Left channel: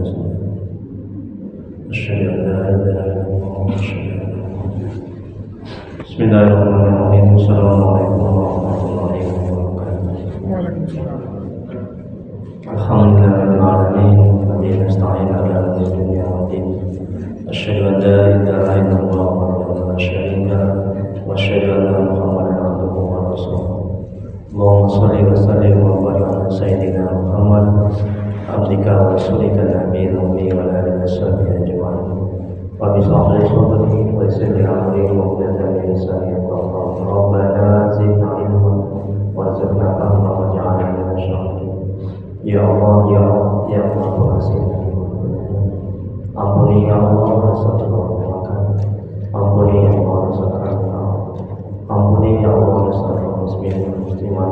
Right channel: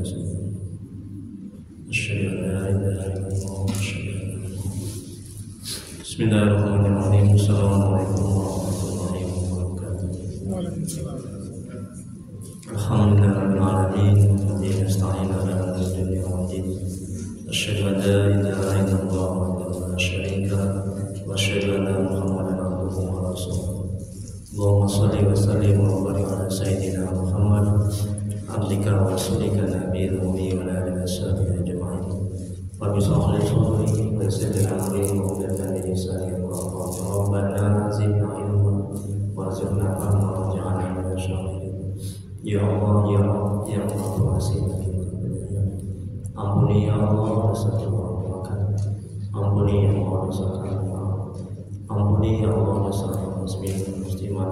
Bismillahirrahmanirrahim. Assalamualaikum warahmatullahi wabarakatuh. Alhamdulillahirabbil alamin. Wabihi nasta'in ala umuri dunya waddin. Asyhadu an la ilaha illallah wahdahu la syarika lahu wa asyhadu anna Muhammadan abduhu wa rasuluh. Allahumma shalli wa sallim wa barik ala sayyidina Muhammad abdika wa rasulika nabiyil ummi wa ala alihi washabihi ajma'in. Rabbi shrah li sadri wa yassir li amri wahlul 'uqdatam min lisani yafqahu qawli. Rabbana zidna ilman warzuqna fahma waj'alna minasy syakhirin. Ya Allah, ya Allah, ya Allah, pengasih lagi ampuni ya Allah rasa terlupakan, ampuni ya Allah rasa kami, ampuni ya Allah rasa muslimin muslimat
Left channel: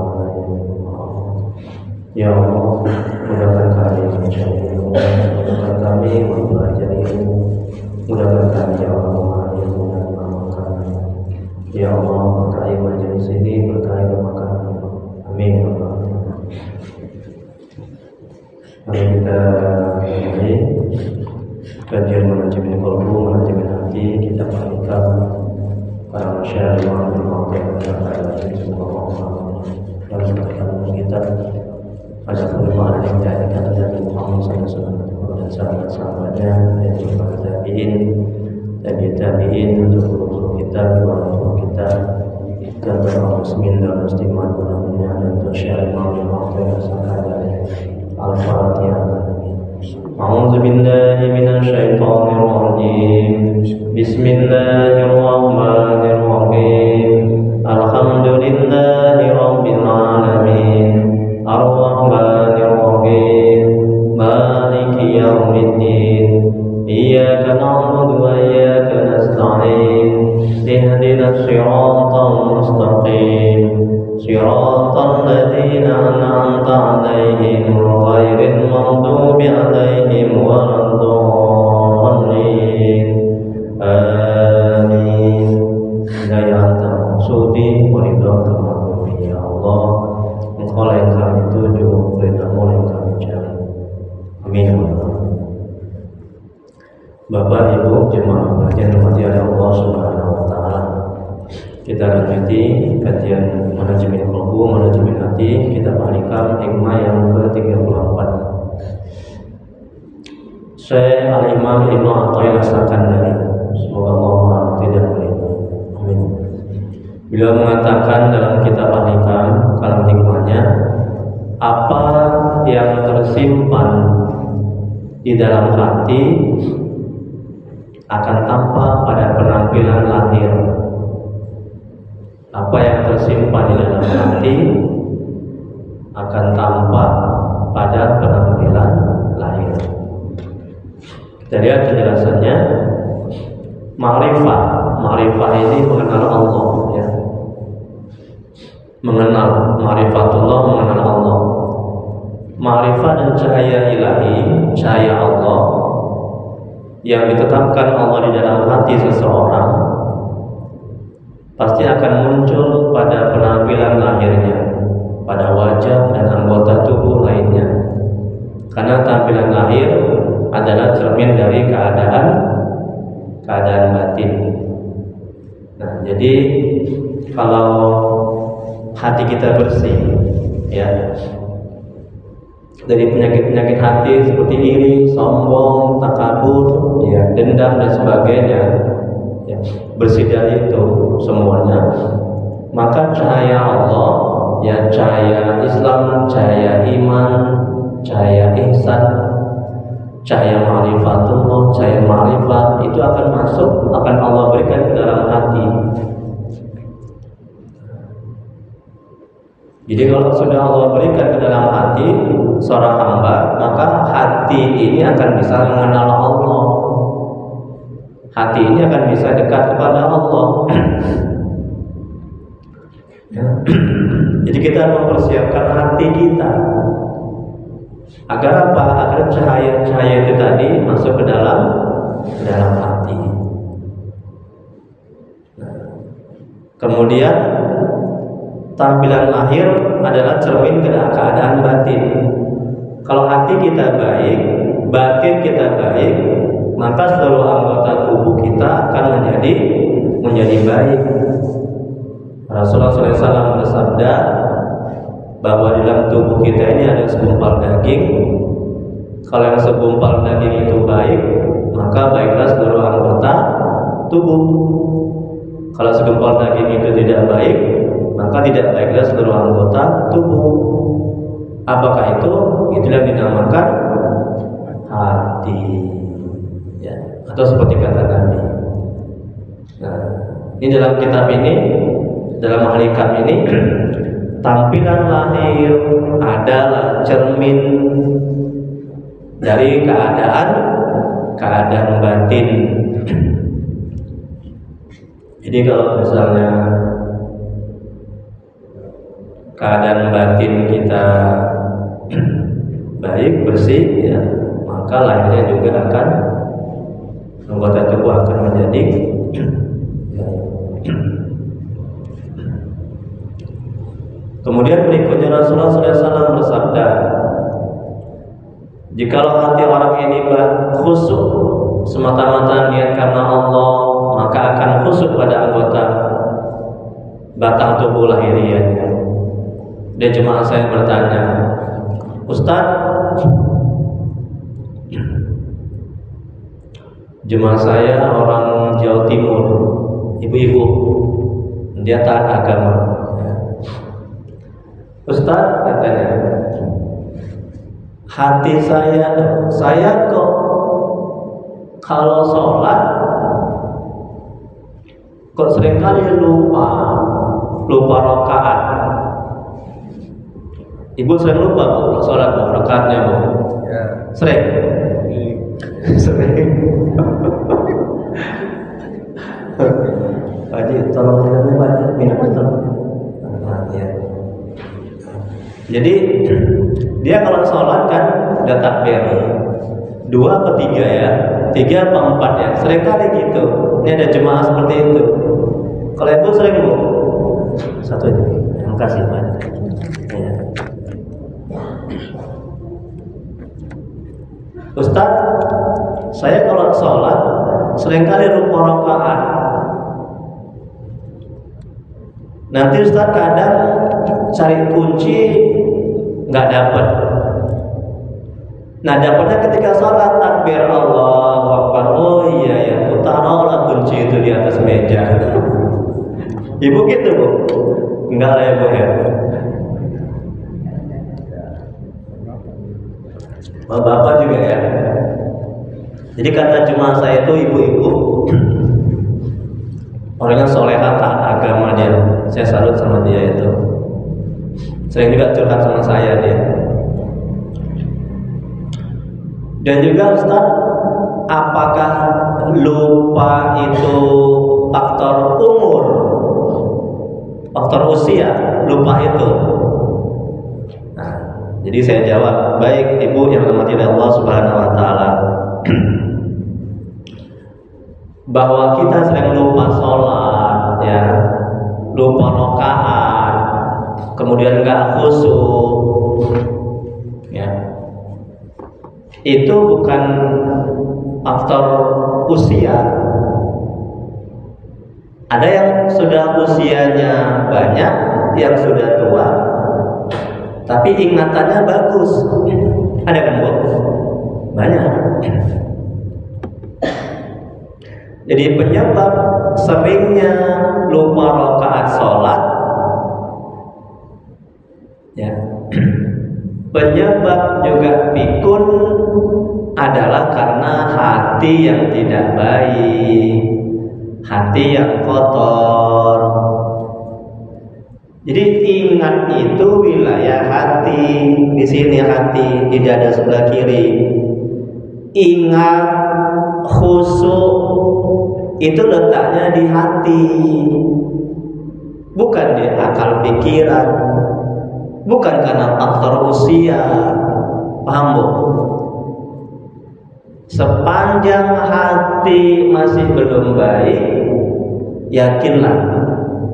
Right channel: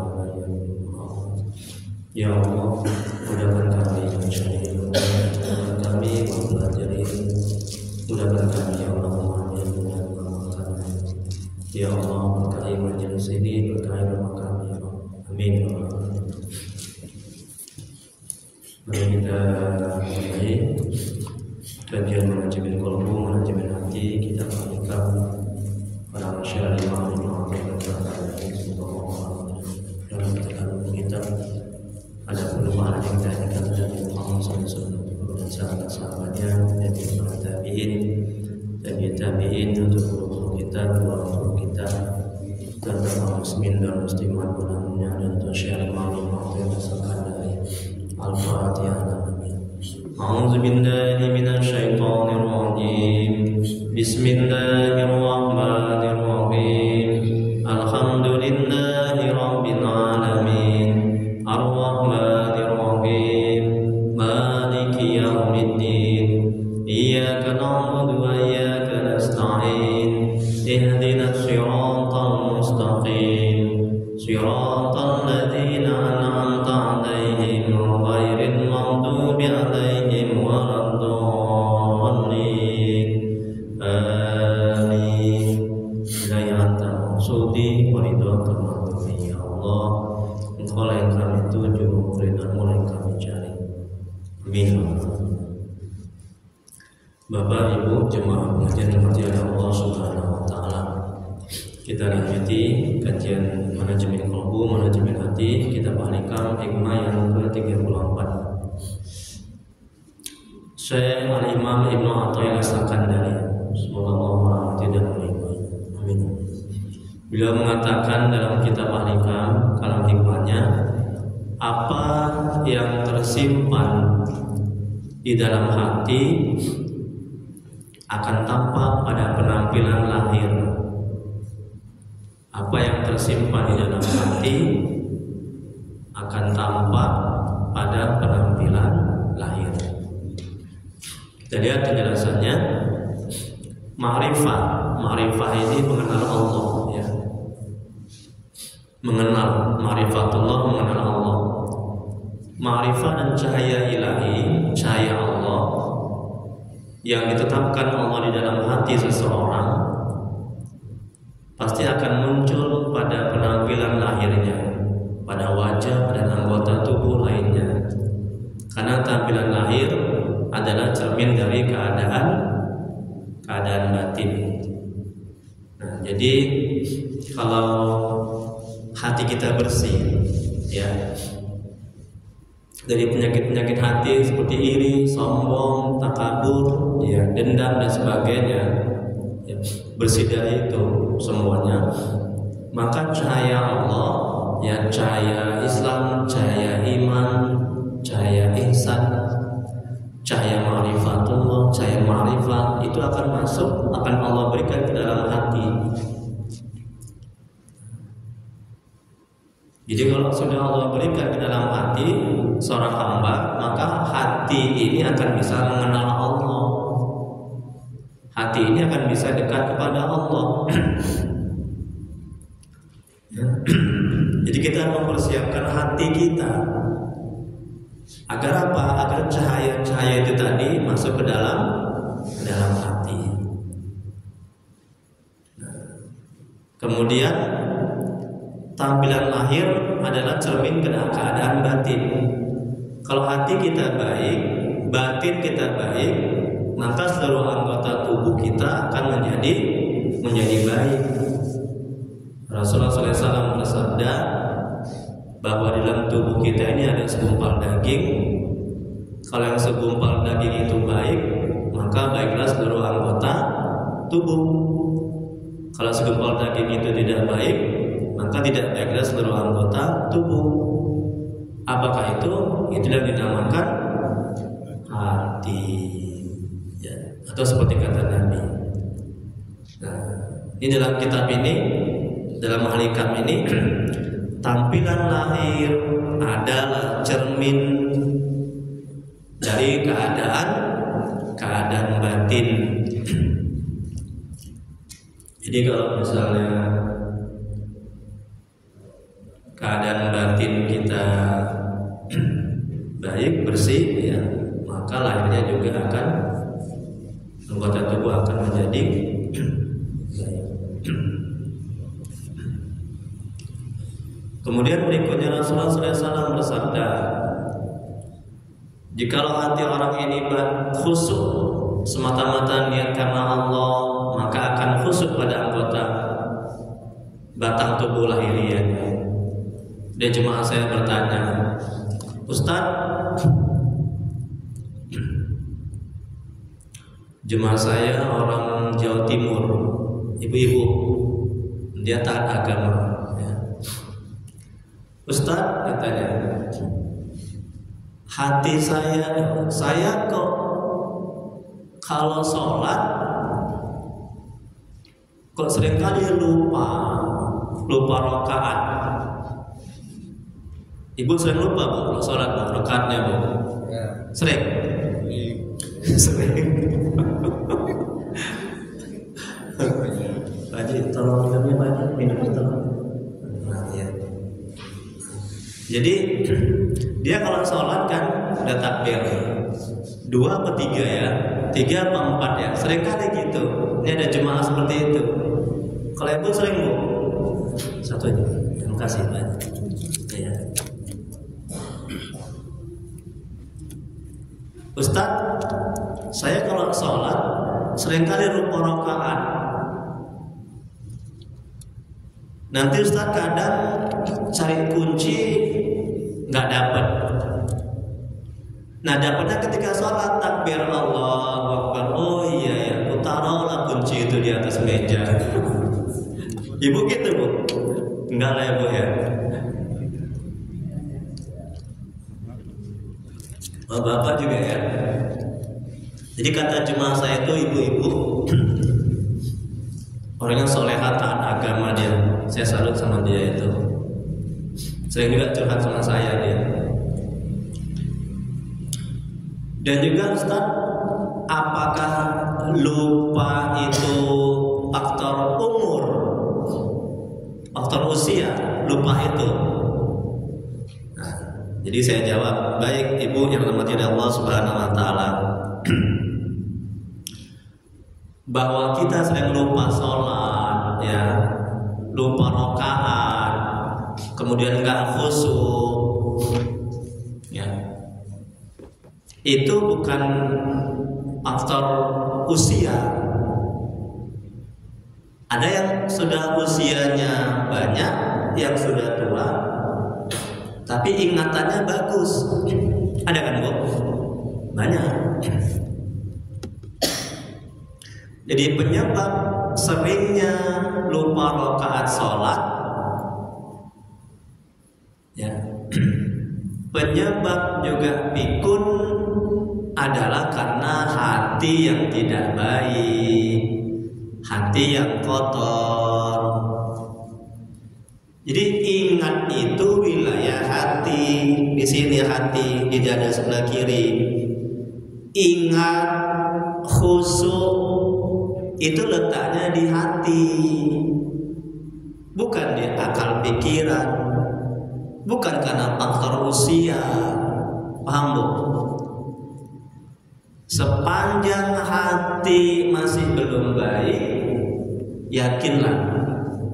ya Allah, mudahkan kami mencari ilmu, mudahkan kami belajar ilmu, mudahkan kami ya Allah memahami ilmu dan mengamalkannya. Ya Allah, berkahi majelis ini, berkahi rumah kami. Amin ya Allah. Mari kita mulai kajian manajemen qalbu, manajemen hati. Kita perhatikan para masyarakat yang melakukan dan semoga Allah dalam pertemuan kita ada perubahan yang diadakan dari Muhammad SAW dan sahabat-sahabatnya, yaitu para tabi'in, tabi'in untuk guru-guru kita, guru kita, dan para muslimin dan muslimat mudah-mudahan dan untuk syiar imam rasakan dari Al-Fatihah. A'udzu billahi minasy syaithanir rajim. Bismillahirrahmanirrahim. Alhamdulillahi rabbil alamin. Ar-Rahmanir-Rahim. Maliki yaumiddin. Iyyaka na'budu wa iyyaka nasta'in. Ihdinas siratal mustaqim. Siratal ladzina an'amta 'alaihim ghairil maghdubi 'alaihim waladdallin. Amin. Hidayatan maksudi waridhaka maghdubi ya Allah. Engkau yang kami tuju, ridhamu yang kami cari. Amin. Bapak Ibu jemaah pengajian rahmati Allah Subhanahu wa taala. Kita lanjuti kajian manajemen qalbu, manajemen hati. Kita balikan hikmah yang ke-34. Syekh Al-Imam Ibnu Athaillah As-Sakandari, semoga Allah merahmati dan meridhai. Amin. Beliau mengatakan dalam kitab Al-Hikam, dalam hikmahnya, apa yang tersimpan di dalam hati akan tampak pada penampilan lahir. Apa yang tersimpan di dalam hati akan tampak pada penampilan lahir. Kita lihat penjelasannya. Ma'rifah ini mengenal Allah, ya. Mengenal ma'rifatullah, mengenal Allah. Ma'rifah dan cahaya ilahi, cahaya Allah yang ditetapkan Allah di dalam hati seseorang pasti akan muncul pada penampilan lahirnya, pada wajah dan anggota tubuh lainnya. Karena tampilan lahir adalah cermin dari keadaan batin. Nah, jadi kalau hati kita bersih, ya, dari penyakit-penyakit hati seperti iri, sombong, takabur, ya, dendam dan sebagainya, ya, bersih dari itu semuanya, maka cahaya Allah, ya, cahaya Islam, cahaya iman, cahaya ihsan, cahaya ma'rifatullah, cahaya ma'rifat itu akan masuk, akan Allah berikan ke dalam hati. Jadi kalau sudah Allah berikan ke dalam hati seorang hamba, maka hati ini akan bisa mengenal Allah. Hati ini akan bisa dekat kepada Allah. Ya. Jadi kita mempersiapkan hati kita agar apa? Agar cahaya-cahaya itu tadi masuk ke dalam hati. Nah, kemudian tampilan lahir adalah cermin keadaan batin. Kalau hati kita baik, batin kita baik, maka seluruh anggota tubuh kita akan menjadi baik. Rasulullah SAW bersabda bahwa di dalam tubuh kita ini ada segumpal daging. Kalau yang segumpal daging itu baik, maka baiklah seluruh anggota tubuh. Kalau segumpal daging itu tidak baik, maka tidak baiklah seluruh anggota tubuh. Apakah itu? Itulah yang dinamakan hati, ya. Atau seperti kata Nabi. Nah, ini dalam kitab ini, dalam hakikat ini, tampilan lahir adalah cermin dari keadaan batin. Jadi kalau misalnya keadaan batin kita baik, bersih, ya, maka lahirnya juga akan, anggota tubuh akan menjadi baik. Kemudian berikutnya Rasulullah SAW bersabda, jikalau hati orang ini khusyuk semata-mata niat karena Allah, maka akan khusyuk pada anggota batang tubuh lahiriahnya. Dan jemaah saya bertanya, Ustaz, jemaah saya orang Jawa Timur, ibu-ibu, dia taat agama, ya. Ustaz, katanya, hati saya kok kalau sholat kok seringkali lupa rakaat. Ibu sering lupa Bu kalau sholat Bu, rakaatnya Bu? Ya. Sering? Sering. Pak Haji, tolong minumnya Pak Haji, minumnya tolong. Ya. Jadi dia kalau sholat kan udah takbir 2 atau 3 ya, 3 atau 4 ya, sering kali gitu. Ini ada jemaah seperti itu. Kalau itu sering Bu? Satu aja. Terima kasih Pak. Ya. Ustaz, saya kalau sholat seringkali lupa rakaat. Nanti Ustaz kadang cari kunci nggak dapat. Nah, dapatnya ketika sholat takbir Allahu Akbar. Oh iya ya, aku taruhlah kunci itu di atas meja. Ibu gitu Bu? Enggak lah ya Bu ya. Bapak juga ya. Jadi kata jemaah saya itu ibu-ibu, orangnya soleha, taat agama dia. Saya salut sama dia itu. Sering juga curhat sama saya dia. Dan juga Ustaz, apakah lupa itu faktor umur, faktor usia, lupa itu? Nah, jadi saya jawab, baik Ibu yang dirahmati Allah Subhanahu wa taala, bahwa kita sering lupa sholat, ya, lupa rakaat, kemudian enggak khusyuk, ya, itu bukan faktor usia. Ada yang sudah usianya banyak, yang sudah tua, tapi ingatannya bagus. Ada kan Bu? Banyak. Jadi penyebab seringnya lupa rakaat sholat, ya, penyebab juga pikun adalah karena hati yang tidak baik, hati yang kotor. Jadi ingat itu wilayah hati, di sini hati, di dada sebelah kiri. Ingat, khusyuk itu letaknya di hati, bukan di akal pikiran, bukan karena faktor usia. Paham Bu? Sepanjang hati masih belum baik, yakinlah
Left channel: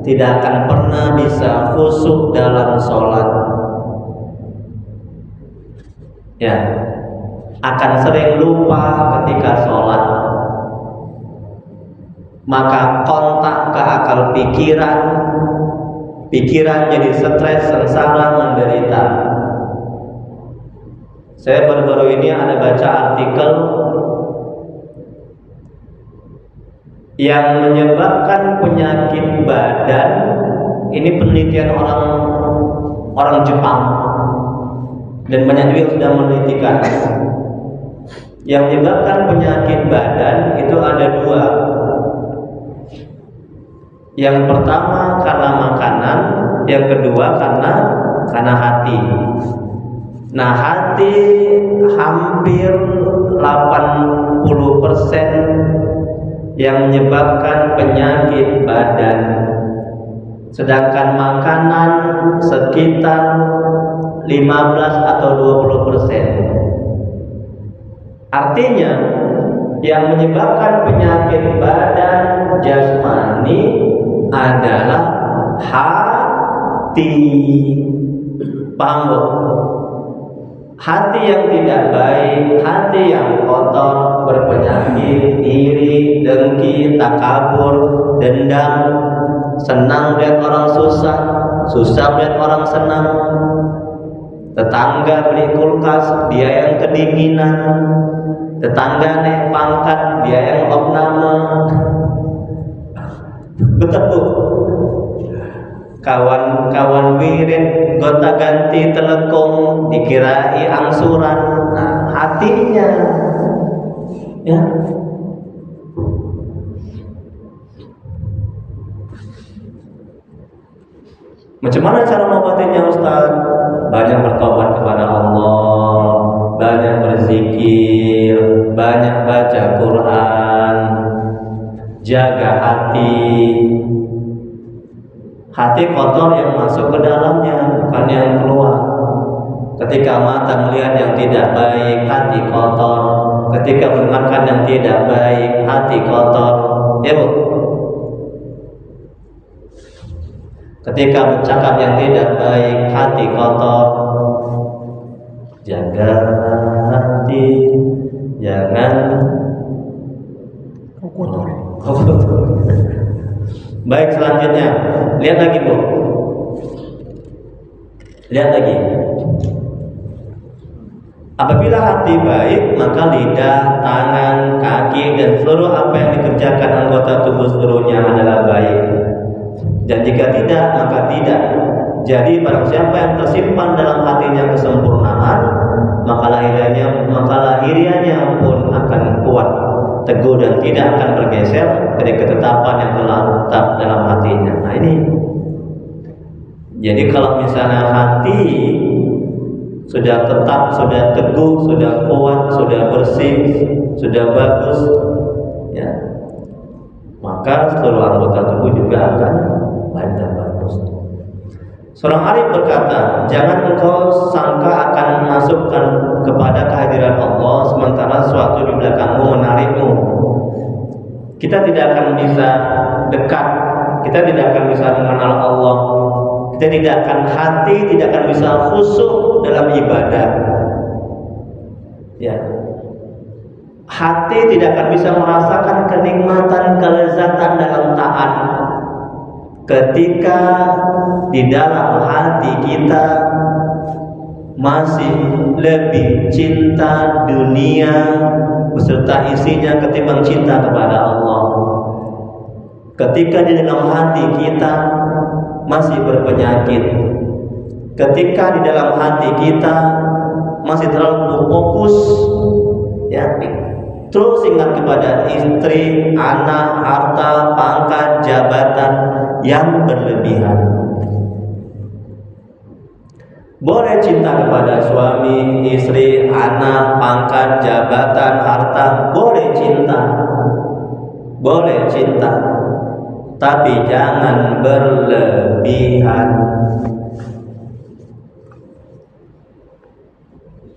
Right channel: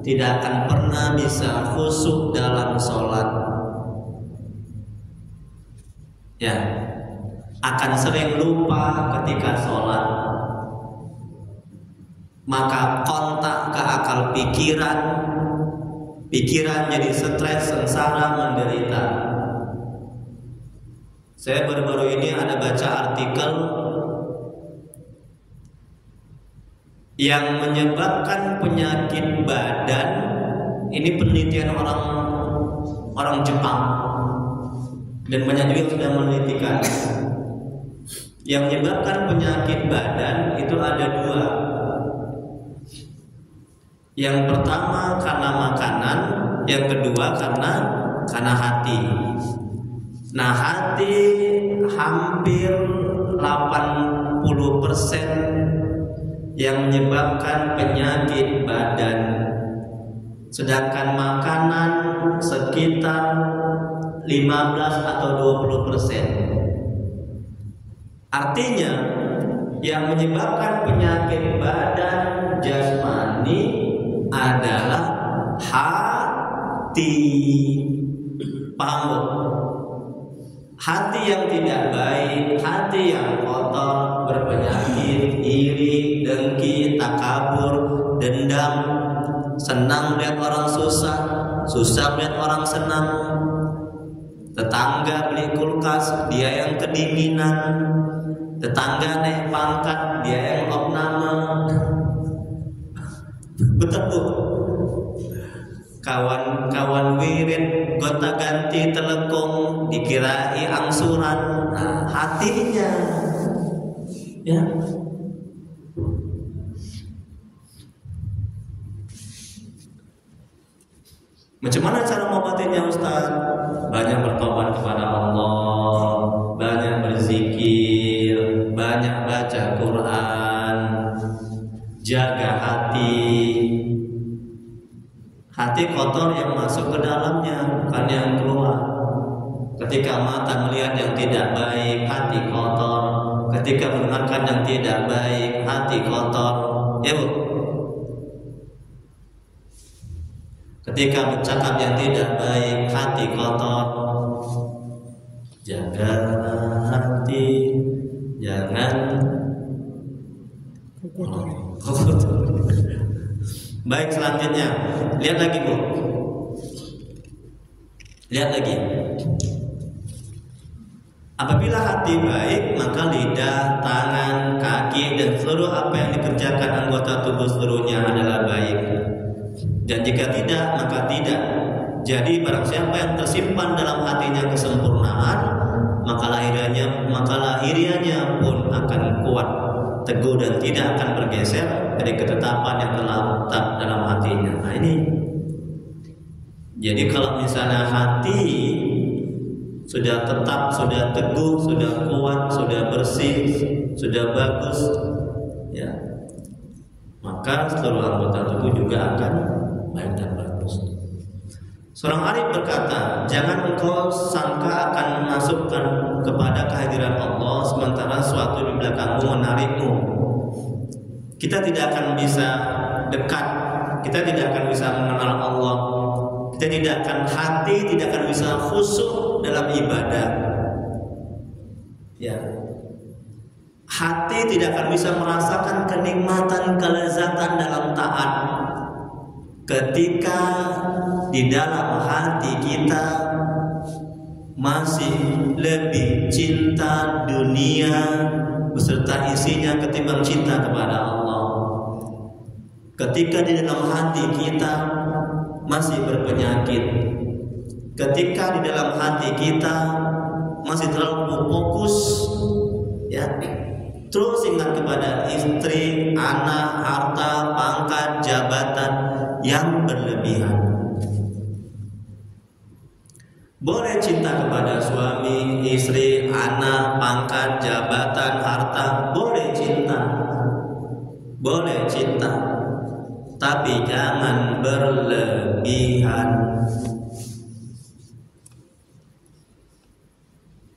tidak akan pernah bisa khusyuk dalam sholat. Ya, akan sering lupa ketika sholat, maka kontak ke akal pikiran jadi stres, sengsara, menderita. Saya baru-baru ini ada baca artikel yang menyebabkan penyakit badan. Ini penelitian orang Jepang, dan banyak juga yang sudah menelitikan. Yang menyebabkan penyakit badan itu ada dua. Yang pertama karena makanan, yang kedua karena hati. Nah, hati hampir 80% yang menyebabkan penyakit badan, sedangkan makanan sekitar 15 atau 20%. Artinya yang menyebabkan penyakit badan jasmani adalah hati. Paham? Hati yang tidak baik, hati yang kotor, berpenyakit, iri, dengki, takabur, dendam, senang lihat orang susah, susah lihat orang senang. Tetangga beli kulkas, dia yang kedinginan. Tetangga naik pangkat, dia yang opname. Betul. Kawan-kawan wirid gonta ganti telekung dikirai angsuran. Nah, hatinya ya. Macam mana cara mengobatinya, Ustaz? Banyak bertobat kepada Allah, banyak berzikir, banyak baca Quran, jaga hati. Hati kotor yang masuk ke dalamnya, bukan yang keluar. Ketika mata melihat yang tidak baik, hati kotor. Ketika mendengarkan yang tidak baik, hati kotor. Ya, Bu? Ketika bercakap yang tidak baik, hati kotor. Jaga hati, jangan kotor. Baik, selanjutnya lihat lagi, Bu. Lihat lagi. Apabila hati baik, maka lidah, tangan, kaki, dan seluruh apa yang dikerjakan anggota tubuh seluruhnya adalah baik. Dan jika tidak, maka tidak. Jadi barang siapa yang tersimpan dalam hatinya kesempurnaan, maka lahirianya pun akan kuat, teguh, dan tidak akan bergeser dari ketetapan yang telah tetap dalam hatinya. Nah, ini. Jadi kalau misalnya hati sudah tetap, sudah teguh, sudah kuat, sudah bersih, sudah bagus, ya, maka seluruh anggota tubuh juga akan baik dan bagus. Seorang arif berkata, jangan engkau sangka akan masukkan kepada kehadiran Allah sementara sesuatu di belakangmu menarikmu. Kita tidak akan bisa dekat, kita tidak akan bisa mengenal Allah, kita tidak akan tidak akan bisa khusyuk dalam ibadah. Ya, hati tidak akan bisa merasakan kenikmatan, kelezatan dalam taat ketika di dalam hati kita masih lebih cinta dunia beserta isinya ketimbang cinta kepada Allah. Ketika di dalam hati kita masih berpenyakit, ketika di dalam hati kita masih terlalu fokus, ya, terus ingat kepada istri, anak, harta, pangkat, jabatan yang berlebihan. Boleh cinta kepada suami, istri, anak, pangkat, jabatan, harta, boleh cinta, tapi jangan berlebihan.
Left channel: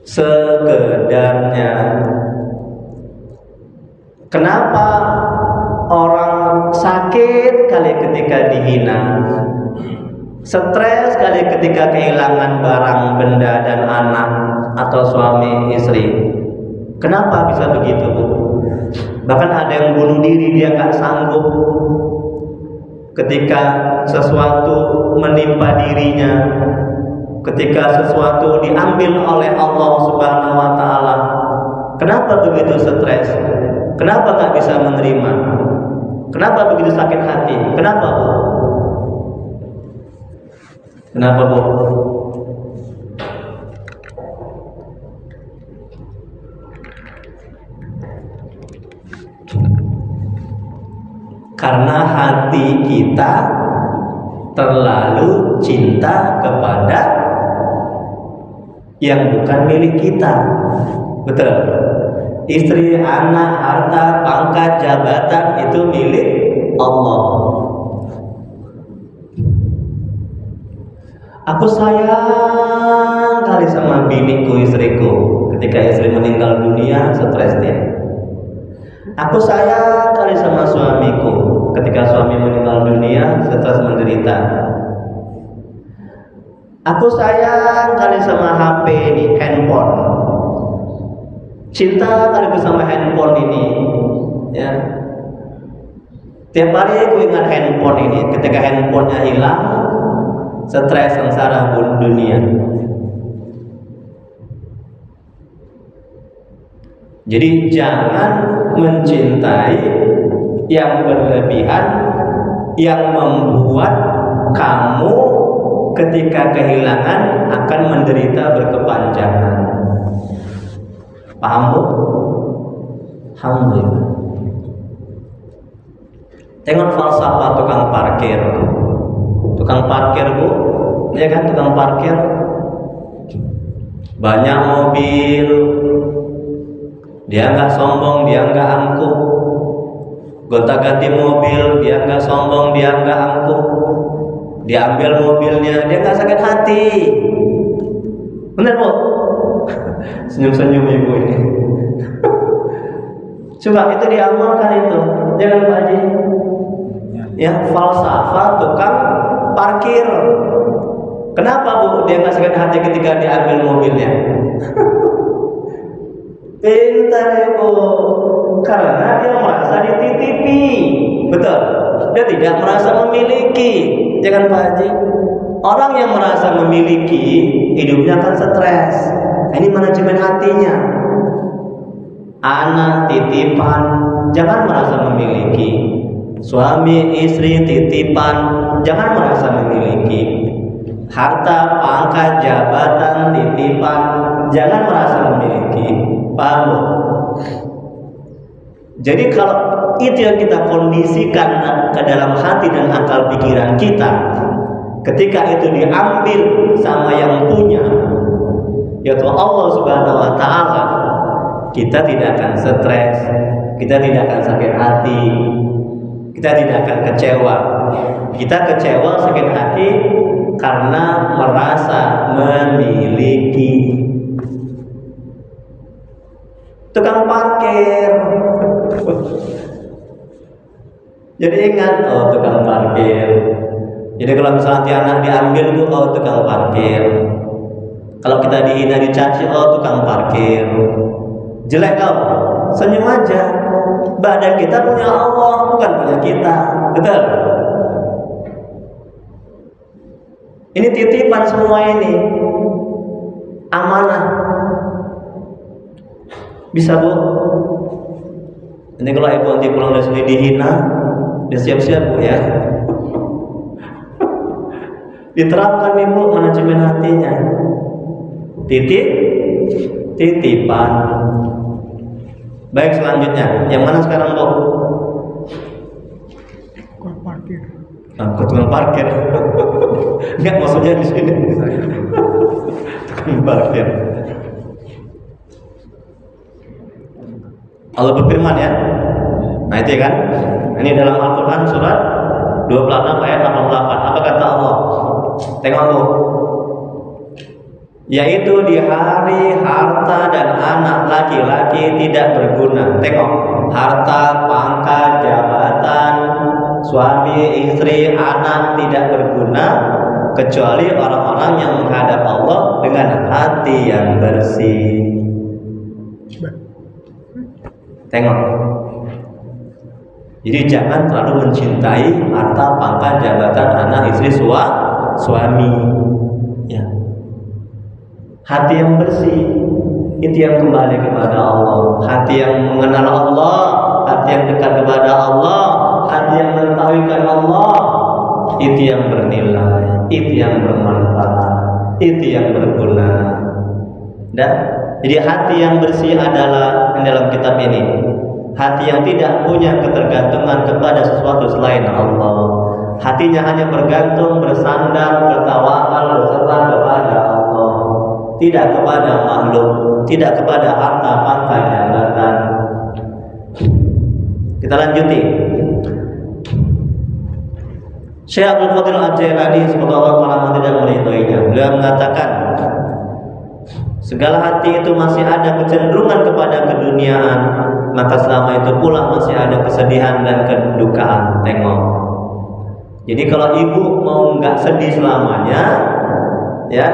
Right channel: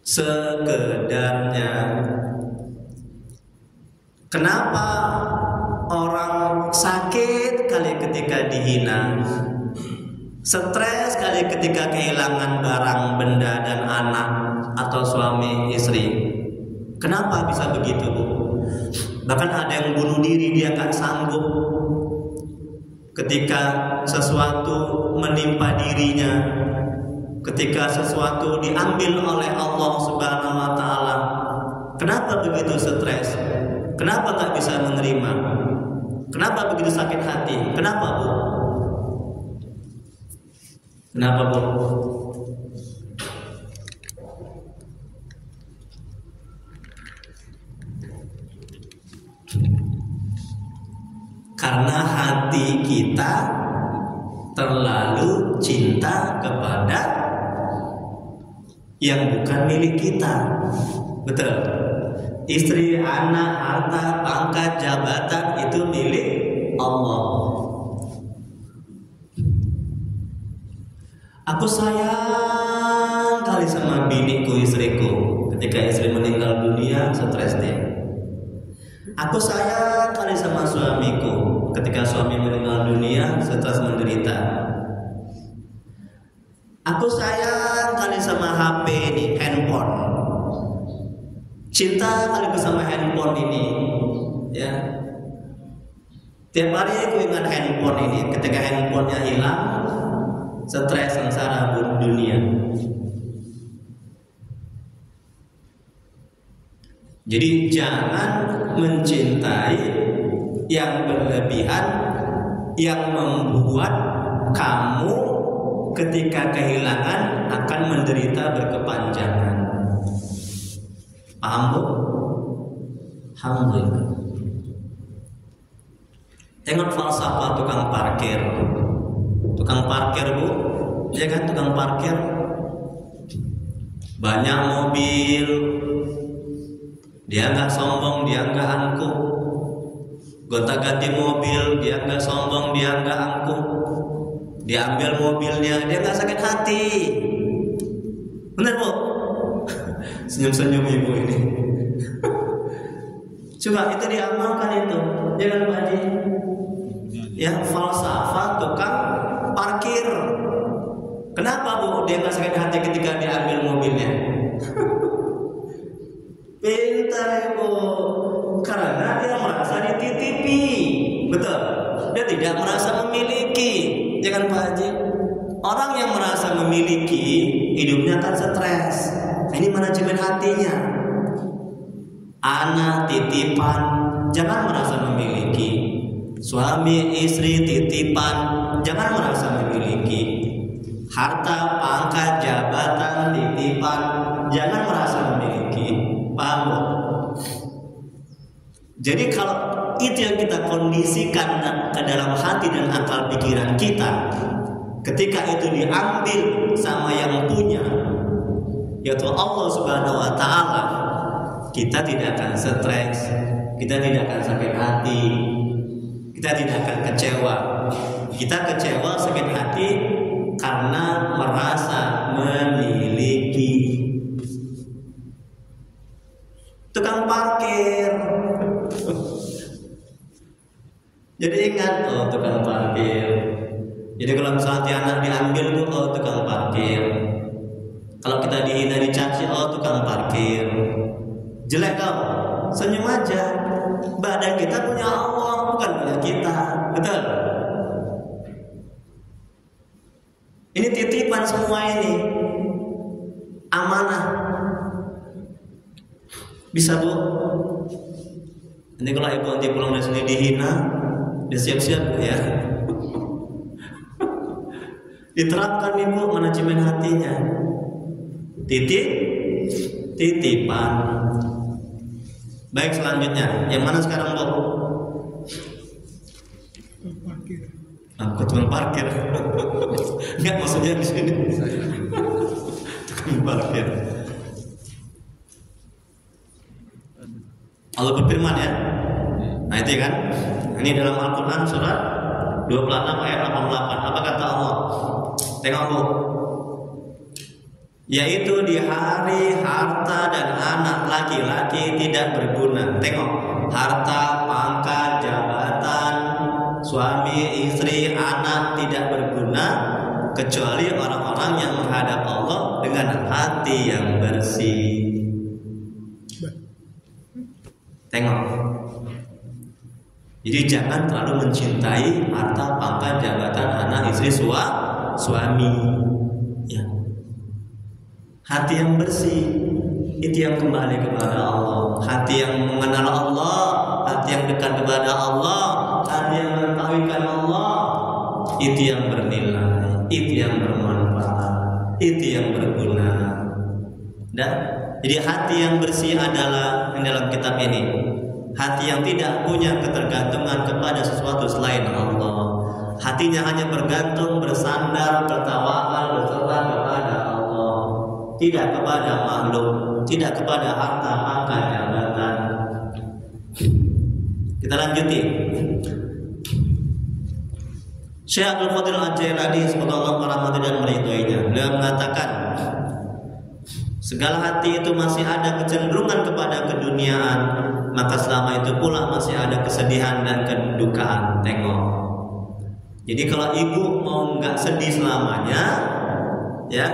Sekedarnya. Kenapa orang sakit kali ketika dihina, stres kali ketika kehilangan barang, benda, dan anak atau suami, istri? Kenapa bisa begitu, Bu? Bahkan ada yang bunuh diri, dia gak sanggup ketika sesuatu menimpa dirinya, ketika sesuatu diambil oleh Allah Subhanahu wa Ta'ala. Kenapa begitu stres? Kenapa gak bisa menerima? Kenapa begitu sakit hati? Kenapa, Bu? Kenapa, Bu? Karena hati kita terlalu cinta kepada yang bukan milik kita. Betul. Istri, anak, harta, pangkat, jabatan itu milik Allah. Aku sayang kali sama biniku, istriku. Ketika istri meninggal dunia, stres dia. Aku sayang kali sama suamiku. Ketika suami meninggal dunia, stres menderita. Aku sayang kali sama HP ini, handphone. Cinta kali sama handphone ini, ya. Tiap hari aku ingat handphone ini. Ketika handphonenya hilang, stres, sengsara dunia. Jadi jangan mencintai yang berlebihan, yang membuat kamu ketika kehilangan akan menderita berkepanjangan. Paham, Bu? Alhamdulillah. Tengok falsafah tukang parkir. Tukang parkir, Bu, ya kan, tukang parkir. Banyak mobil, dia nggak sombong, dia nggak angkuh. Gonta-ganti mobil, dia nggak sombong, dia nggak angkuh. Dia ambil mobilnya, dia nggak sakit hati. Bener, Bu? Senyum-senyum ibu ini. Coba itu diamalkan itu, jangan Pak Haji. Ya, falsafah tukang parkir. Kenapa, Bu, dia nggak sakit hati ketika diambil mobilnya? Pintar, Ibu. Karena dia merasa dititipi. Betul. Dia tidak merasa memiliki. Jangan Pak Haji. Orang yang merasa memiliki, hidupnya akan stres. Ini manajemen hatinya. Anak titipan, jangan merasa memiliki. Suami istri titipan, jangan merasa memiliki. Harta, pangkat, jabatan titipan, jangan merasa memiliki. Paham, Bu? Jadi kalau itu yang kita kondisikan ke dalam hati dan akal pikiran kita, ketika itu diambil sama yang punya, yaitu Allah Subhanahu wa Ta'ala, kita tidak akan stres, kita tidak akan sakit hati, kita tidak akan kecewa. Kita kecewa, sakit hati karena merasa memiliki. Tukang parkir. Jadi ingat, oh tukang parkir. Jadi kalau misalnya anak diambil, Bu, oh tukang parkir. Kalau kita dihina, dicaci, oh tukang parkir. Jelek kau, senyum aja. Badan kita punya Allah, bukan punya kita. Betul? Ini titipan semua ini. Amanah. Bisa, Bu? Ini kalau ibu nanti pulang dari sini dihina, dia siap-siap, Bu, ya. Diterapkan, Ibu, manajemen hatinya. Titipan. Baik, selanjutnya. Yang mana sekarang, Bu? Tukang parkir. Tukang parkir. Enggak, maksudnya di sini. Tukang parkir. Allah berfirman, ya. Nah, itu ya kan. Ini dalam Al-Qur'an surat 26 ayat 88. Apa kata Allah? Tengok, Bu. Yaitu di hari harta dan anak laki-laki tidak berguna. Tengok, harta, pangkat, jabatan, suami, istri, anak tidak berguna kecuali orang-orang yang menghadap Allah dengan hati yang bersih. Tengok. Jadi jangan terlalu mencintai harta, pangkat, jabatan, anak, istri, suami. Ya. Hati yang bersih itu yang kembali kepada Allah. Hati yang mengenal Allah, hati yang dekat kepada Allah, hati yang mengetahuikan Allah, itu yang bernilai, itu yang bermanfaat, itu yang berguna. Dan jadi hati yang bersih adalah yang dalam kitab ini, hati yang tidak punya ketergantungan kepada sesuatu selain Allah. Hatinya hanya bergantung, bersandar, bertawakal, berserah kepada Allah, tidak kepada makhluk, tidak kepada harta, pangkat, jabatan. Kita lanjuti. Syekh Abdul Qadir Al-Jailani, semoga Allah merahmati dan meridhoinya, beliau mengatakan, segala hati itu masih ada kecenderungan kepada keduniaan, maka selama itu pula masih ada kesedihan dan kedukaan. Tengok. Jadi kalau ibu mau nggak sedih selamanya, ya,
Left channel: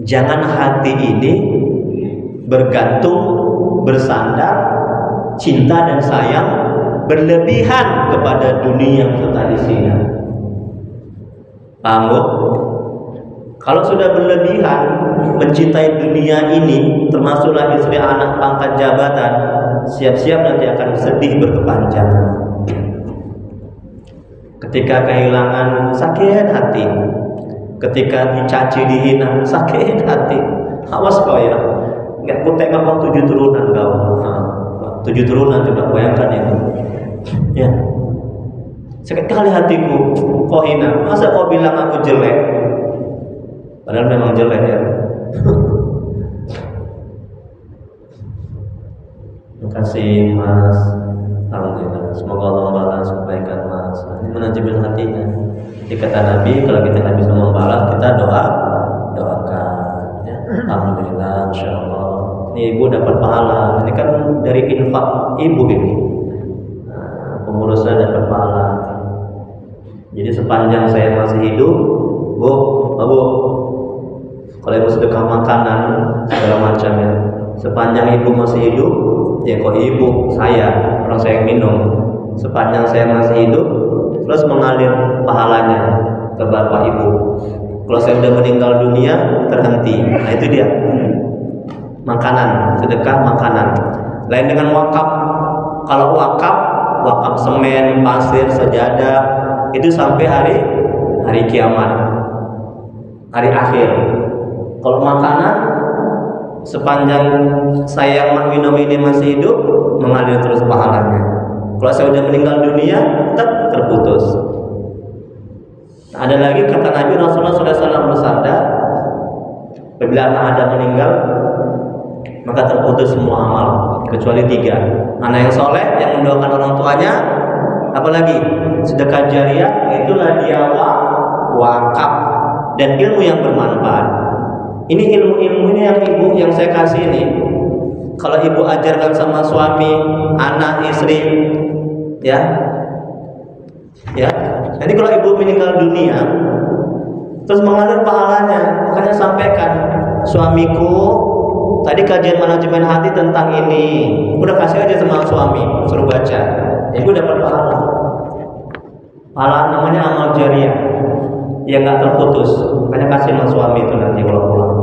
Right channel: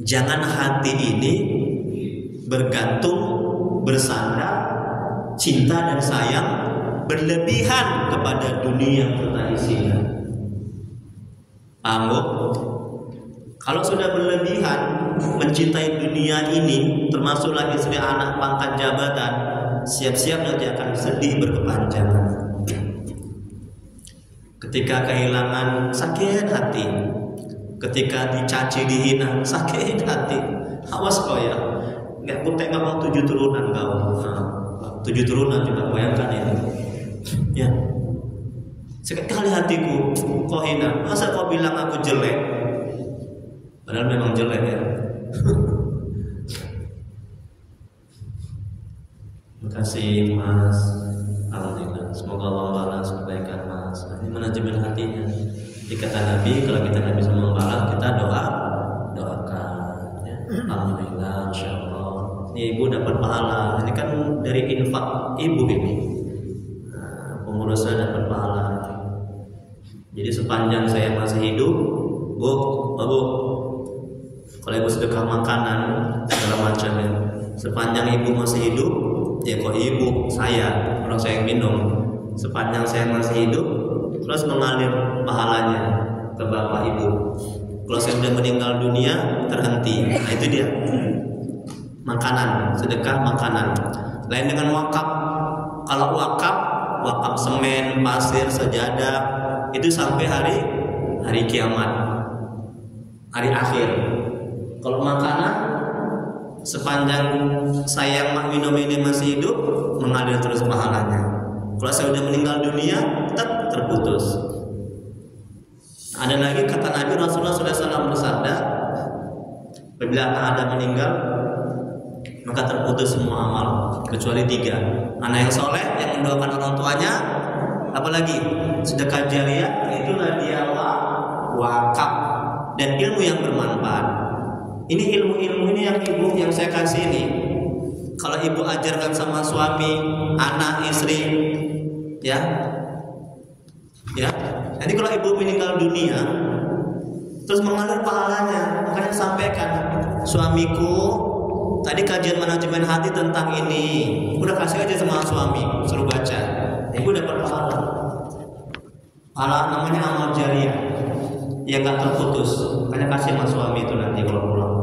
jangan hati ini bergantung, bersandar, cinta dan sayang berlebihan kepada dunia serta isinya. Paham, Bu? Kalau sudah berlebihan mencintai dunia ini, termasuklah istri, anak, pangkat, jabatan, siap-siap nanti akan sedih berkepanjangan. Ketika kehilangan, sakit hati. Ketika dicaci, dihina, sakit hati. Awas kau ya, nggak ku tengok kau 7 turunan kau. 7 turunan, coba bayangkan itu. Ya, sakit kali hatiku, kau hina. Masa kau bilang aku jelek? Padahal memang jelek ya. Terima kasih Mas. Alhamdulillah. Semoga Allah membalas kebaikan Mas. Ini manajemen hatinya. Jadi kata Nabi, kalau kita nggak bisa membalas, kita doakan. Ya. Alhamdulillah, insyaallah. Ini ibu dapat pahala. Ini kan dari infak ibu ini. Nah, pengurusnya dapat pahala. Jadi sepanjang saya masih hidup, Bu, kalau ibu sedekah makanan segala macamnya, sepanjang ibu masih hidup, ya kok ibu, saya, orang saya yang minum, sepanjang saya masih hidup, terus mengalir pahalanya ke bapak ibu. Kalau saya sudah meninggal dunia, terhenti. Nah itu dia, makanan, sedekah makanan. Lain dengan wakaf. Kalau wakaf semen, pasir, sajadah, itu sampai hari kiamat, hari akhir. Kalau makanan, sepanjang saya yang minum ini masih hidup, mengalir terus pahalanya. Kalau saya sudah meninggal dunia, tetap terputus. Ada lagi kata Nabi, Rasulullah SAW bersabda, apabila anak Adam meninggal, maka terputus semua amal kecuali 3. Anak yang soleh, yang mendoakan orang tuanya, apalagi sedekah jariah, itulah dia wakaf, dan ilmu yang bermanfaat. Ini ilmu-ilmu ini yang saya kasih ini. Kalau ibu ajarkan sama suami, anak, istri, ya. Nanti kalau ibu meninggal dunia, terus mengalir pahalanya, makanya sampaikan, suamiku, tadi kajian manajemen hati tentang ini, udah kasih aja sama suami, suruh baca, ibu dapat pahala. Pahala namanya amal jariah, yang nggak terputus. Makanya kasih sama suami itu nanti kalau pulang.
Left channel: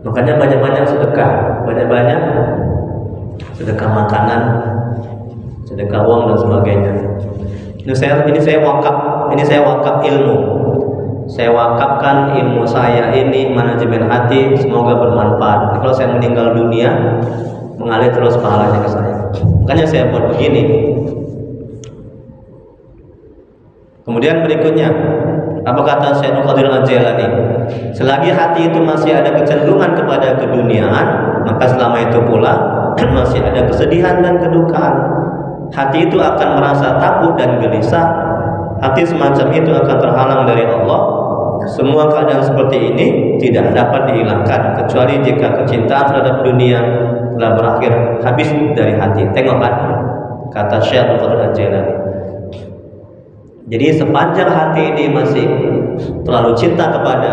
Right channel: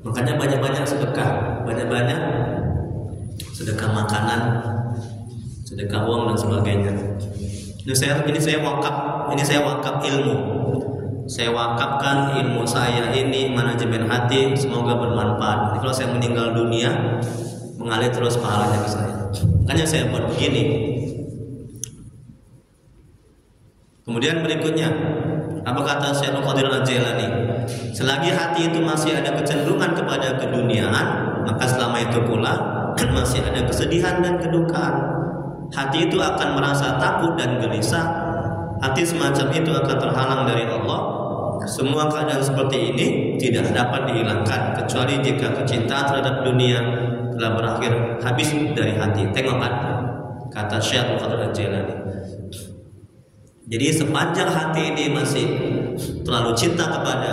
Makanya banyak-banyak sedekah, banyak-banyak sedekah makanan, sedekah uang dan sebagainya. Ini saya wakaf ilmu. Saya wakafkan ilmu saya ini, manajemen hati, semoga bermanfaat. Kalau saya meninggal dunia, mengalir terus pahalanya ke saya. Makanya saya buat begini. Kemudian berikutnya, apa kata Syekh Abdul Qadir Al-Jailani? Selagi hati itu masih ada kecenderungan kepada keduniaan, maka selama itu pula masih ada kesedihan dan kedukaan. Hati itu akan merasa takut dan gelisah. Hati semacam itu akan terhalang dari Allah. Semua keadaan seperti ini tidak dapat dihilangkan kecuali jika kecintaan terhadap dunia telah berakhir habis dari hati. Tengok kan? kata Syekh Abdul Qadir Jailani. Jadi sepanjang hati ini masih terlalu cinta kepada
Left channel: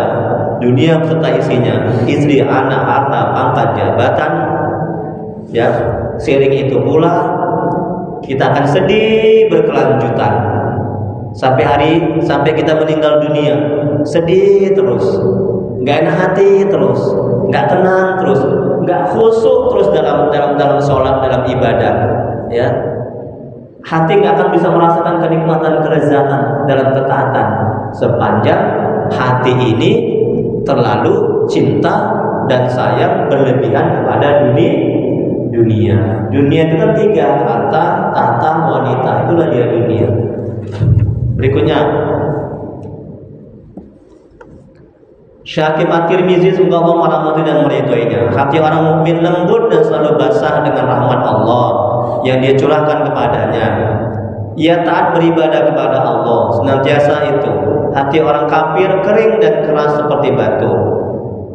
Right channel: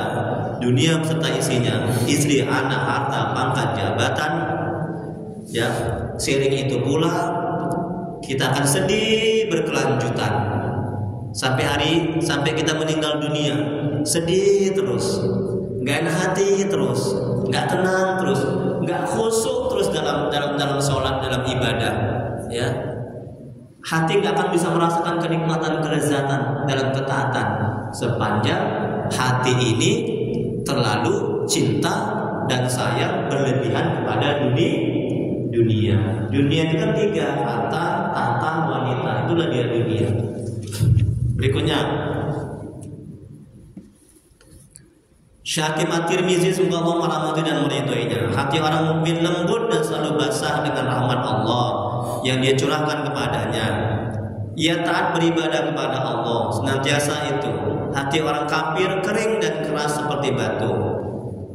dunia serta isinya, istri, anak, harta, pangkat, jabatan, ya, seiring itu pula kita akan sedih berkelanjutan sampai kita meninggal dunia, sedih terus, nggak enak hati terus, nggak tenang terus, nggak khusyuk terus dalam sholat, dalam ibadah, ya. Hati nggak akan bisa merasakan kenikmatan, kelezatan dalam ketaatan sepanjang hati ini terlalu cinta dan sayang berlebihan kepada dunia. Dunia itu kan 3, harta, tahta, wanita, itulah dia dunia. Berikutnya, Syekh At-Tirmizi semoga Allah merahmati dan meridhoinya. Hati orang mukmin lembut dan selalu basah dengan rahmat Allah yang Dia curahkan kepadanya. Ia taat beribadah kepada Allah senantiasa itu. Hati orang kafir kering dan keras seperti batu,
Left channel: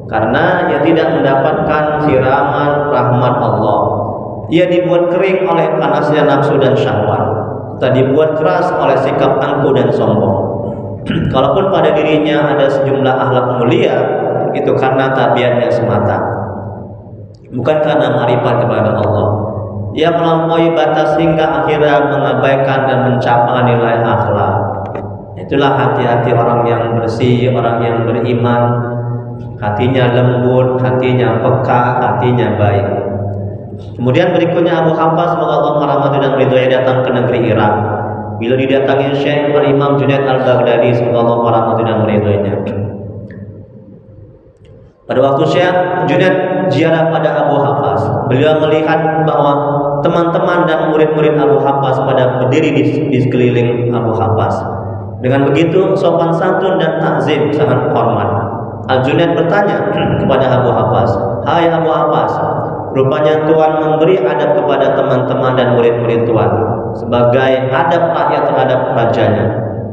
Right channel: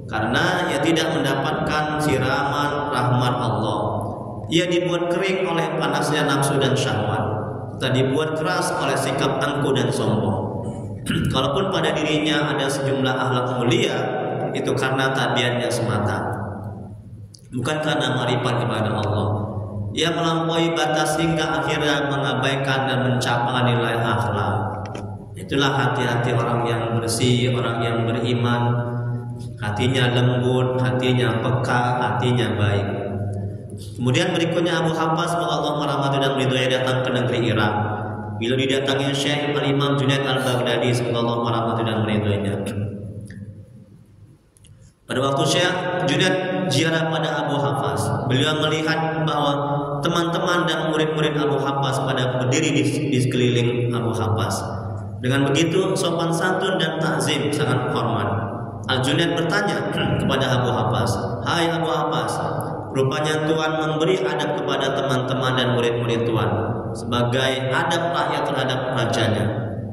karena ia tidak mendapatkan siraman rahmat Allah. Ia dibuat kering oleh panasnya nafsu dan syahwat, tak dibuat keras oleh sikap angkuh dan sombong. Kalaupun pada dirinya ada sejumlah akhlak mulia, itu karena tabiatnya semata, bukan karena marifat kepada Allah. Ia melampaui batas hingga akhirnya mengabaikan dan mencapai nilai akhlak. Itulah hati-hati orang yang bersih, orang yang beriman. Hatinya lembut, hatinya peka, hatinya baik. Kemudian berikutnya Abu Habbas, semoga Allah merahmati dan meridhoi, datang ke negeri Irak. Bila didatangi Syekh Al-Imam Junaid Al-Baghdadi, semoga Allah merahmati dan meridhoinya. Pada waktu Syekh Junaid ziarah pada Abu Habbas, beliau melihat bahwa teman-teman dan murid-murid Abu Habbas pada berdiri di sekeliling Abu Habbas. Dengan begitu sopan santun dan takzim sangat hormat. Al-Junaid bertanya kepada Abu Habbas, "Hai Abu Habbas, rupanya Tuhan memberi adab kepada teman-teman dan murid-murid Tuhan sebagai adab rakyat terhadap rajanya."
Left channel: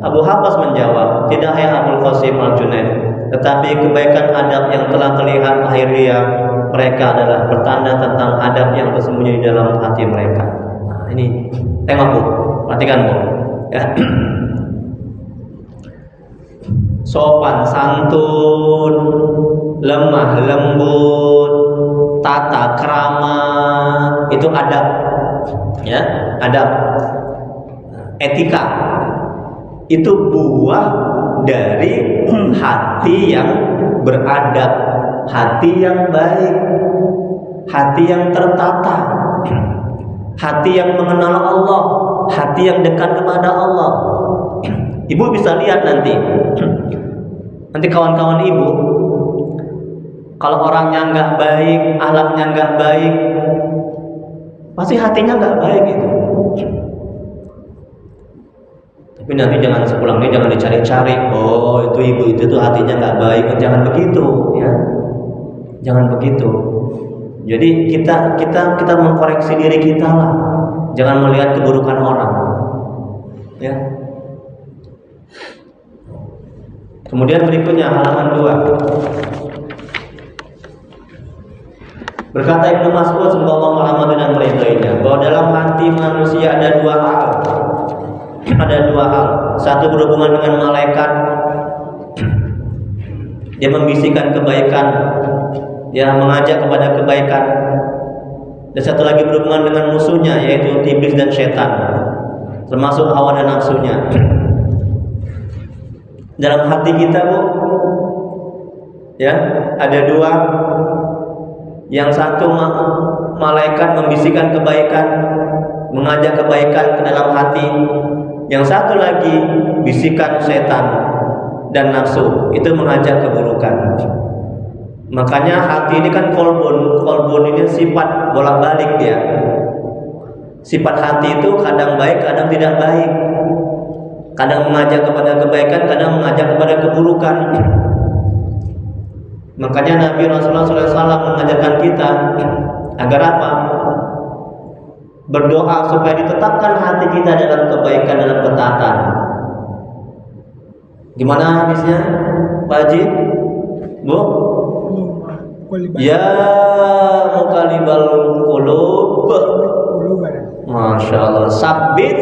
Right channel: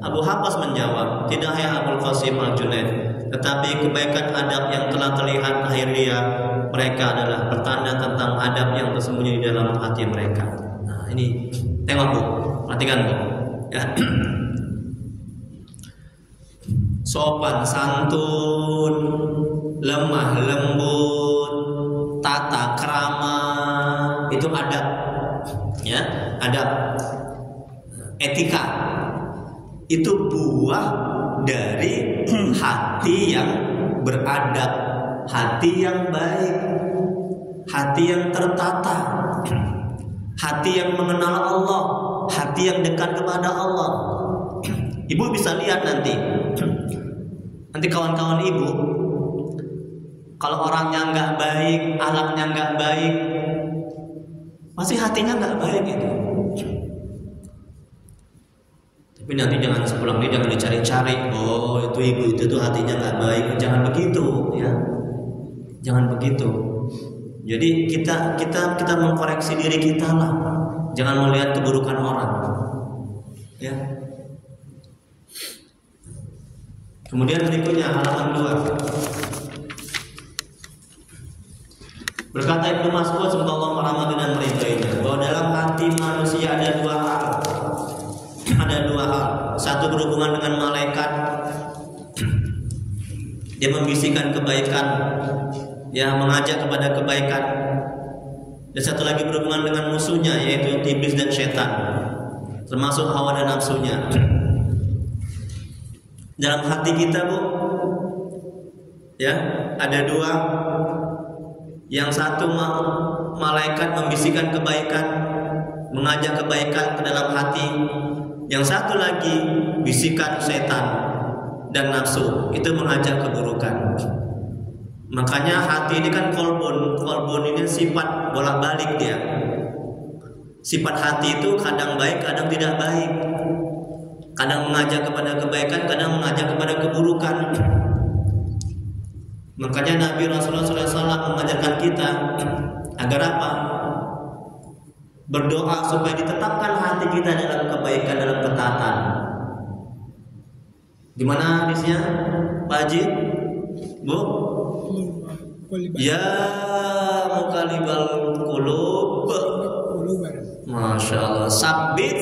Abu Habbas menjawab, "Tidak hai Abul Qasim Al-Junaid, tetapi kebaikan adab yang telah terlihat lahiriah mereka adalah bertanda tentang adab yang tersembunyi di dalam hati mereka." Nah, ini tengok Bu, perhatikan Bu, ya. Sopan santun, lemah lembut, tata krama, itu adab, ya, adab, etika. Itu buah dari hati yang beradab, hati yang baik, hati yang tertata, hati yang mengenal Allah, hati yang dekat kepada Allah. Ibu bisa lihat nanti kawan-kawan ibu, kalau orangnya nggak baik, akhlaknya nggak baik, pasti hatinya nggak baik itu. Tapi nanti jangan sepulangnya jangan dicari-cari. Oh, itu ibu itu tuh hatinya nggak baik. Jangan begitu, ya. Jangan begitu. Jadi kita mengkoreksi diri kita lah. Jangan melihat keburukan orang, ya. Kemudian berikutnya halaman 2. Berkata Ibnu Mas'ud, semoga Allah merahmati dan meridhoinya, bahwa dalam hati manusia ada 2 hal. Ada 2 hal. Satu berhubungan dengan malaikat, dia membisikkan kebaikan, ya, mengajak kepada kebaikan. Dan satu lagi berhubungan dengan musuhnya, yaitu iblis dan setan, termasuk hawa dan nafsunya. Dalam hati kita, Bu, ya, ada 2. Yang satu malaikat membisikkan kebaikan, mengajak kebaikan ke dalam hati. Yang satu lagi bisikan setan dan nafsu, itu mengajak keburukan. Makanya hati ini kan kolbun ini sifat bolak-balik dia. Sifat hati itu kadang baik, kadang tidak baik. Kadang mengajak kepada kebaikan, kadang mengajak kepada keburukan. Makanya Nabi Rasulullah SAW mengajarkan kita agar apa? Berdoa supaya ditetapkan hati kita dalam kebaikan, dalam ketaatan. Gimana hadisnya, Pak Haji? Bu? Ya muqallibal qulub, Masya Allah. Sabit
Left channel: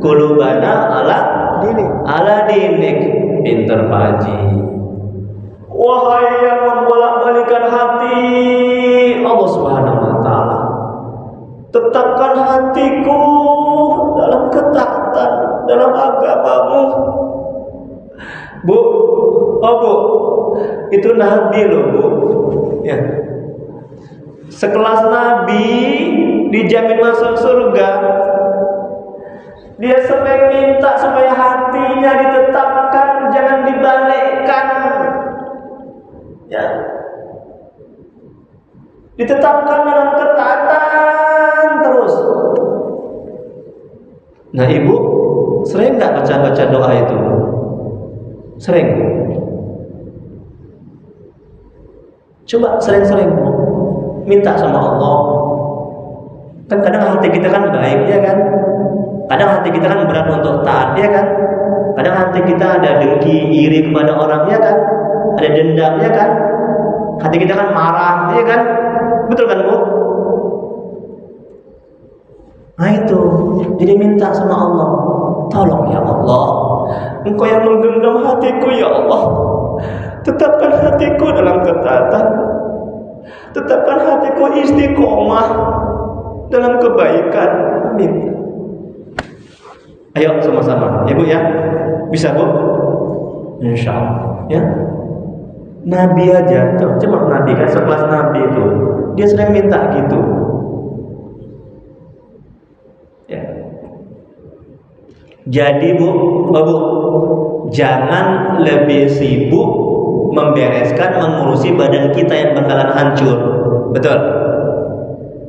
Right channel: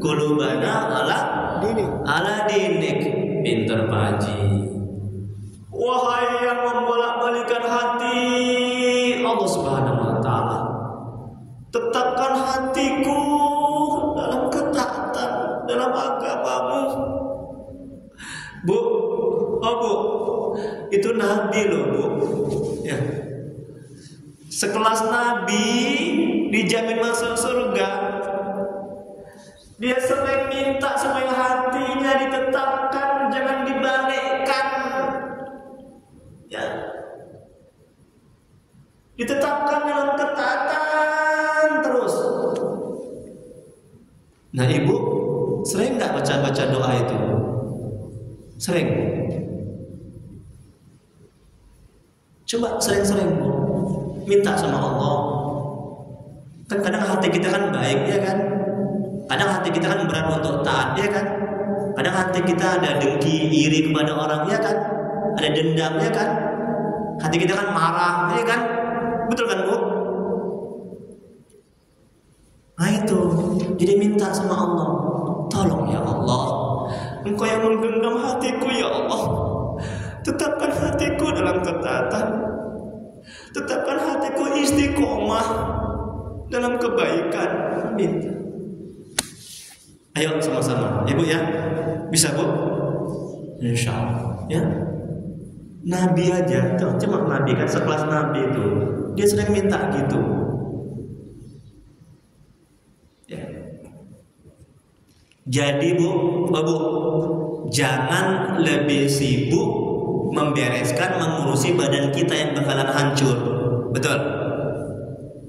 kulubana ala dinik. Pinter Pak Haji. Wahai yang membolak-balikan hati Allah Subhanahu wa taala, tetapkan hatiku dalam ketaatan dalam agamamu. Bu, oh Bu, itu Nabi loh Bu. Ya. Sekelas Nabi dijamin masuk surga. Dia sering minta supaya hatinya ditetapkan, jangan dibalikkan. Ya. Ditetapkan dalam ketaatan terus. Nah, Ibu sering nggak baca doa itu? Sering. Coba sering-sering Bu, minta sama Allah. Kan kadang hati kita kan baik, ya kan? Kadang hati kita kan berat untuk taat, ya kan? Kadang hati kita ada dengki, iri kepada orang, ya kan? Ada dendam, ya kan? Hati kita kan marah, ya kan? Betul kan Bu? Nah itu, jadi minta sama Allah, tolong ya Allah, Engkau yang menggenggam hatiku ya Allah, tetapkan hatiku dalam ketaatan, tetapkan hatiku istiqomah dalam kebaikan. Minta. Ayo sama-sama, ya Bu ya, bisa Bu? Insya Allah, ya. Nabi aja, cuma Nabi kan sekelas Nabi itu, dia sering minta gitu. Ya. Jadi Bu, jangan lebih sibuk membereskan, mengurusi badan kita yang bakalan hancur, betul?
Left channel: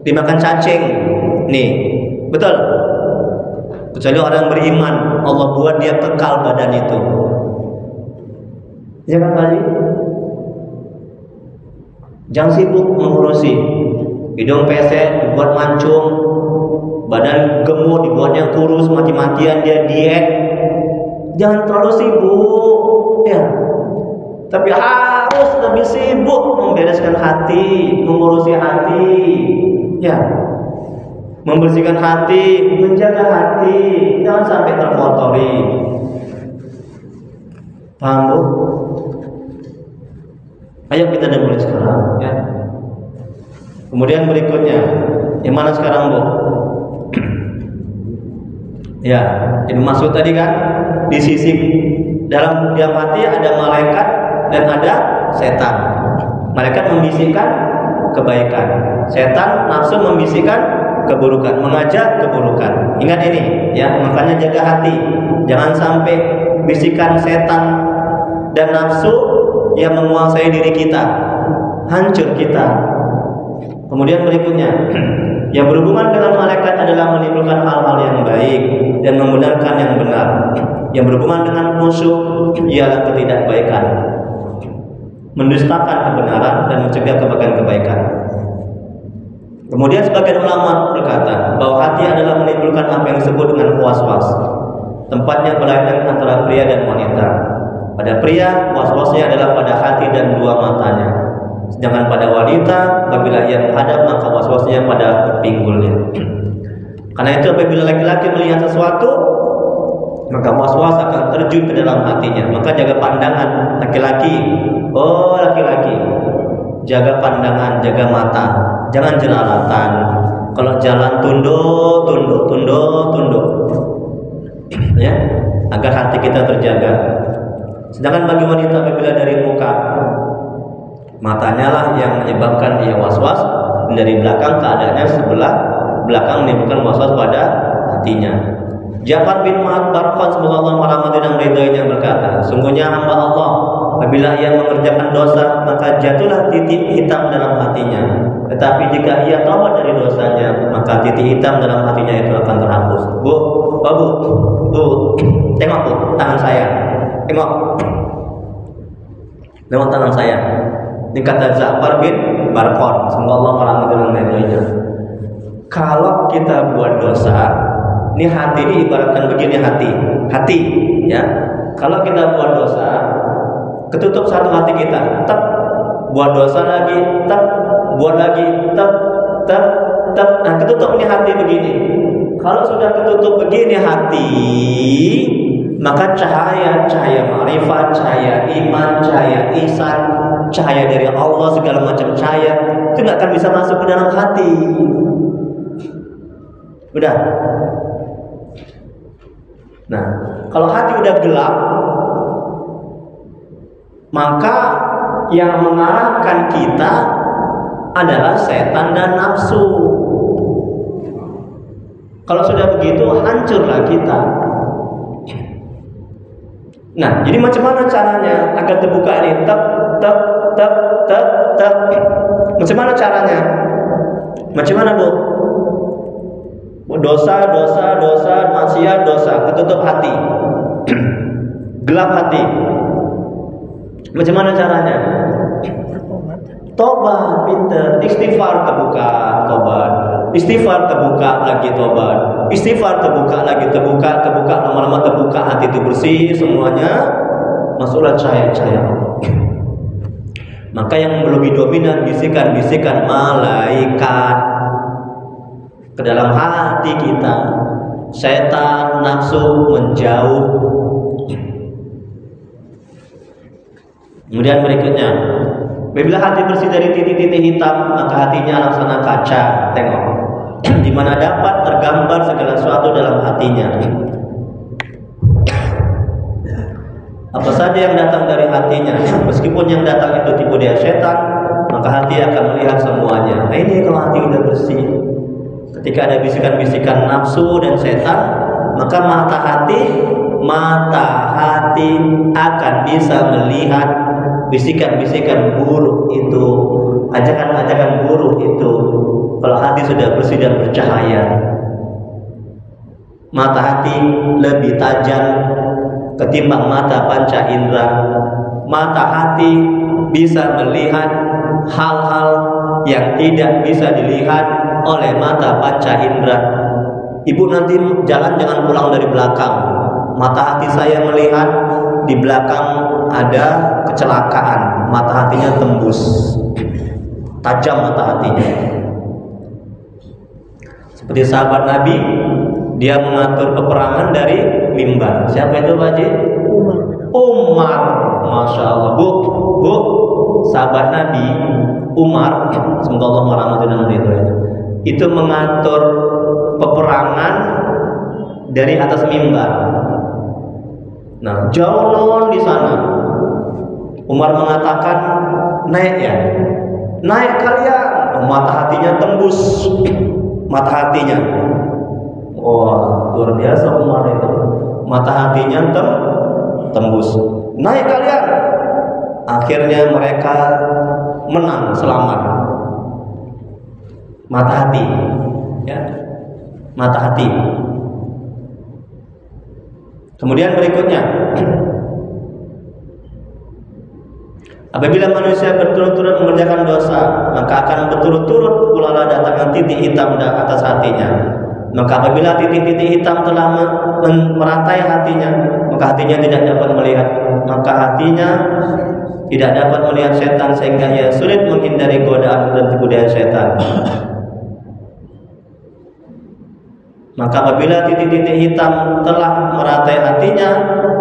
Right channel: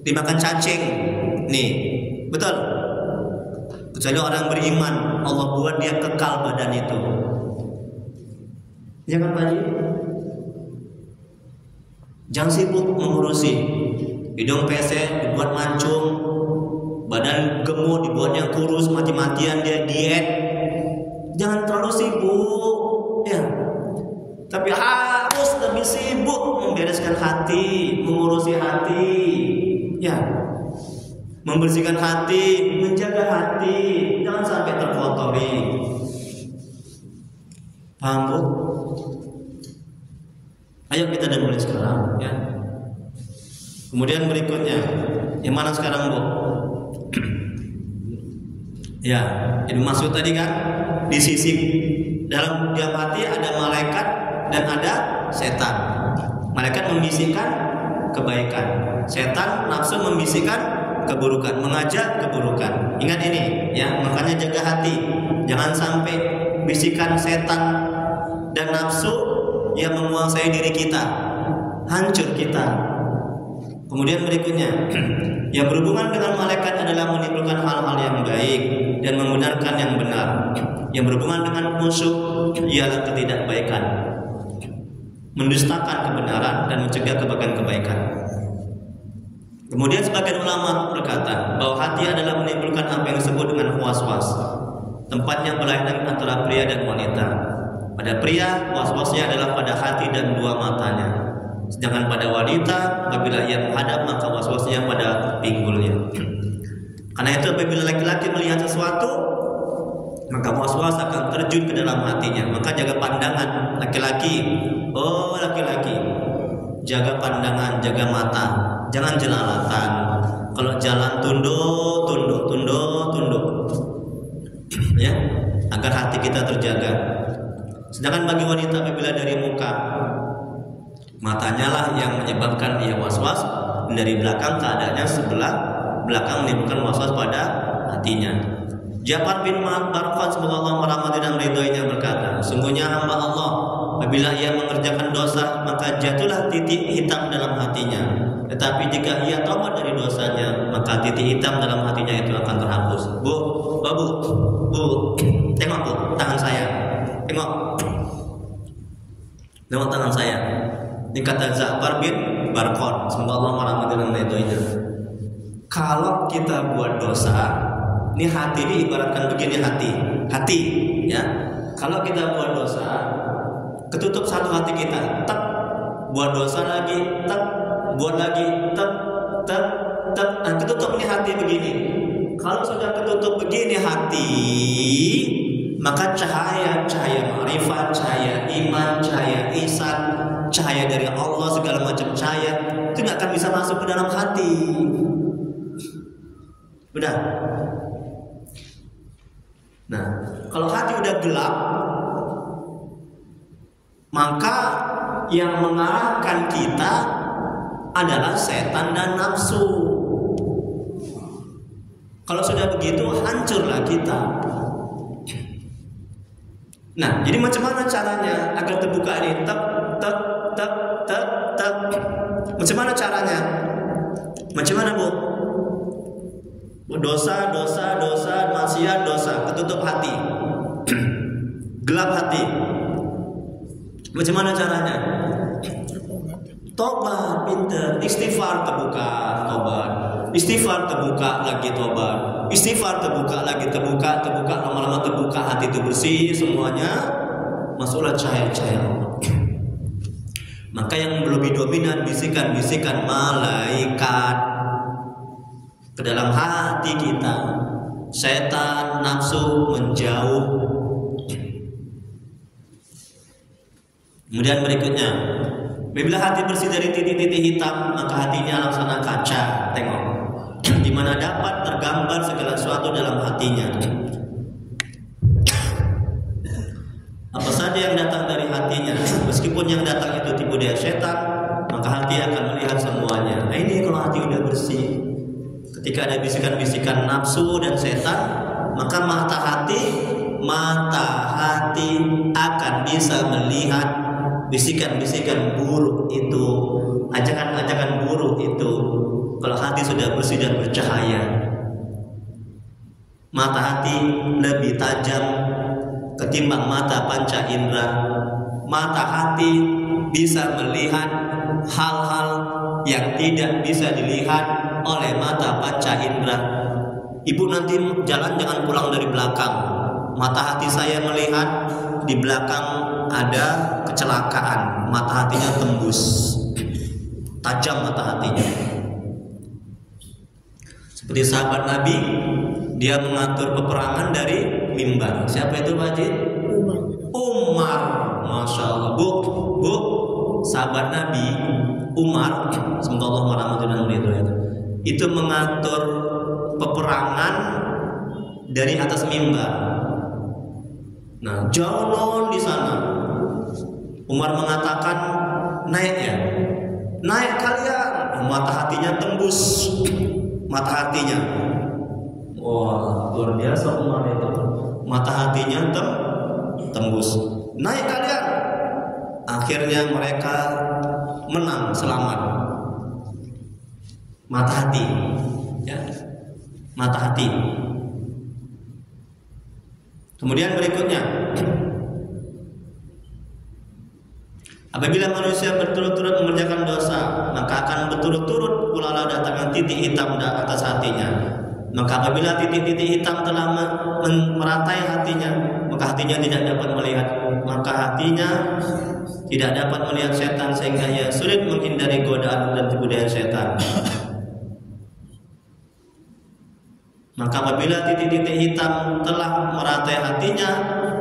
Dimakan cacing, nih, betul? Kecuali orang beriman, Allah buat dia kekal badan itu. Ya kan Pak Haji? Jangan sibuk mengurusi. Hidung pesek dibuat mancung, badan gemuk dibuatnya kurus, mati-matian dia diet. Jangan terlalu sibuk, ya. Tapi harus lebih sibuk membereskan hati, mengurusi hati, ya. Membersihkan hati, menjaga hati, jangan sampai terkotori. Paham Bu? Ayo kita mulai sekarang, ya. Kemudian berikutnya, yang mana sekarang Bu? Ya, Ibnu Mas'ud tadi kan di sisi dalam diam hati ada malaikat dan ada setan. Malaikat membisikkan kebaikan, setan nafsu membisikkan keburukan, mengajak keburukan. Ingat ini, ya, makanya jaga hati, jangan sampai bisikan setan dan nafsu yang menguasai diri kita, hancur kita. Kemudian berikutnya, yang berhubungan dengan malaikat adalah menimbulkan hal-hal yang baik dan membenarkan yang benar. Yang berhubungan dengan musuh ialah ketidakbaikan, mendustakan kebenaran dan mencegah kebaikan. Kemudian sebagian ulama berkata bahwa hati adalah menimbulkan apa yang disebut dengan was-was. Tempatnya berlainan antara pria dan wanita. Pada pria, was-wasnya adalah pada hati dan dua matanya. Sedangkan pada wanita, apabila ia menghadap, maka was-wasnya pada pinggulnya. Karena itu apabila laki-laki melihat sesuatu, maka was-was akan terjun ke dalam hatinya. Maka jaga pandangan laki-laki. Oh laki-laki, jaga pandangan, jaga mata. Jangan jelalatan. Kalau jalan tunduk, ya, agar hati kita terjaga. Sedangkan bagi wanita apabila dari muka, matanya lah yang menyebabkan dia was-was, dan dari belakang keadaannya sebelah belakang menimbulkan was-was pada hatinya. Ja'far bin Barqan semoga Allah merahmati dan ridhoinya berkata, sungguhnya hamba Allah apabila ia mengerjakan dosa maka jatuhlah titik hitam dalam hatinya. Tetapi jika ia tobat dari dosanya maka titik hitam dalam hatinya itu akan terhapus. Bu, tengok Bu, tangan saya. Tengok tangan saya. Ini kata Ja'far bin Barqan semoga Allah merahmati dan ridhoinya. Kalau kita buat dosa, ini hati ini ibaratkan begini, hati ya. Kalau kita buat dosa, ketutup satu hati kita, buat dosa lagi, buat lagi, Nah, ketutupnya hati begini. Kalau sudah ketutup begini hati, maka cahaya ma'rifat, cahaya iman, cahaya ihsan, cahaya dari Allah, segala macam cahaya itu nggak akan bisa masuk ke dalam hati. Udah. Nah, kalau hati udah gelap, maka yang mengarahkan kita adalah setan dan nafsu. Kalau sudah begitu, hancurlah kita. Nah, jadi macam mana caranya agar terbuka ini? Tep. Macam mana caranya? Macam mana, Bu? Dosa, maksiat, dosa, ketutup hati. Gelap hati. Macam mana caranya? Tobat, pinter. Istighfar terbuka, tobat. Istighfar terbuka lagi, tobat. Istighfar terbuka lagi, terbuka. Lama-lama terbuka, hati itu bersih, semuanya masuklah cahaya-cahaya. Maka yang lebih dominan bisikan-bisikan malaikat ke dalam hati kita. Setan, nafsu menjauh. Kemudian berikutnya, apabila hati bersih dari titik-titik hitam, maka hatinya laksana kaca. Tengok, di mana dapat tergambar segala sesuatu dalam hatinya. Apa saja yang datang dari hatinya, meskipun yang datang itu tipu daya setan, maka hati akan melihat semuanya. Nah, ini kalau hati udah bersih. Ketika ada bisikan-bisikan nafsu dan setan, maka mata hati akan bisa melihat bisikan-bisikan buruk itu, ajakan-ajakan buruk itu. Kalau hati sudah bersih dan bercahaya, mata hati lebih tajam ketimbang mata panca indera. Mata hati bisa melihat hal-hal yang tidak bisa dilihat oleh mata panca indera. Ibu nanti jalan jangan pulang dari belakang. Mata hati saya melihat di belakang ada kecelakaan, mata hatinya tembus, tajam mata hatinya. Seperti sahabat Nabi, dia mengatur peperangan dari mimbar. Siapa itu, Pak Haji? Umar. Masya Allah. Bu, sahabat Nabi Umar, semoga Allah merahmati dan meridhoi, itu mengatur peperangan dari atas mimbar. Nah, jauh non di sana. Umar mengatakan, naik ya, naik kalian. Mata hatinya tembus, mata hatinya. Wah, luar biasa Umar itu. Mata hatinya tembus. Naik kalian. Akhirnya mereka menang, selamat. Mata hati, ya, mata hati. Kemudian berikutnya, apabila manusia berturut-turut mengerjakan dosa, maka akan berturut-turut pula datangnya titik hitam di atas hatinya. Maka apabila titik-titik hitam telah meratai hatinya, maka hatinya tidak dapat melihat, maka hatinya tidak dapat melihat setan, sehingga ia sulit menghindari godaan dan tipu daya setan. Maka apabila titik-titik hitam telah meratai hatinya,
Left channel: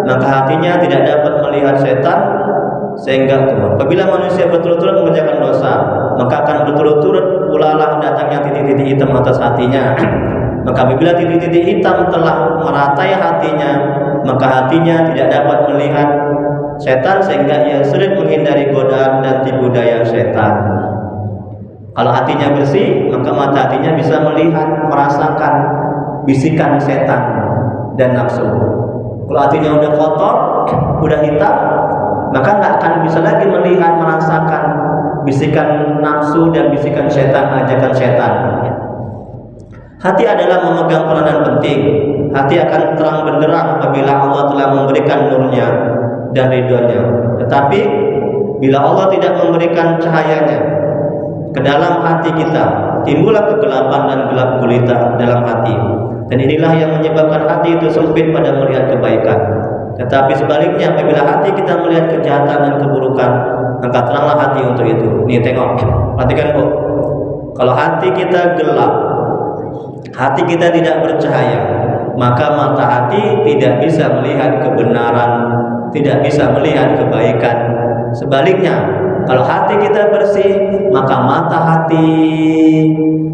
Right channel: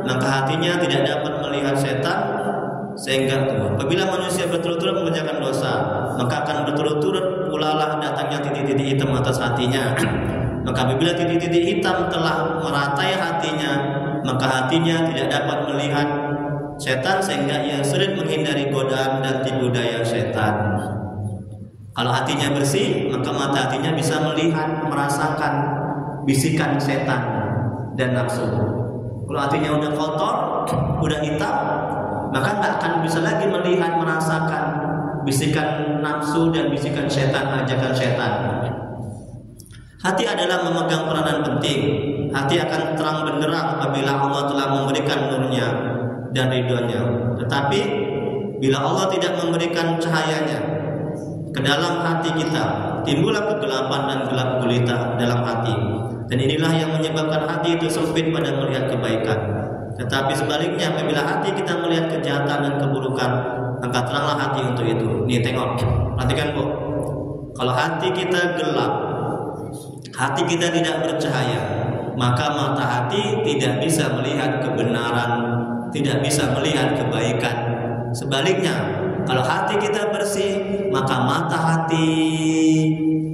maka hatinya tidak dapat melihat setan, sehingga apabila manusia berturut-turut mengerjakan dosa, maka akan berturut-turut pula datangnya titik-titik hitam atas hatinya. Maka apabila titik-titik hitam telah meratai hatinya, maka hatinya tidak dapat melihat setan, sehingga ia sulit menghindari godaan dan tipu daya setan. Kalau hatinya bersih, maka mata hatinya bisa melihat, merasakan bisikan setan dan nafsu. Kalau hatinya udah kotor, udah hitam, maka nggak akan bisa lagi melihat, merasakan bisikan nafsu dan bisikan setan, ajakan setan. Hati adalah memegang peranan penting. Hati akan terang benderang apabila Allah telah memberikan nurnya dan ridhonya. Tetapi bila Allah tidak memberikan cahayanya ke dalam hati kita, timbullah kegelapan dan gelap gulita dalam hati. Dan inilah yang menyebabkan hati itu sempit pada melihat kebaikan. Tetapi sebaliknya, apabila hati kita melihat kejahatan dan keburukan, maka teranglah hati untuk itu. Nih tengok, perhatikan Bu. Kalau hati kita gelap, hati kita tidak bercahaya, maka mata hati tidak bisa melihat kebenaran, tidak bisa melihat kebaikan. Sebaliknya, kalau hati kita bersih, maka mata hati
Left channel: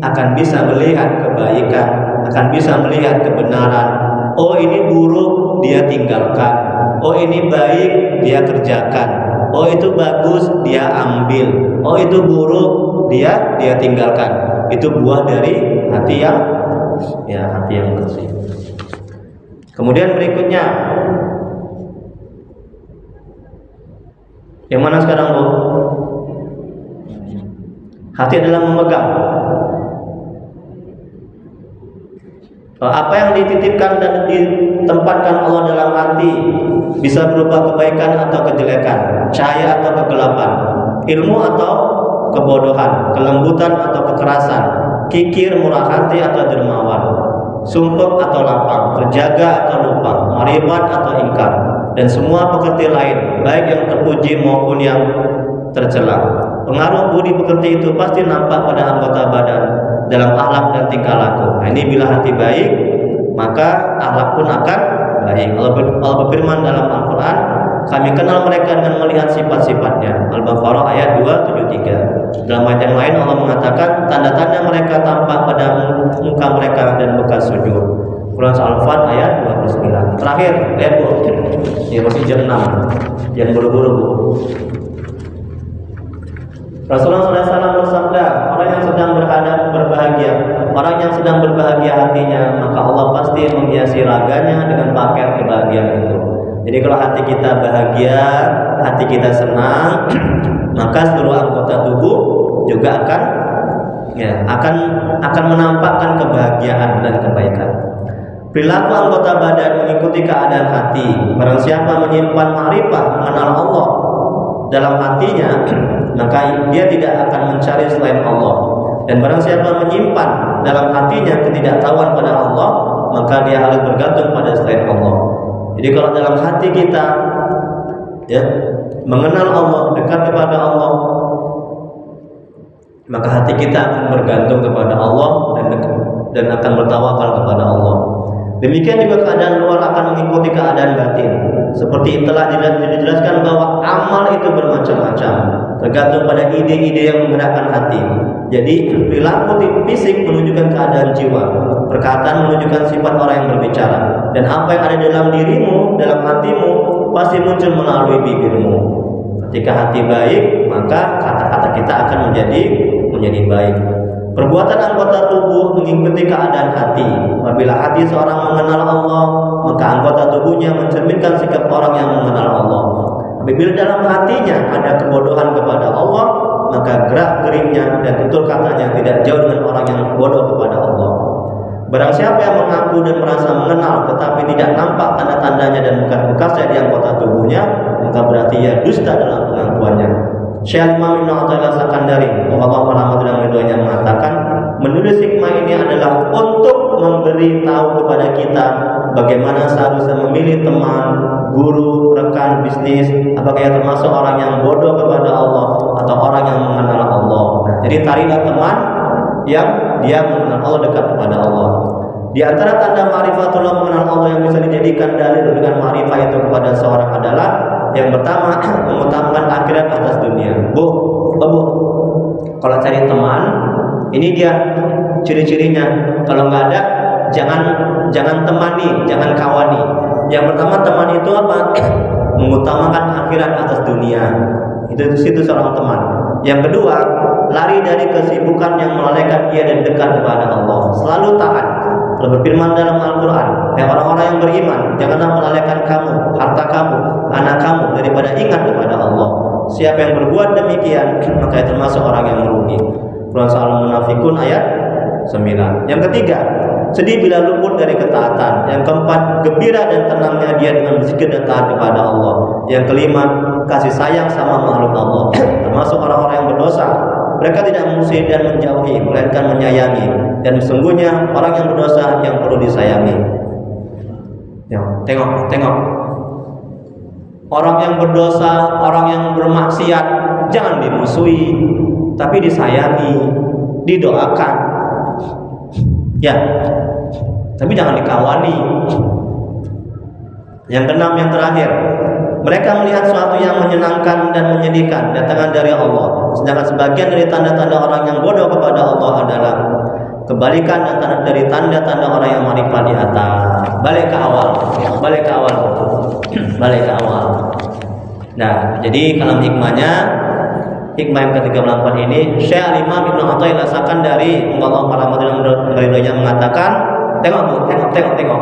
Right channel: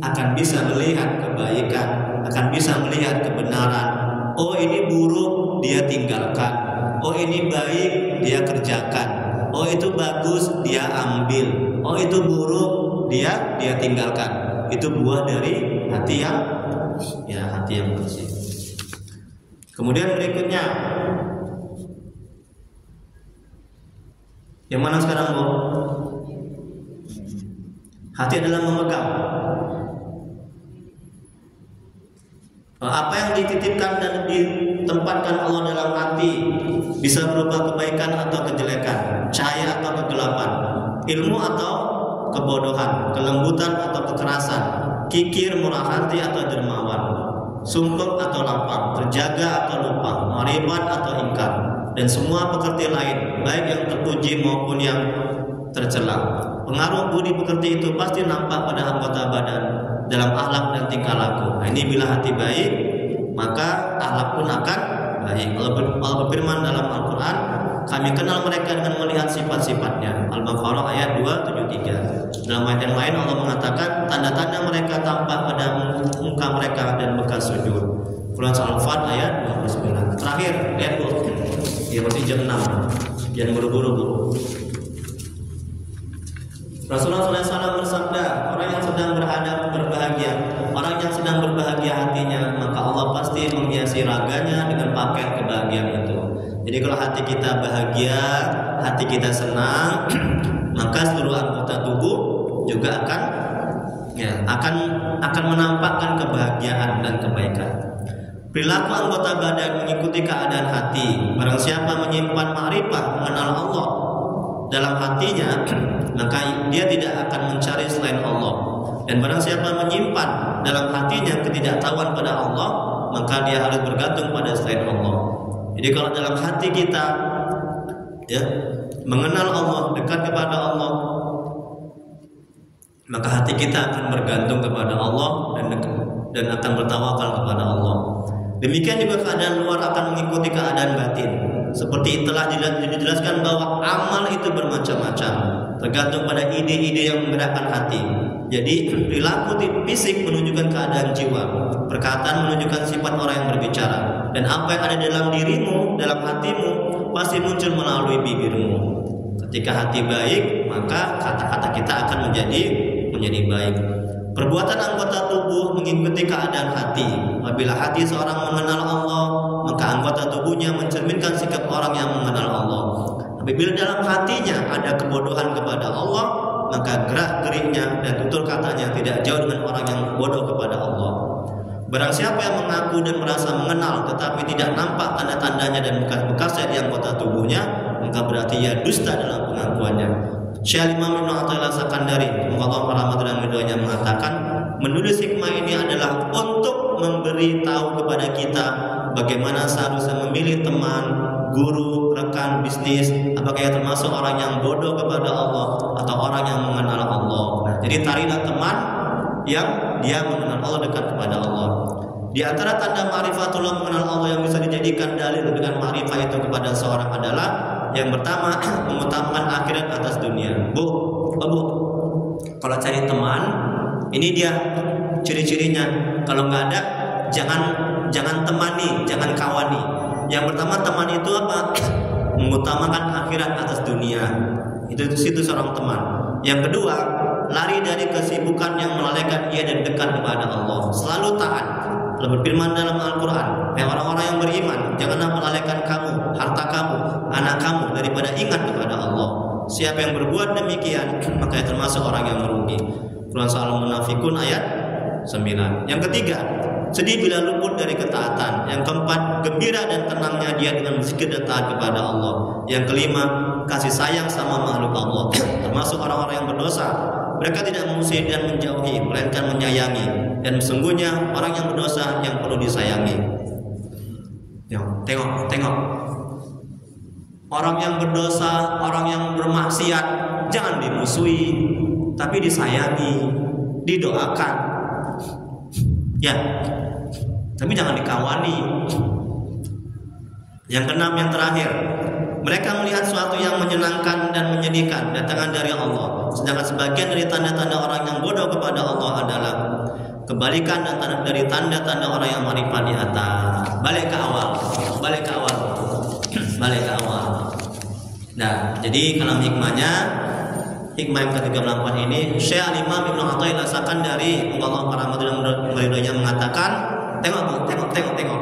akan bisa melihat kebaikan, akan bisa melihat kebenaran. Oh, ini buruk, dia tinggalkan. Oh, ini baik, dia kerjakan. Oh, itu bagus, dia ambil. Oh, itu buruk, dia tinggalkan. Itu buah dari hati yang bersih. Kemudian berikutnya, yang mana sekarang, Bu? Hati adalah memegang. Apa yang dititipkan dan ditempatkan Allah dalam hati bisa berupa kebaikan atau kejelekan, cahaya atau kegelapan, ilmu atau kebodohan, kelembutan atau kekerasan, kikir, murah hati atau dermawan, sumpek atau lapang, terjaga atau lupa, marifat atau ingkar, dan semua pekerti lain, baik yang terpuji maupun yang tercela. Pengaruh budi pekerti itu pasti nampak pada anggota badan, dalam akhlak dan tingkah laku. Nah, ini bila hati baik, maka akhlak pun akan baik. Allah berfirman dalam Al-Quran, kami kenal mereka dengan melihat sifat-sifatnya. Al-Baqarah ayat 273. Dalam ayat yang lain Allah mengatakan, tanda-tanda mereka tampak pada muka mereka dan bekas sujud. Quran Al-Fat ayat 29. Terakhir, lihat Bu, ya masih jam 6. Jangan buru-buru, Bu. Rasulullah SAW bersabda, orang yang sedang berbahagia, orang yang sedang berbahagia hatinya, maka Allah pasti menghiasi raganya dengan pakaian kebahagiaan itu. Jadi kalau hati kita bahagia, hati kita senang, maka seluruh anggota tubuh juga akan menampakkan kebahagiaan dan kebaikan. Perilaku anggota badan mengikuti keadaan hati. Barang siapa menyimpan ma'rifah, mengenal Allah dalam hatinya, maka dia tidak akan mencari selain Allah. Dan barang siapa menyimpan dalam hatinya ketidaktahuan pada Allah, maka dia harus bergantung pada selain Allah. Jadi kalau dalam hati kita mengenal Allah, dekat kepada Allah, maka hati kita akan bergantung kepada Allah dan akan bertawakal kepada Allah. Demikian juga keadaan luar akan mengikuti keadaan batin. Seperti telah dijelaskan bahwa amal itu bermacam-macam, tergantung pada ide-ide yang menggerakkan hati. Jadi perilaku fisik menunjukkan keadaan jiwa, perkataan menunjukkan sifat orang yang berbicara, dan apa yang ada dalam dirimu, dalam hatimu pasti muncul melalui bibirmu. Ketika hati baik, maka kata-kata kita akan menjadi baik. Perbuatan anggota tubuh mengikuti keadaan hati. Apabila hati seorang mengenal Allah, maka anggota tubuhnya mencerminkan sikap orang yang mengenal Allah. Apabila dalam hatinya ada kebodohan kepada Allah, maka gerak-geriknya dan tutur katanya tidak jauh dengan orang yang bodoh kepada Allah. Barang siapa yang mengaku dan merasa mengenal tetapi tidak nampak tanda-tandanya dan bekas-bekasnya di anggota tubuhnya, maka berarti ia dusta dalam pengakuannya. Syekh Imam Ibn Athaillah Sakandari, Allah rahmat dan ridhonya, mengatakan, menulis hikmah ini adalah untuk memberi tahu kepada kita bagaimana seharusnya memilih teman, guru, rekan bisnis, apakah ia termasuk orang yang bodoh kepada Allah atau orang yang mengenal Allah. Jadi carilah teman yang dia mengenal Allah, dekat kepada Allah. Di antara tanda ma'rifatullah, mengenal Allah, yang bisa dijadikan dalil dengan ma'rifah itu kepada seorang adalah yang pertama, mengutamakan akhirat atas dunia. Bu, kalau cari teman, ini dia ciri-cirinya. Kalau nggak ada, jangan temani, jangan kawani. Yang pertama, teman itu apa? Mengutamakan akhirat atas dunia. Itu seorang teman. Yang kedua, lari dari kesibukan yang melalaikan ia dan dekat kepada Allah. Selalu taat. Allah berfirman dalam Al-Quran, ya orang-orang yang beriman, janganlah melalaikan kamu, harta kamu, anak kamu daripada ingat kepada Allah. Siapa yang berbuat demikian, maka ia termasuk orang yang merugi. Quran Al-Munafikun ayat 9. Yang ketiga, sedih bila luput dari ketaatan. Yang keempat, gembira dan tenangnya dia dengan berzikir dan taat kepada Allah. Yang kelima, kasih sayang sama makhluk Allah, termasuk orang-orang yang berdosa. Mereka tidak memusuhi dan menjauhi, melainkan menyayangi. Dan sesungguhnya orang yang berdosa yang perlu disayangi. Ya, tengok. Orang yang berdosa, orang yang bermaksiat, jangan dimusuhi, tapi disayangi. didoakan. Ya, tapi jangan dikawali. Yang keenam, yang terakhir, mereka melihat sesuatu yang menyenangkan dan menyedihkan datangkan dari Allah. Sedangkan sebagian dari tanda-tanda orang yang bodoh kepada Allah adalah kebalikan antara dari tanda-tanda orang yang marifat di atas. Balik ke awal. Nah, jadi kalau hikmah yang ke-34 ini, Syekh Al-Imam Ibnu Athaillah rasakan dari Allah para muridnya mengatakan, tengok.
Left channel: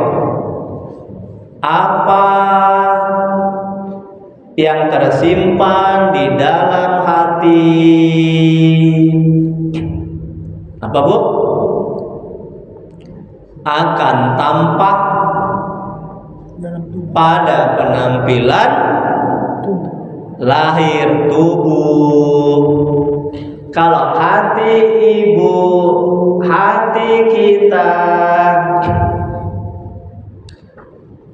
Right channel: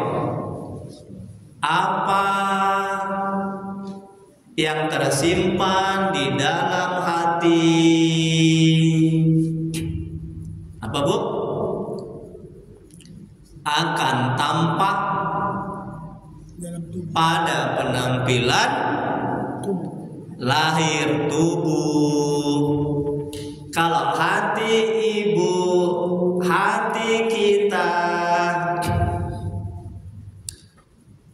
Apa yang tersimpan di dalam hati? Apa, Bu? Akan tampak pada penampilan lahir tubuh. Kalau hati ibu, hati kita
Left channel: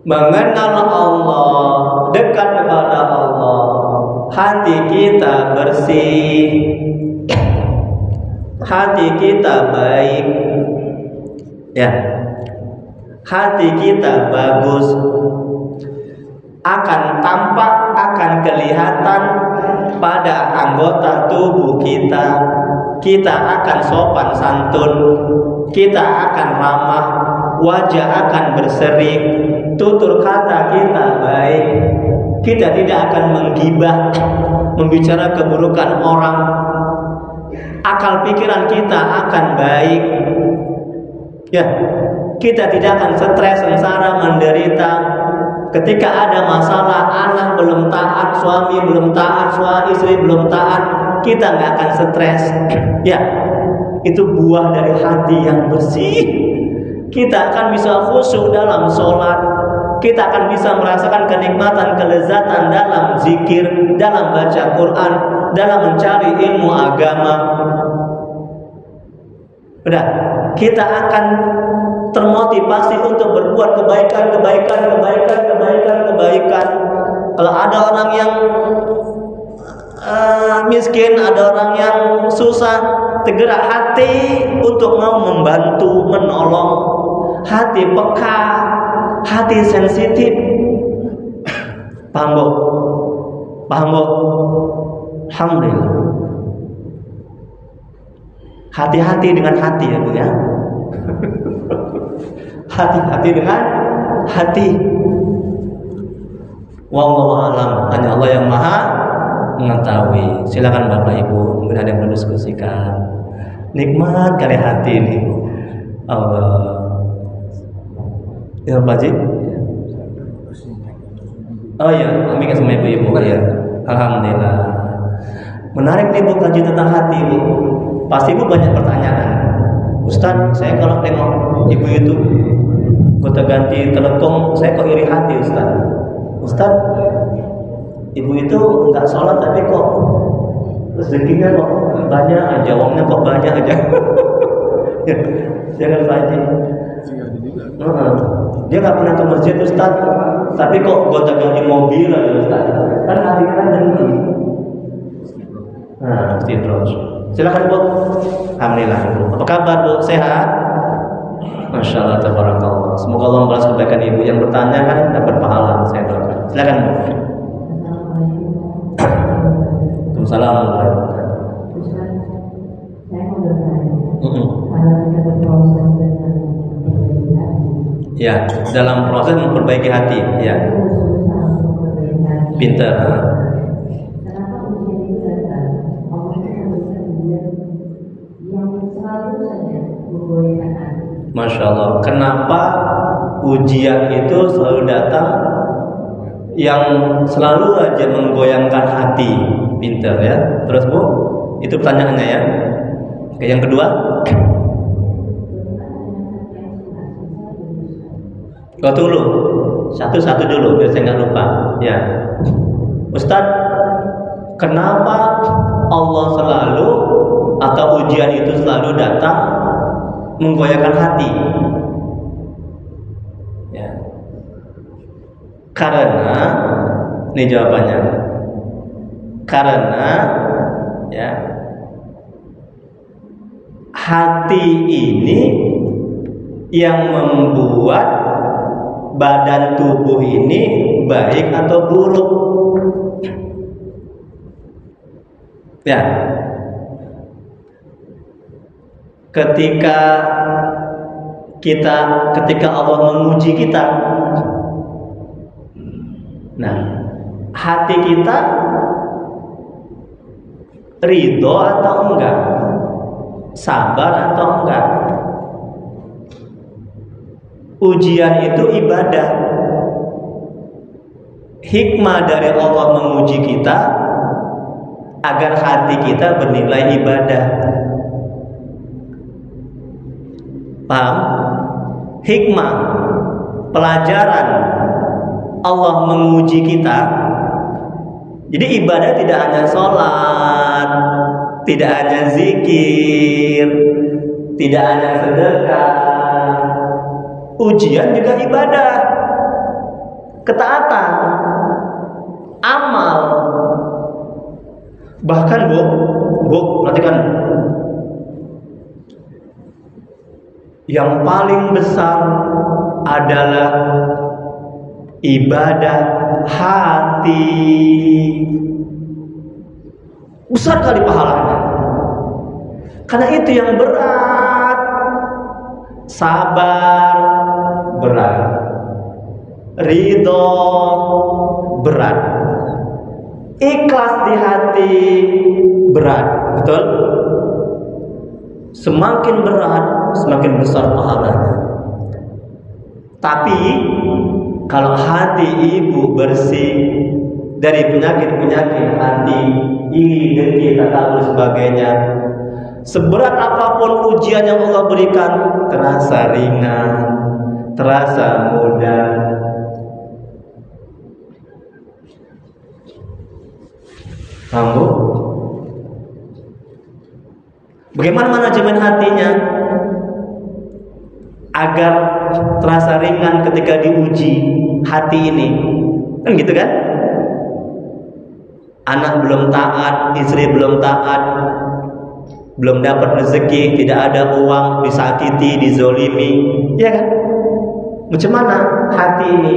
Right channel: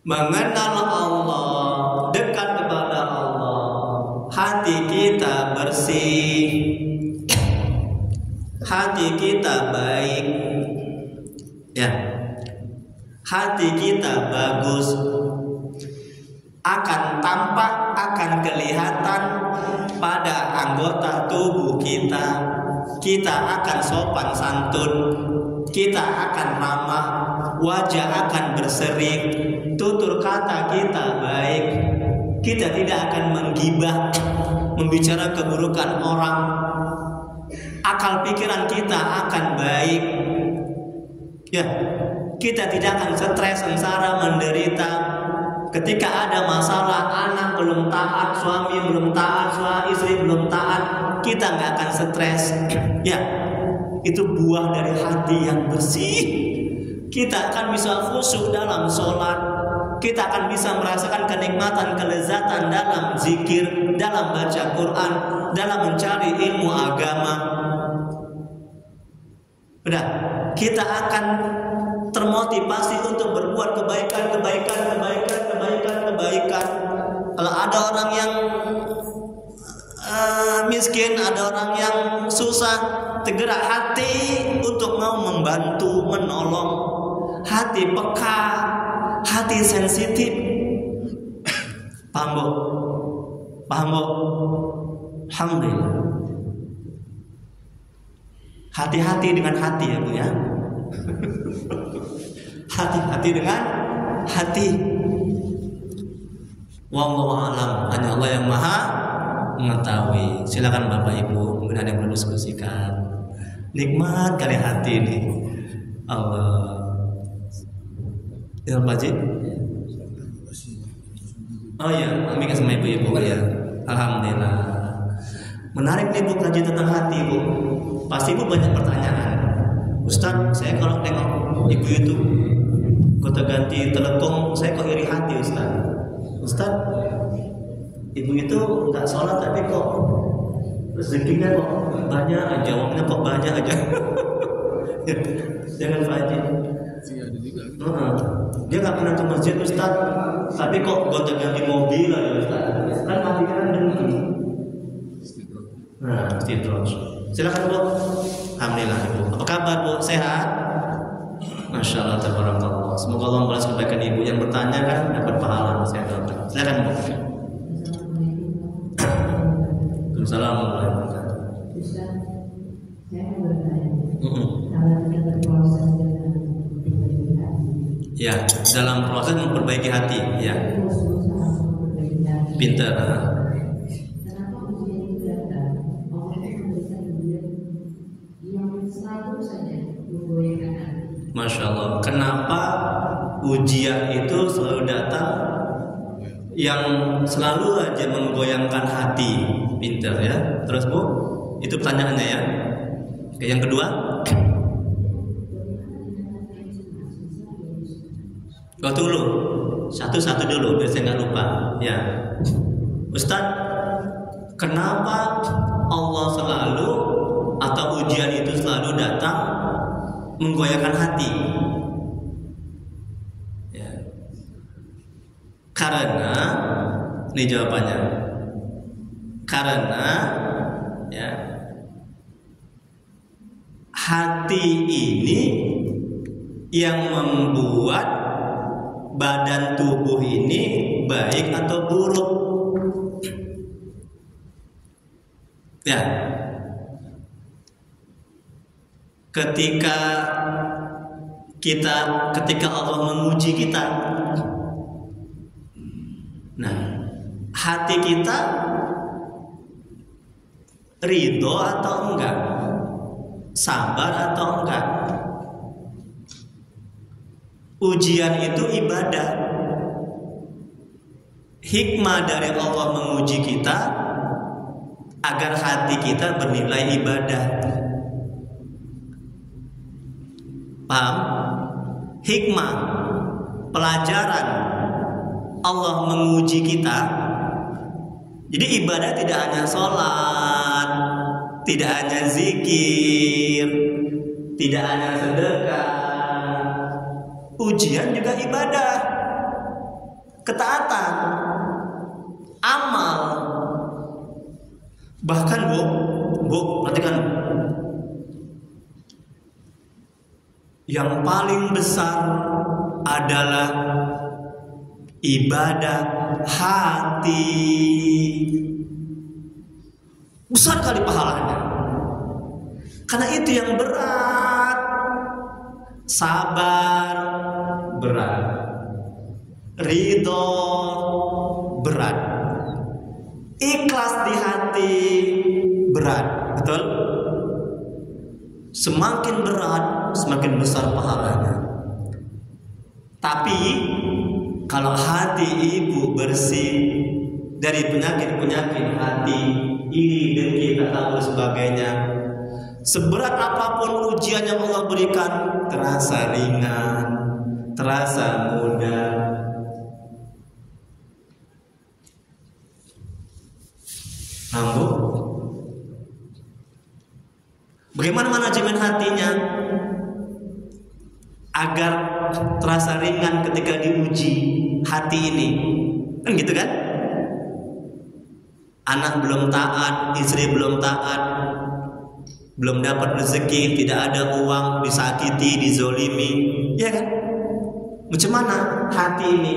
mengenal Allah, dekat kepada Allah, hati kita bersih, hati kita baik, ya, hati kita bagus, akan tampak, akan kelihatan pada anggota tubuh kita. Kita akan sopan santun, kita akan ramah, wajah akan berseri, tutur kata kita baik, kita tidak akan menggibah, membicara keburukan orang, akal pikiran kita akan baik, ya, kita tidak akan stres, sengsara, menderita. Ketika ada masalah, anak belum taat, suami belum taat, istri belum taat, kita nggak akan stres. Ya, itu buah dari hati yang bersih. Kita akan bisa khusyuk dalam sholat. Kita akan bisa merasakan kenikmatan, kelezatan dalam zikir, dalam baca Quran, dalam mencari ilmu agama. Udah, kita akan termotivasi untuk berbuat kebaikan. Kalau ada orang yang miskin, ada orang yang susah, tergerak hati untuk mau membantu, menolong, hati peka, hati sensitif. Paham Bu? Alhamdulillah. Hati-hati dengan hati ya Bu ya. Hati-hati dengan hati. Wallahu a'lam. Hanya Allah yang Maha mengetahui. Silakan Bapak Ibu, mungkin ada yang berdiskusikan. Nikmat kali hati ini. Allah. Ya Pak Ji. Oh iya, kami sama ibu-ibu ya. Alhamdulillah. Menarik nih Bu kaji tentang hati Bu. Pasti Bu banyak pertanyaan. Ustaz, saya kalau tengok ibu itu kota ganti telekung, saya kok iri hati Ustaz, ibu itu nggak sholat tapi kok rezekinya kok banyak aja, uangnya kok banyak aja. Jangan Pak Haji. Dia nggak pernah ke masjid Ustaz, tapi kok gonta ganti mobil aja Ustaz. Kan hatinya kan dengki. Nah, mesti terus. Silakan Bu. Alhamdulillah Bu. Apa kabar Bu? Sehat? Masya Allah, tabarakallah. Semoga Allah membalas kebaikan ibu yang bertanya kan dapat pahala. Saya doakan. Silakan Bu. Assalamualaikum warahmatullahi wabarakatuh. Saya mau bertanya. Kalau kita proses dengan ya, dalam proses memperbaiki hati, ya. Pintar. Kenapa ujian itu datang? Allah itu memberikan ujian yang selalu saja menggoyahkan hati. Masya Allah. Kenapa ujian itu selalu datang yang selalu aja menggoyangkan hati? Pintar ya. Terus Bu, itu pertanyaannya ya. Oke, yang kedua. Dulu, satu-satu dulu biar saya nggak lupa. Ya, Ustadz, kenapa Allah selalu atau ujian itu selalu datang menggoyahkan hati? Ya, karena ini jawabannya. Karena ya hati ini yang membuat badan tubuh ini baik atau buruk. Ya. Ketika Allah menguji kita, nah, hati kita ridho atau enggak, sabar atau enggak. Ujian itu ibadah. Hikmah dari Allah menguji kita agar hati kita bernilai ibadah. Paham? Hikmah, pelajaran Allah menguji kita. Jadi ibadah tidak hanya sholat, tidak hanya zikir, tidak hanya sedekah. Ujian juga ibadah, ketaatan, amal. Bahkan Bu, perhatikan, yang paling besar adalah ibadah hati. Besar kali pahalanya. Karena itu yang berat. Sabar berat. Ridho berat. Ikhlas di hati berat. Betul? Semakin berat, semakin besar pahalanya. Tapi kalau hati ibu bersih dari penyakit-penyakit hati, iri, dengki, takabur, sebagainya, seberat apapun ujian yang Allah berikan, terasa ringan, terasa mudah. Kamu bagaimana manajemen hatinya agar terasa ringan ketika diuji hati ini? Kan gitu kan? Anak belum taat, istri belum taat, belum dapat rezeki, tidak ada uang, disakiti, dizolimi, ya kan? Macam mana hati ini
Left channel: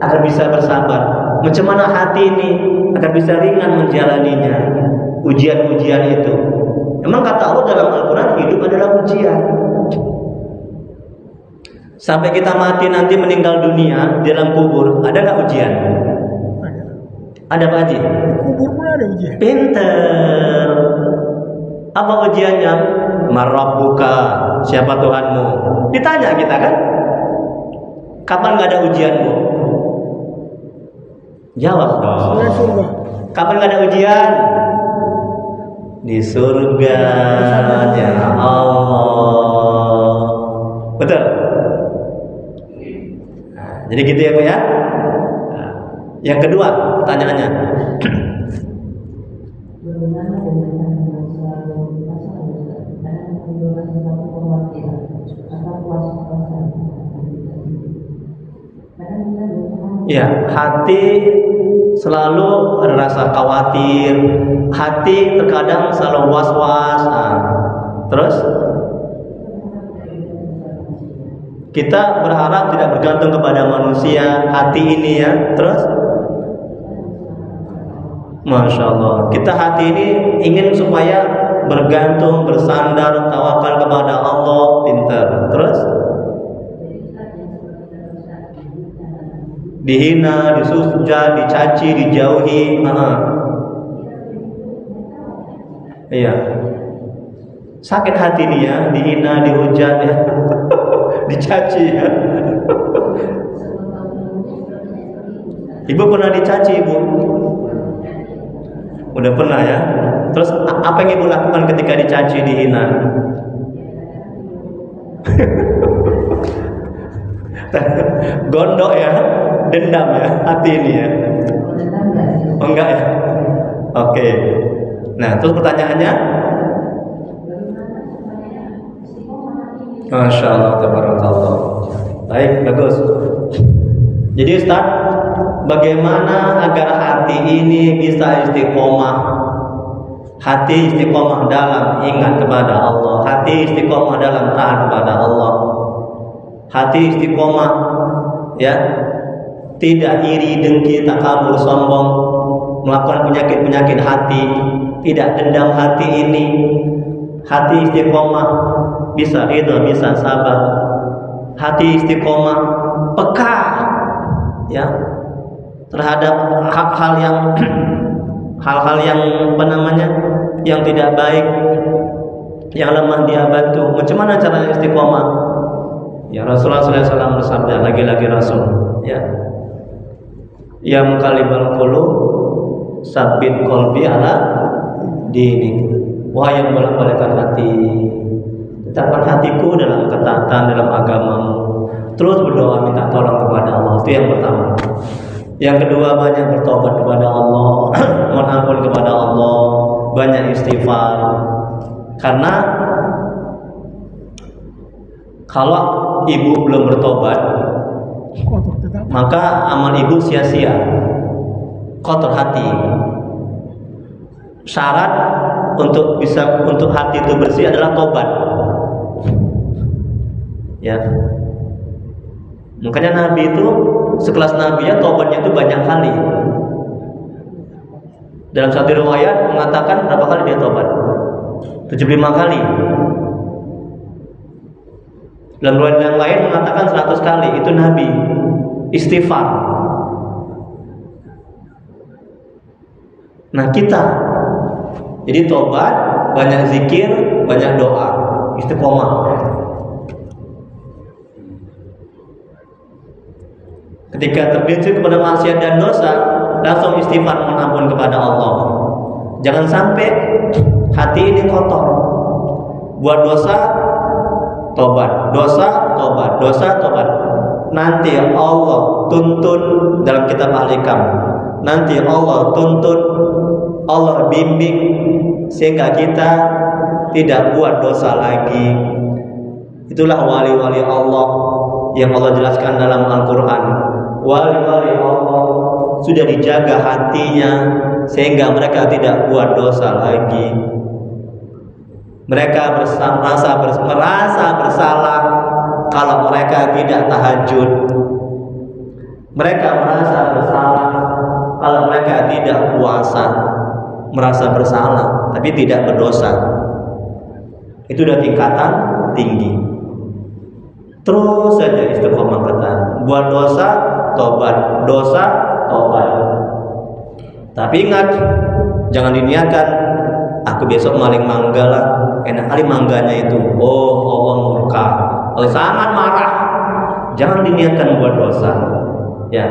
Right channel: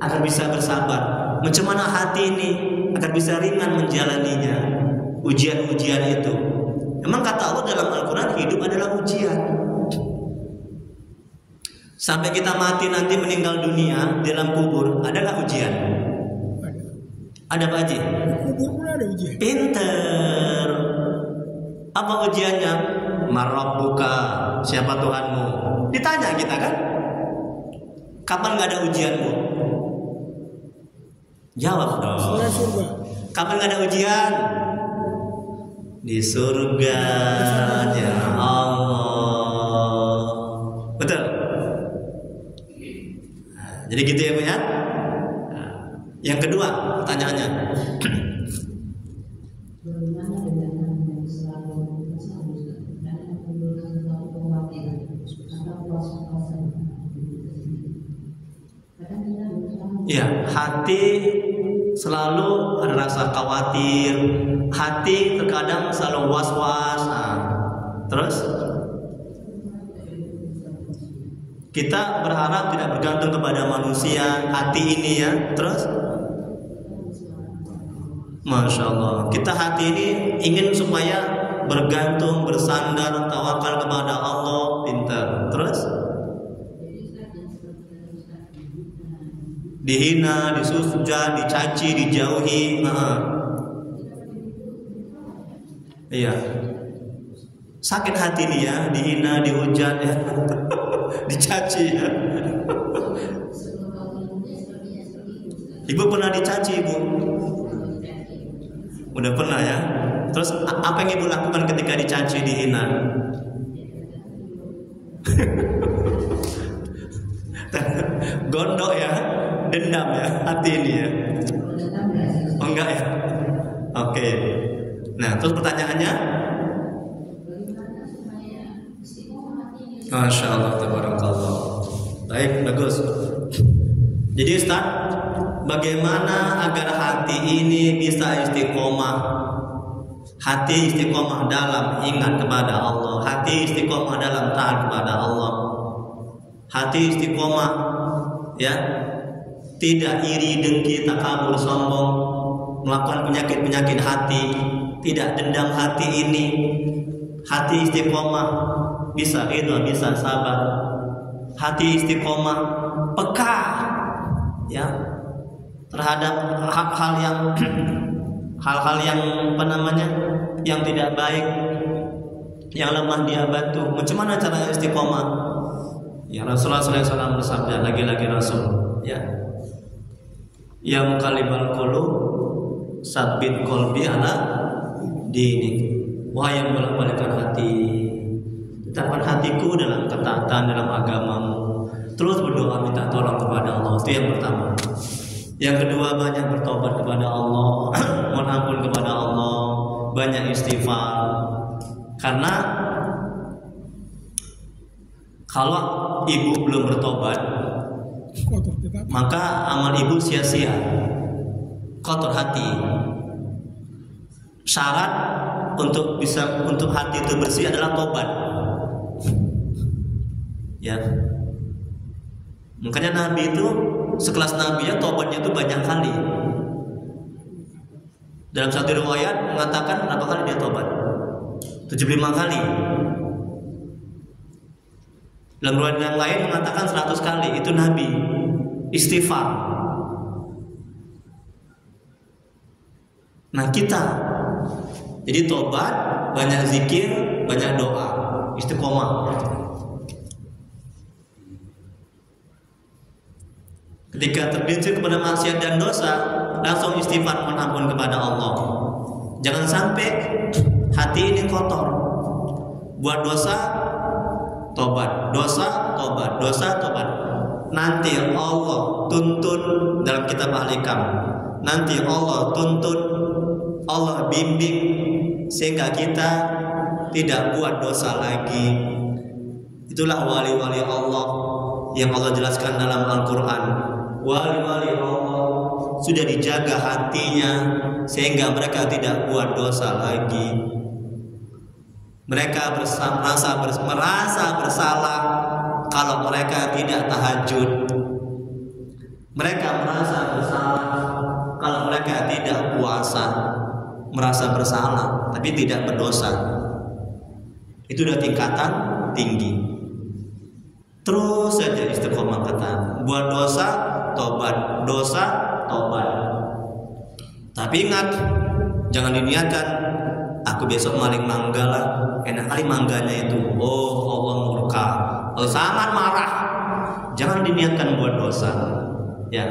agar bisa bersabar? Macam mana hati ini agar bisa ringan menjalaninya, ujian-ujian itu? Memang kata Allah dalam Al-Quran, hidup adalah ujian. Sampai kita mati nanti meninggal dunia di dalam kubur, ada nggak ujian? Ada Pak Haji? Kubur pun ada ujian. Pinter. Apa ujiannya? Marabbuka, siapa Tuhanmu? Ditanya kita kan? Kapan nggak ada ujian, Bu? Jawab dong. Surga. Kapan nggak ada ujian? Di surga ya Allah. Betul? Nah, jadi gitu ya Bu ya. Nah, yang kedua pertanyaannya. Bagaimana dengan yang selalu merasa karena menimbulkan sesuatu kekhawatiran atau was-wasan? Kadang kita berusaha. Ya, hati selalu ada rasa khawatir, hati terkadang selalu was-was. Nah, terus kita berharap tidak bergantung kepada manusia, hati ini ya. Terus Masya Allah, kita hati ini ingin supaya bergantung, bersandar, tawakal kepada Allah. Pintar. Terus dihina, disuja, dicaci, dijauhi. Iya. Sakit hati nih ya, dihina, dihujat ya. Dicaci ya. Ibu pernah dicaci, Ibu? Udah pernah ya? Terus apa yang Ibu lakukan ketika dicaci, dihina? Gondok ya, dendam ya, hati ini ya. Oh enggak ya? Oke. Nah, terus pertanyaannya? Masya Allah, tabarakallah. Baik, bagus. Jadi Ustaz, bagaimana agar hati ini bisa istiqomah? hati istiqomah dalam ingat kepada Allah, hati istiqomah dalam taat kepada Allah, hati istiqomah ya, tidak iri, dengki, takabur, sombong, melakukan penyakit-penyakit hati, tidak dendam hati ini. Hati istiqomah bisa ridha, bisa sabar. Hati istiqomah peka ya terhadap hal-hal yang apa namanya, yang tidak baik, yang lemah dia bantu. Macam mana caranya istiqomah? Ya Rasulullah SAW bersabda, lagi-lagi Rasul ya, yang qalibal qulub sabbit qalbi ala dini. Wahai yang bolak-balikkan hati, tetapkan hatiku dalam ketaatan, dalam agamamu. Terus berdoa minta tolong kepada Allah. Itu yang pertama. Yang kedua, banyak bertobat kepada Allah, mohon ampun kepada Allah, banyak istighfar. Karena kalau ibu belum bertobat, maka amal ibu sia-sia, kotor hati. Syarat untuk hati itu bersih adalah tobat. Ya. Makanya Nabi itu sekelas Nabi ya, tobatnya itu banyak kali. Dalam satu riwayat mengatakan berapa kali dia tobat? 75 kali. Dalam riwayat yang lain mengatakan 100 kali. Itu Nabi istighfar. Nah kita, jadi tobat, banyak zikir, banyak doa, istiqomah. Ketika tergelincir kepada maksiat dan dosa, langsung istighfar, mohon ampun kepada Allah. Jangan sampai hati ini kotor. Buat dosa, tobat, dosa, tobat, dosa, tobat. Nanti Allah tuntun dalam kitab Al-Hikam. Nanti Allah tuntun, Allah bimbing sehingga kita tidak buat dosa lagi. Itulah wali-wali Allah yang Allah jelaskan dalam Al-Quran. Wali-wali Allah sudah dijaga hatinya sehingga mereka tidak buat dosa lagi. Mereka merasa bersalah kalau mereka tidak tahajud. Mereka merasa bersalah kalau mereka tidak puasa. Merasa bersalah tapi tidak berdosa. Itu udah tingkatan tinggi. Terus saja istiqomah kata, buat dosa tobat, dosa tobat. Tapi ingat, jangan diniatkan aku besok maling mangga lah. Enak kali mangganya itu. Oh, Allah murka, Allah sangat marah. Jangan diniatkan buat dosa. Ya.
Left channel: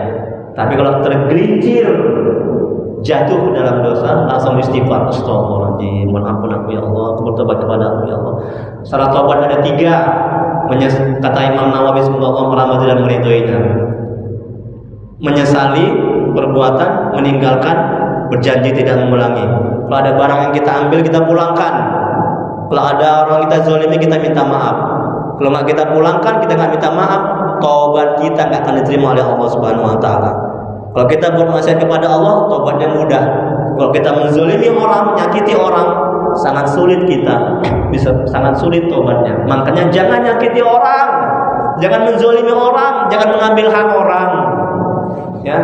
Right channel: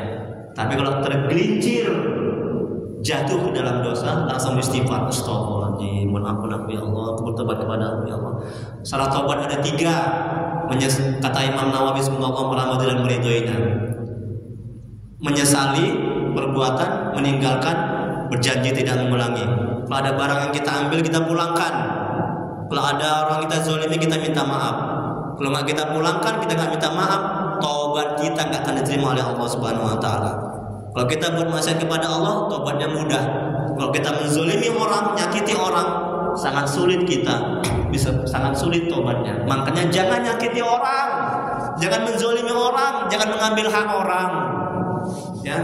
Tapi kalau tergelincir jatuh ke dalam dosa, langsung istighfar. Astagfirullahaladzim, mohon ampun aku ya Allah, aku bertobat kepada aku ya Allah. Syarat tobat ada 3. Kata Imam Nawawi, semoga Allah merahmati dan meridhoinya. Menyesali perbuatan, meninggalkan, berjanji tidak mengulangi. Kalau ada barang yang kita ambil, kita pulangkan. Kalau ada orang kita zalimi, kita minta maaf. Kalau nggak kita pulangkan, kita nggak minta maaf, tobat kita nggak akan diterima oleh Allah Subhanahu Wa Taala. Kalau kita buat maksiat kepada Allah, tobatnya mudah. Kalau kita menzalimi orang, menyakiti orang, sangat sulit kita, bisa sangat sulit tobatnya. Makanya jangan nyakiti orang, jangan menzalimi orang, jangan mengambil hak orang. Ya,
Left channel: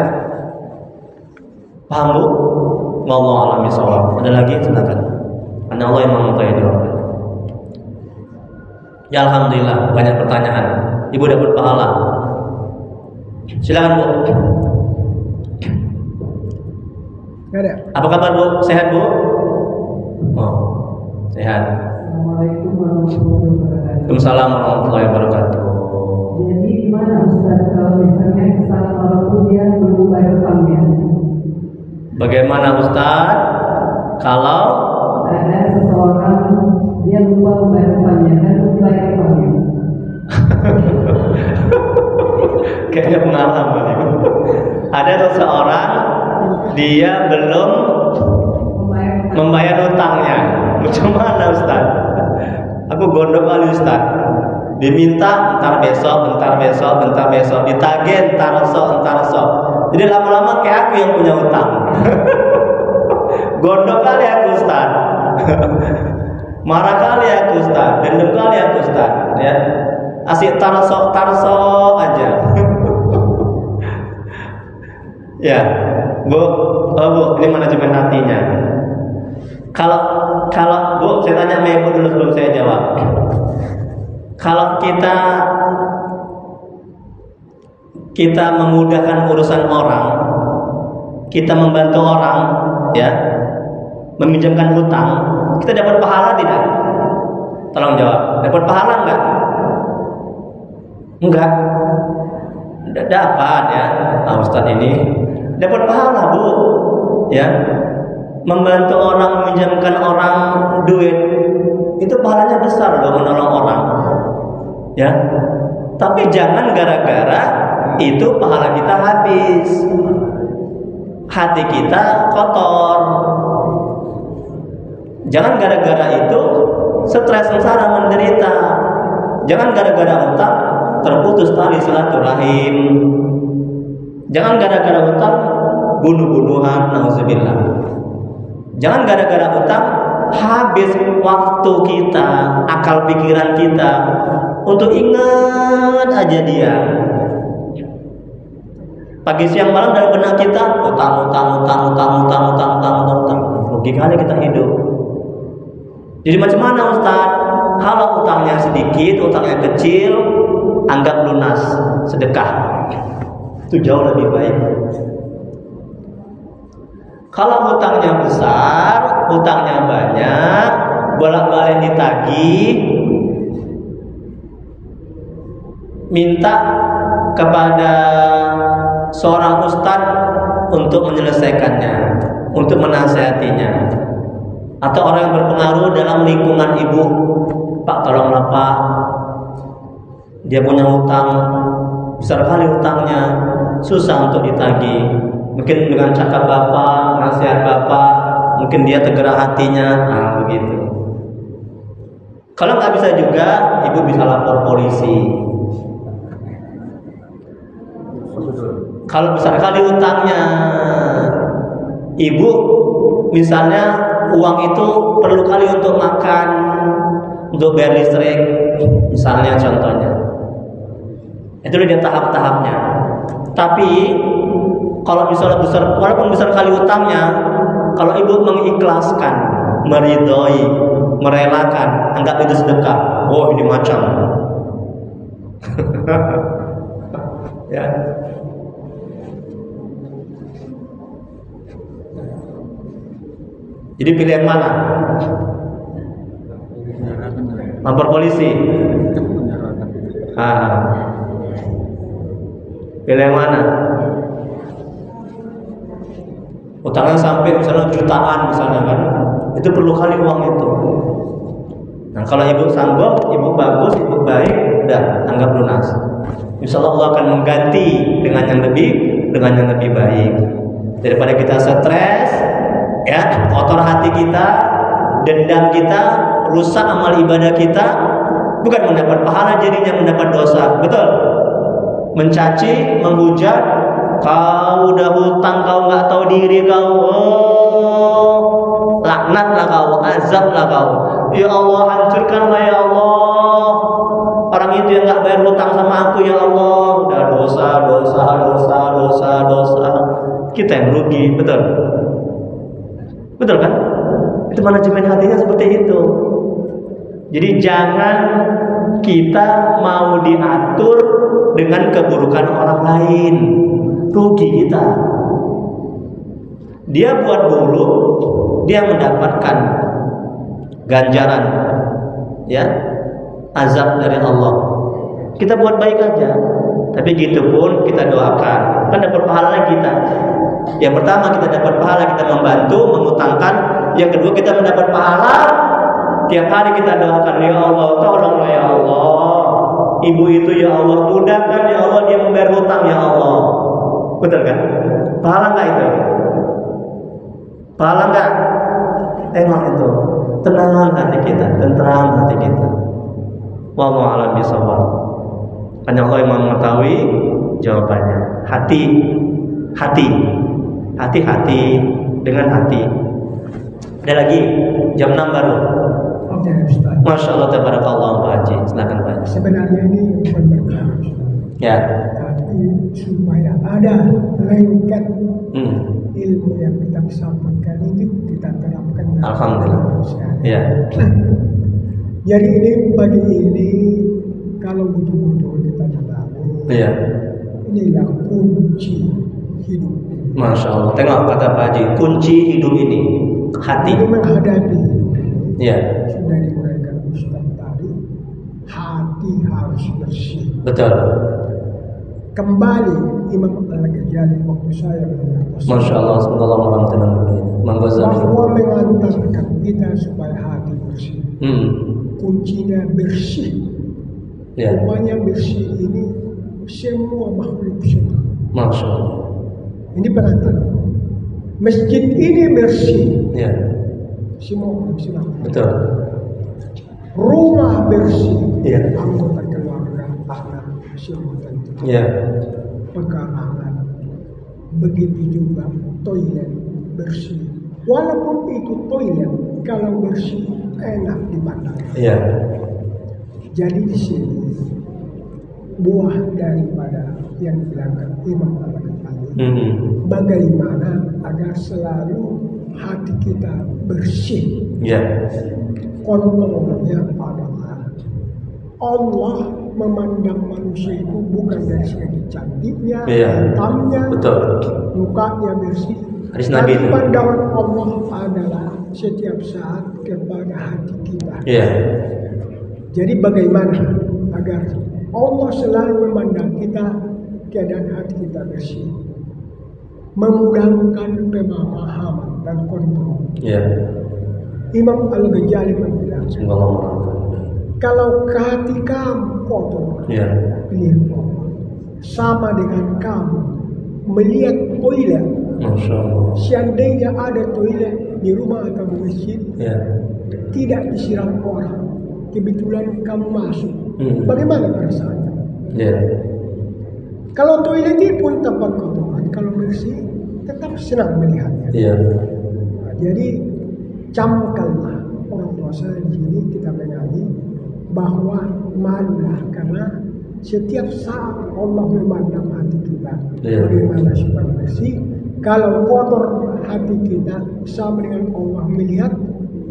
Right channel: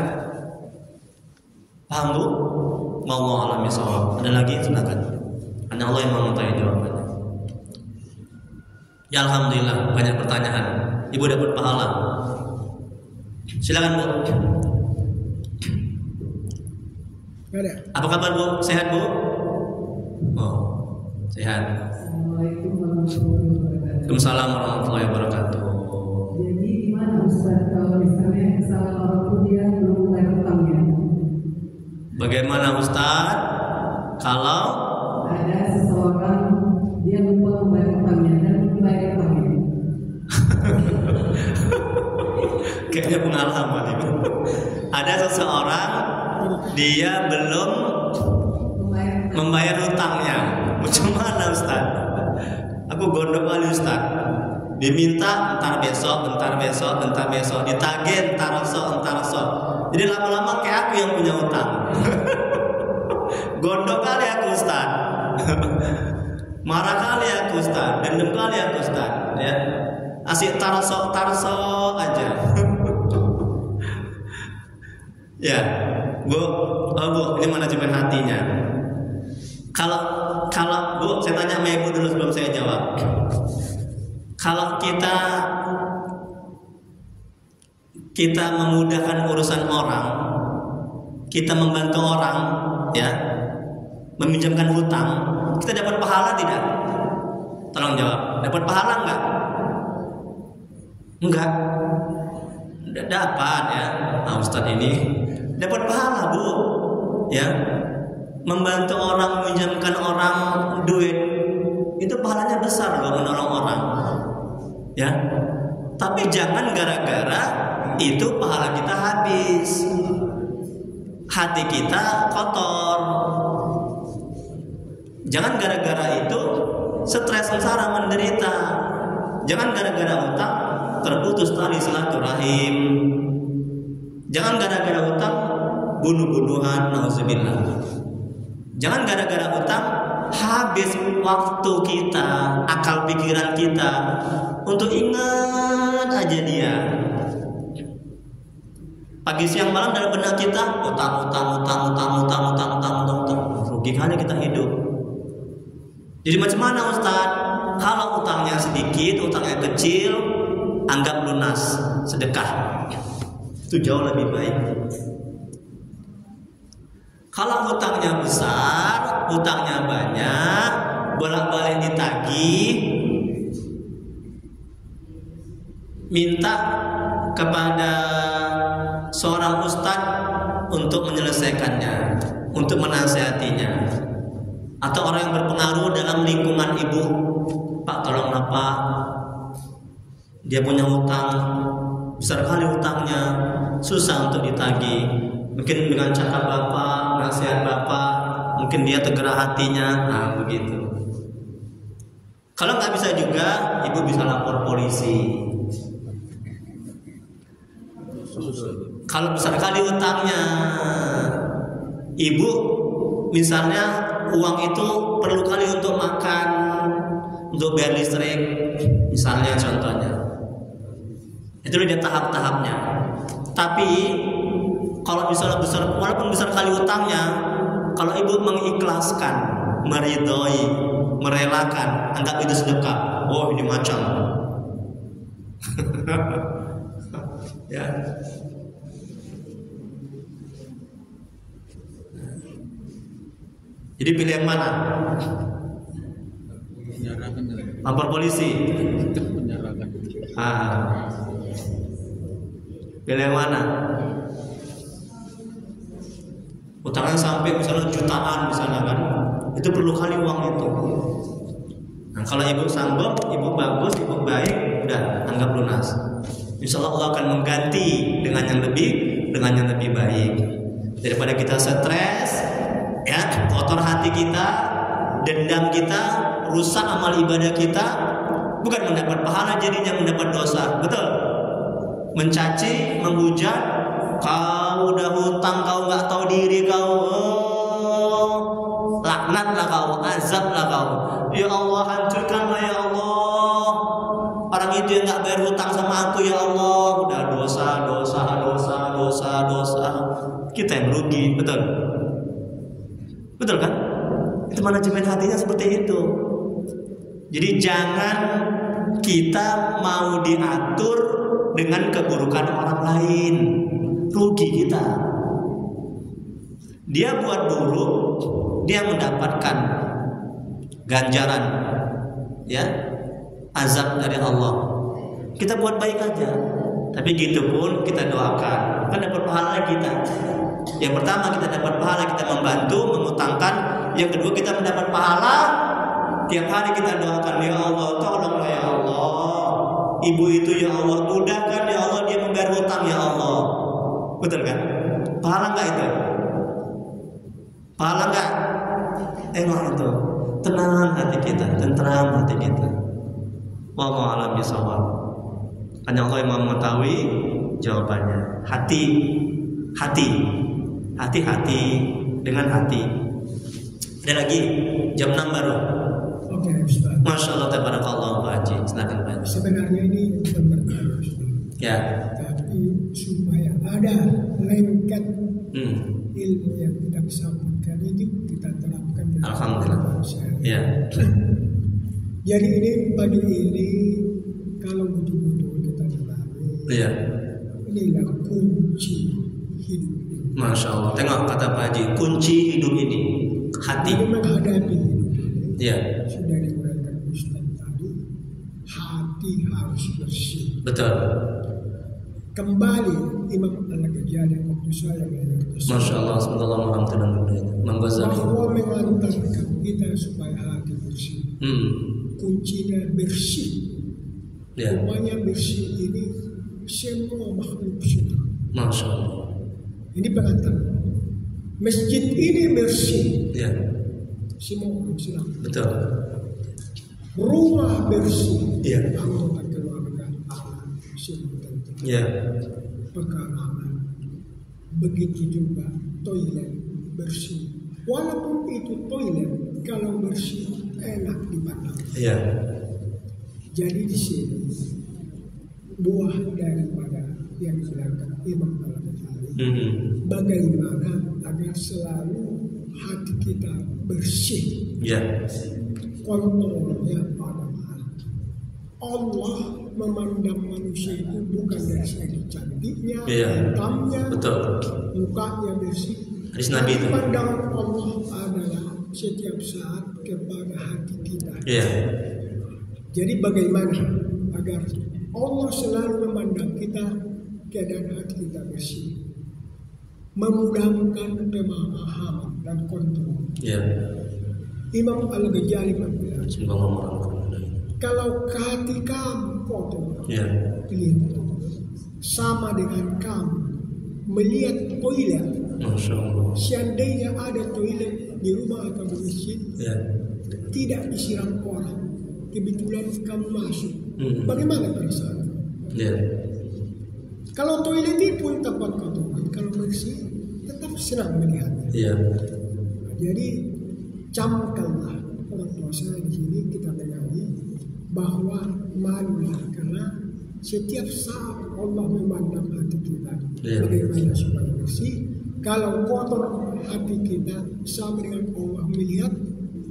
paham bu? Wallahu a'lam bishawab. Ada lagi? Silakan. Karena Allah yang mengetahui jawabannya. Ya alhamdulillah, banyak pertanyaan. Ibu dapat pahala. Silakan bu. Ada. Apa kabar bu? Sehat bu? Oh, sehat. Assalamualaikum warahmatullahi wabarakatuh. Waalaikumsalam warahmatullahi wabarakatuh. Jadi gimana Ustaz kalau misalnya kesalahan orang itu dia belum bayar utangnya? Bagaimana Ustaz kalau Ada seseorang dia lupa membayar utangnya dan belum bayar utangnya. kayaknya pengalaman ibu. Ada seseorang dia belum membayar hutangnya. Macam mana Ustaz? Aku gondok kali Ustaz. Diminta entar besok, ditagih entar esok. Jadi lama-lama kayak aku yang punya hutang. Gondok kali aku Ustaz. Marah kali aku Ustaz, dendam kali aku Ustaz, ya. Asik tarso aja. Ya, Bu, Bu, ini manajemen hatinya. Kalau Bu, saya tanya sama Ibu dulu sebelum saya jawab. Kalau kita memudahkan urusan orang, kita membantu orang, ya, meminjamkan hutang, kita dapat pahala tidak? Tolong jawab. Dapat pahala enggak? Enggak. Dapat ya. Nah, Ustaz ini dapat pahala, Bu. Ya. Membantu orang, meminjamkan orang duit, itu pahalanya besar loh, menolong orang. Ya. Tapi jangan gara-gara itu pahala kita habis. Hati kita kotor. Jangan gara-gara itu stres, sengsara, menderita. Jangan gara-gara utang terputus tali silaturahim. Jangan gara-gara utang bunuh-bunuhan, nauzubillah. Jangan gara-gara utang habis waktu kita, akal pikiran kita untuk ingat aja dia. Pagi siang malam dalam benak kita utang. Rugi kali kita hidup. Jadi macam mana Ustaz? Kalau utangnya sedikit, utangnya kecil, anggap lunas, sedekah. Itu jauh lebih baik. Kalau hutangnya besar, hutangnya banyak, bolak-balik ditagih, minta kepada seorang ustadz untuk menyelesaikannya, untuk menasihatinya, atau orang yang berpengaruh dalam lingkungan ibu. Pak, tolonglah Pak, dia punya hutang besar kali, hutangnya susah untuk ditagih. Mungkin dengan cakap Bapak, nasihat Bapak, mungkin dia tergerak hatinya. Nah, begitu. Kalau nggak bisa juga, ibu bisa lapor polisi. Kalau besar kali utangnya, ibu misalnya uang itu perlu kali untuk makan, untuk bayar listrik, misalnya contohnya. Itu dia tahap-tahapnya. Tapi kalau misalnya besar, walaupun besar kali utangnya, kalau ibu mengikhlaskan, meridhoi, merelakan, anggap itu sedekah. Oh, ini macam. Ya. Jadi pilih yang mana? Lapor polisi. Pilih yang mana? Utangnya sampai misalnya jutaan misalnya kan, itu perlu kali uang itu. Nah, kalau ibu sanggup, ibu bagus, ibu baik, udah anggap lunas. Insya Allah akan mengganti dengan yang lebih baik. Daripada kita stres, ya, kotor hati kita, dendam kita, rusak amal ibadah kita, bukan mendapat pahala, jadinya mendapat dosa. Betul? Mencaci, menghujat, kau udah hutang, kau nggak tahu diri kau, laknatlah kau, azablah kau. Ya Allah, hancurkanlah ya Allah orang itu yang nggak bayar hutang sama aku ya Allah. Udah dosa. Kita yang rugi, betul kan? Itu manajemen hatinya seperti itu. Jadi jangan kita mau diatur dengan keburukan orang lain. Rugi kita. Dia buat buruk, dia mendapatkan ganjaran, ya, azab dari Allah. Kita buat baik aja, tapi gitu pun kita doakan, kan dapat pahala kita. Yang pertama kita dapat pahala, kita membantu, mengutangkan. Yang kedua kita mendapat pahala, tiap hari kita doakan, ya Allah, tolonglah ya Allah, ibu itu ya Allah, mudahkan ya Allah dia membayar hutang ya Allah. Betul kan? Pahala nggak itu? Pahala nggak? Emang itu tenang hati kita, tentram hati kita. Wallahu a'lam bishawab. Hanya Allah yang mengetahui jawabannya. Hati dengan hati. Ada lagi jam 6 baru. Oke, Ustaz. Masya Allah, tabarakallah Pak Haji. Silakan Pak Haji. Sebenarnya ini bukan berkah, Ustaz. Ya. Tapi supaya ada lengket Hmm. ilmu yang kita sampaikan itu kita terapkan Alhamdulillah. manusia. Ya. Jadi ini pagi ini kalau betul-betul kita ketahui, Iya. inilah kunci hidup. Masya Allah. Tengok kata Pak Haji, kunci hidup ini hati. Lalu menghadapi hidup ini Iya. sudah diuraikan Ustaz tadi, hati harus bersih. Betul. Kembali Imam Al-Ghazali waktu saya belajar Masya Allah. Semoga Allah merahmatikan beliau. Imam Ghazali. bahwa mengantarkan kita supaya hati bersih. Kuncinya bersih. Ya. Rupanya bersih ini semua makhluk suci. Masya Allah. Ini pengantar. Masjid ini bersih, Ya. semua orang Islam. Betul. Rumah bersih, Ya. anggota keluarga, anak, semua tentu. Ya. Pekarangan. Begitu juga toilet bersih. Walaupun itu toilet, kalau bersih enak dipandang. Ya. Jadi di sini buah daripada yang dibilangkan Imam Al-Ghazali, bagaimana agar selalu hati kita bersih. Ya. Kontrolnya adalah Allah memandang manusia itu bukan dari segi cantiknya, Iya. hitamnya, Betul. mukanya bersih. Hadis Nabi itu. Pandangan Allah adalah setiap saat kepada hati kita. Iya. Jadi bagaimana agar Allah selalu memandang kita keadaan hati kita bersih, memudahkan pemahaman dan kontrol. Iya. Imam Al-Ghazali bilang, Semoga Allah merahmatikan. kalau hati kamu kotor, Iya. lihat Allah. Sama dengan kamu melihat toilet. Masya Allah. Seandainya ada toilet di rumah atau di masjid, Ya. tidak disiram orang, kebetulan kamu masuk, bagaimana perasaannya? Ya. Kalau toilet itu pun tempat kotoran, kalau bersih tetap senang melihatnya. Iya. Nah, jadi camkanlah orang tua saya di sini kita menyanyi bahwa malulah karena setiap saat Allah memandang hati kita Iya. bagaimana supaya bersih. Kalau kotor hati kita sama dengan Allah melihat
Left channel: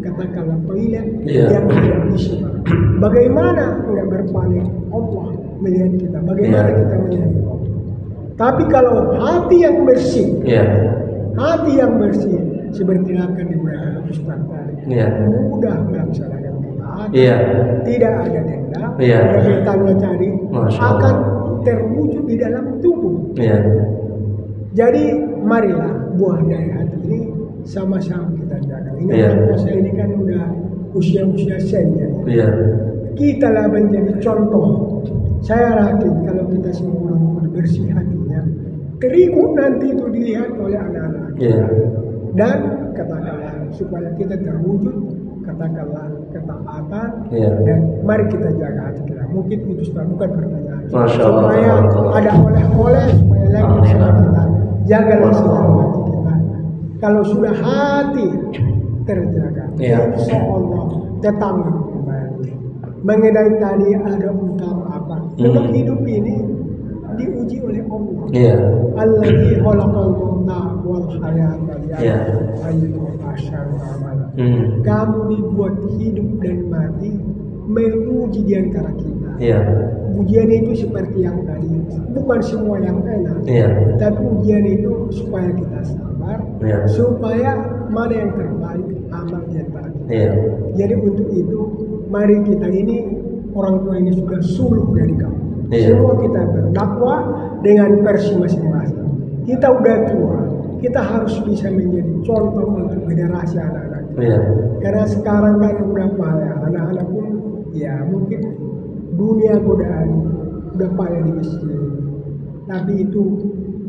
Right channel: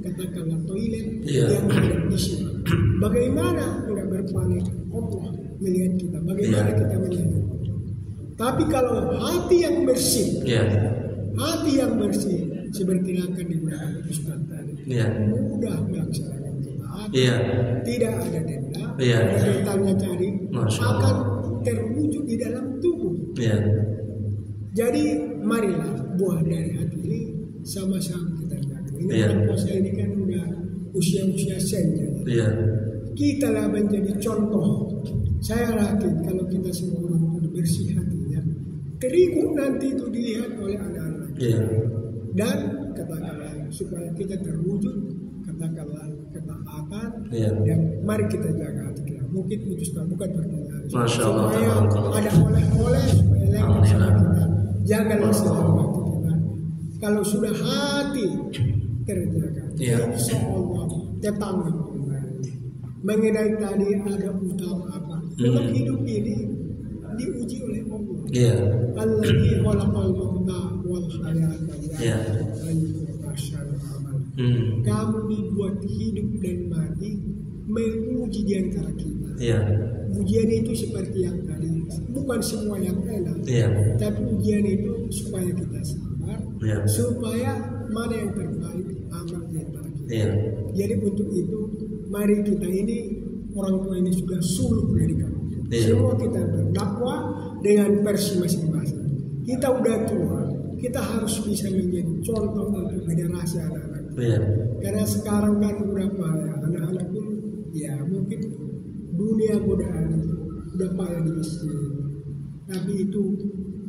katakanlah toilet Iya. yang tidak disiram. Bagaimana tidak berpaling Allah melihat kita? Bagaimana Iya. kita melihat Allah? Tapi kalau hati yang bersih, Iya. hati yang bersih seperti akan digunakan Ustaz tadi, Iya. mudah melaksanakan ketaatan, Iya. tidak ada denda, Iya. tidak ditanya cari, Masya Allah. akan terwujud di dalam tubuh. Iya. Jadi marilah buah dari hati ini sama-sama kita jaga. Ini Iya. puasa ini kan udah usia-usia senja. Ya. Iya. Kita lah menjadi contoh. Saya yakin kalau kita semua orang bersih hatinya, terigu nanti itu dilihat oleh anak-anak kita. Iya. Dan katakanlah supaya kita terwujud, katakanlah ketaatan, Iya. dan mari kita jaga hati kita. Mungkin itu sudah bukan pertanyaan. Masya Allah. Supaya ada oleh-oleh supaya lagi sama kita. Jagalah selalu hati kita. Kalau sudah hati terjaga, Iya. insya Allah tetangga kembali. Mengenai tadi ada utama apa? Memang hidup ini diuji oleh Allah. Iya. Alladzi khalaqal mauta wal hayata Iya. ayyuhum asyadu amala. Kamu dibuat hidup dan mati menguji di antara kita. Iya. Ujian itu seperti yang tadi, bukan semua yang enak. Iya. Tapi ujian itu supaya kita sabar, Iya. supaya mana yang terbaik amal di antara kita. Iya. Jadi untuk itu mari kita ini orang tua ini sudah suluh dari kamu. Iya. Semua kita berdakwah dengan versi masing-masing. Kita udah tua, kita harus bisa menjadi contoh untuk generasi anak-anak. Iya. Karena sekarang kan udah payah, anak-anak pun ya mungkin dunia godaan udah payah di masjid. Tapi itu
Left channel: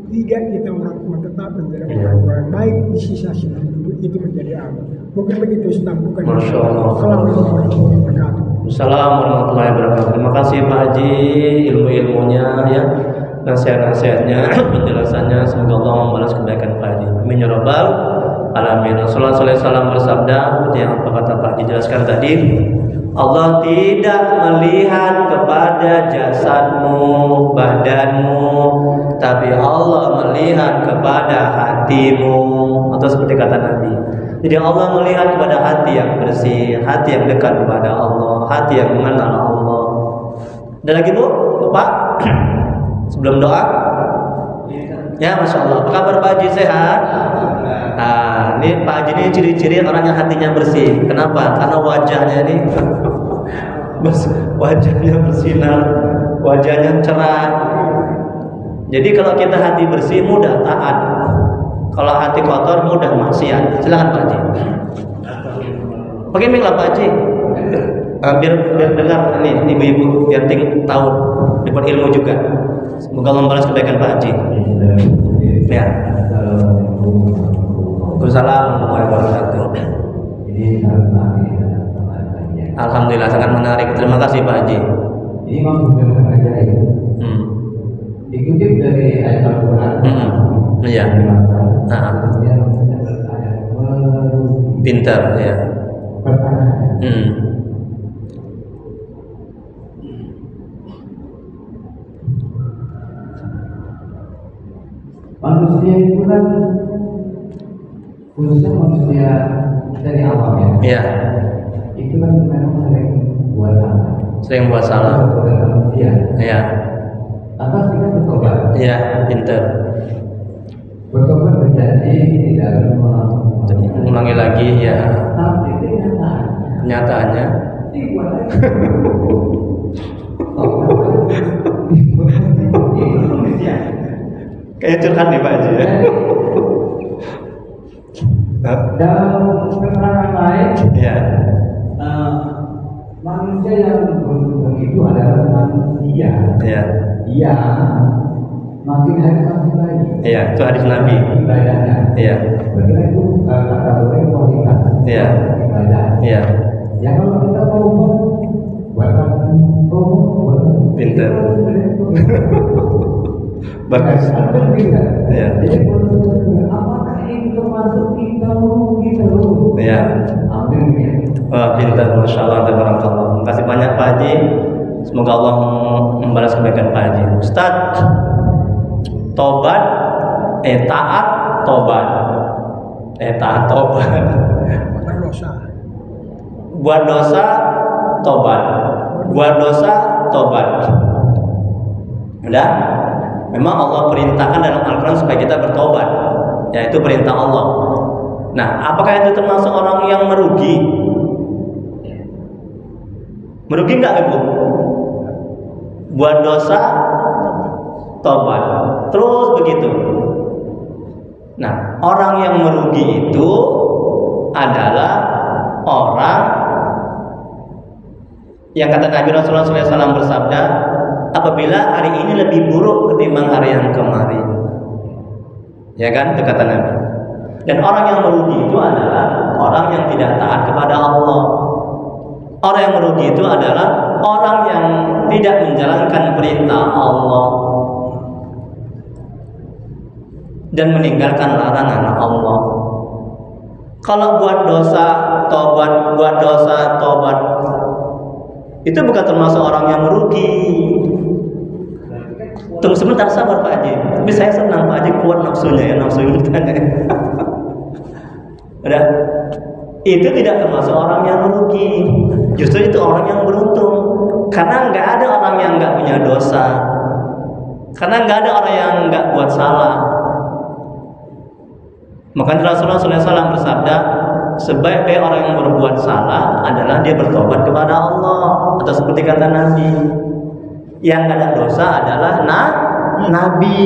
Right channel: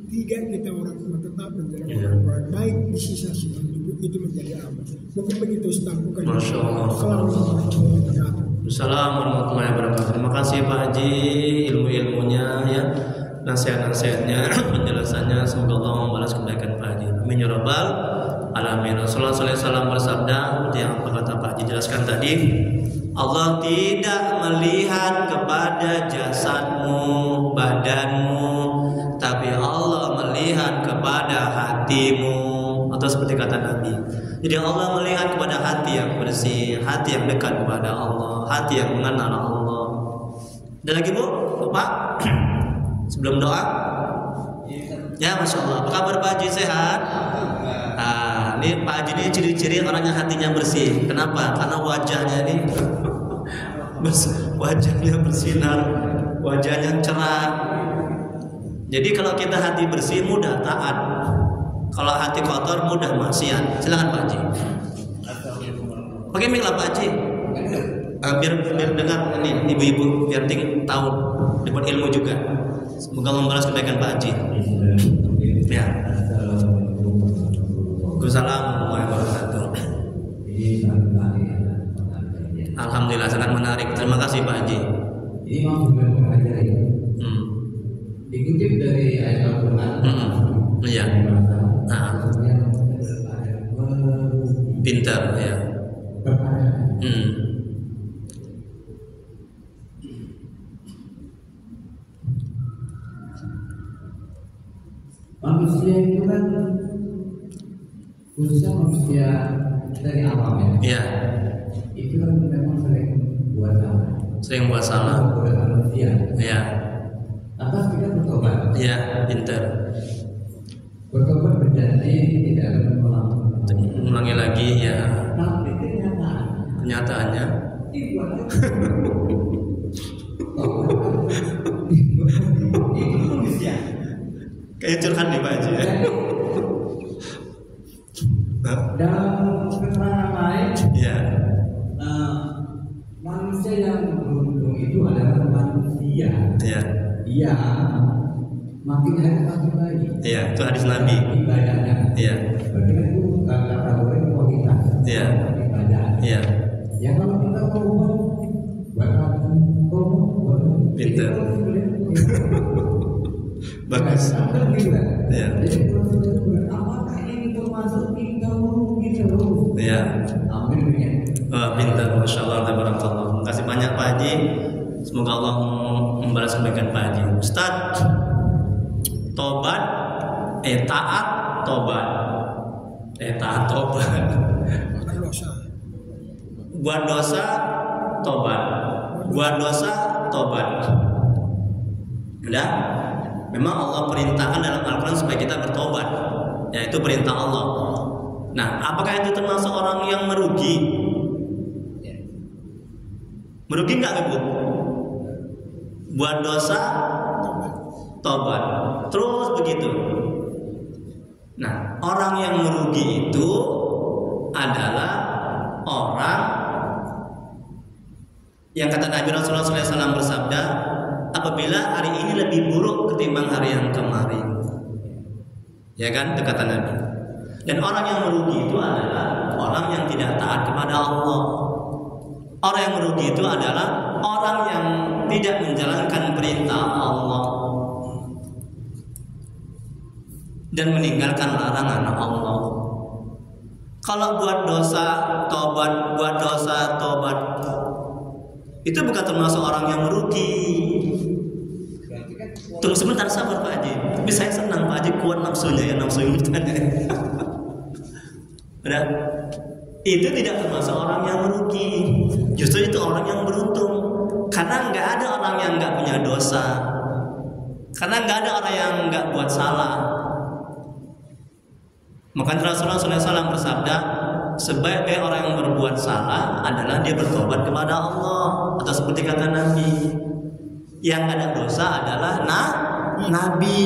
tidak kita orang tua tetap menjadi orang baik di sisa-sisa itu menjadi amal. Mungkin begitu Ustaz, bukan. Masya Allah. Assalamualaikum warahmatullahi wabarakatuh. Assalamualaikum warahmatullahi wabarakatuh. Terima kasih Pak Haji ilmu-ilmunya ya, nasihat-nasihatnya, penjelasannya. Semoga Allah membalas kebaikan Pak Haji. Amin ya rabbal alamin. Rasulullah SAW bersabda, seperti yang apa kata Pak Haji jelaskan tadi, Allah tidak melihat kepada jasadmu, badanmu, tapi Allah melihat kepada hatimu. Atau seperti kata Nabi, jadi Allah melihat kepada hati yang bersih, hati yang dekat kepada Allah, hati yang mengenal Allah. Ada lagi Bu? Bapak? Sebelum doa? Ya, Masya Allah. Apa kabar Pak Haji, sehat? Nah, ini Pak Haji ini ciri-ciri orang yang hatinya bersih. Kenapa? Karena wajahnya ini wajahnya bersinar, wajahnya cerah. Jadi kalau kita hati bersih mudah taat. Kalau hati kotor mudah maksiat. Silakan Pak Haji. Pakai mic lah Pak Haji. Biar dengar ini ibu-ibu, biar tahu, dapat ilmu juga. Semoga Allah membalas kebaikan Pak Haji. Ya. Waalaikumsalam warahmatullahi wabarakatuh. Alhamdulillah sangat menarik. Terima kasih Pak Haji. Ini maksudnya mengajar itu. Dikutip dari ayat Al-Quran. Iya. Pintar ya. Manusia itu kan khususnya manusia dari awam ya. Iya. Itu kan memang sering buat salah. Sering buat salah. Buat manusia. Iya. Lantas kita bertobat. Iya, pintar. Bertobat berjanji tidak akan mengulangi lagi ya. Tapi Kenyataannya. Kayak curhat nih Pak Haji ya. Dalam keterangan lain, ya. Manusia yang beruntung itu adalah manusia yang makin hari makin baik. Iya, itu hadis Nabi. Ibadahnya. Iya. Berarti itu kata orang kualitas. Iya. Ibadah. Iya. Ya kalau kita berubah, buat pintar. Bagus. Iya. Jadi apakah ini termasuk kita merugi terus? Iya. Amin. Wah, pintar, Masya Allah, tabarakallah. Terima kasih banyak Pak Haji. Semoga Allah membalas kebaikan Pak Haji. Ustaz, tobat, taat, tobat. Taat, tobat. Buat dosa, tobat. Buat dosa, tobat. Udah? Memang Allah perintahkan dalam Al-Quran supaya kita bertobat. Yaitu perintah Allah. Nah, apakah itu termasuk orang yang merugi? Merugi enggak Ibu? Buat dosa, tobat. Terus begitu. Nah, orang yang merugi itu adalah orang yang kata Nabi Rasulullah SAW bersabda, apabila hari ini lebih buruk ketimbang hari yang kemarin. Ya kan, itu kata Nabi. Dan orang yang merugi itu adalah orang yang tidak taat kepada Allah. Orang yang merugi itu adalah orang yang tidak menjalankan perintah Allah dan meninggalkan larangan Allah. Kalau buat dosa tobat, buat dosa tobat, itu bukan termasuk orang yang merugi. Tunggu sebentar, sabar Pak Haji. Tapi saya senang Pak Haji kuat nafsunya ya, nafsu yang bertanya. Udah. Itu tidak termasuk orang yang merugi. Justru itu orang yang beruntung. Karena nggak ada orang yang nggak punya dosa. Karena nggak ada orang yang nggak buat salah. Maka Rasulullah SAW bersabda, sebaik-baik orang yang berbuat salah adalah dia bertobat kepada Allah. Atau seperti kata Nabi, yang nggak ada dosa adalah Nabi,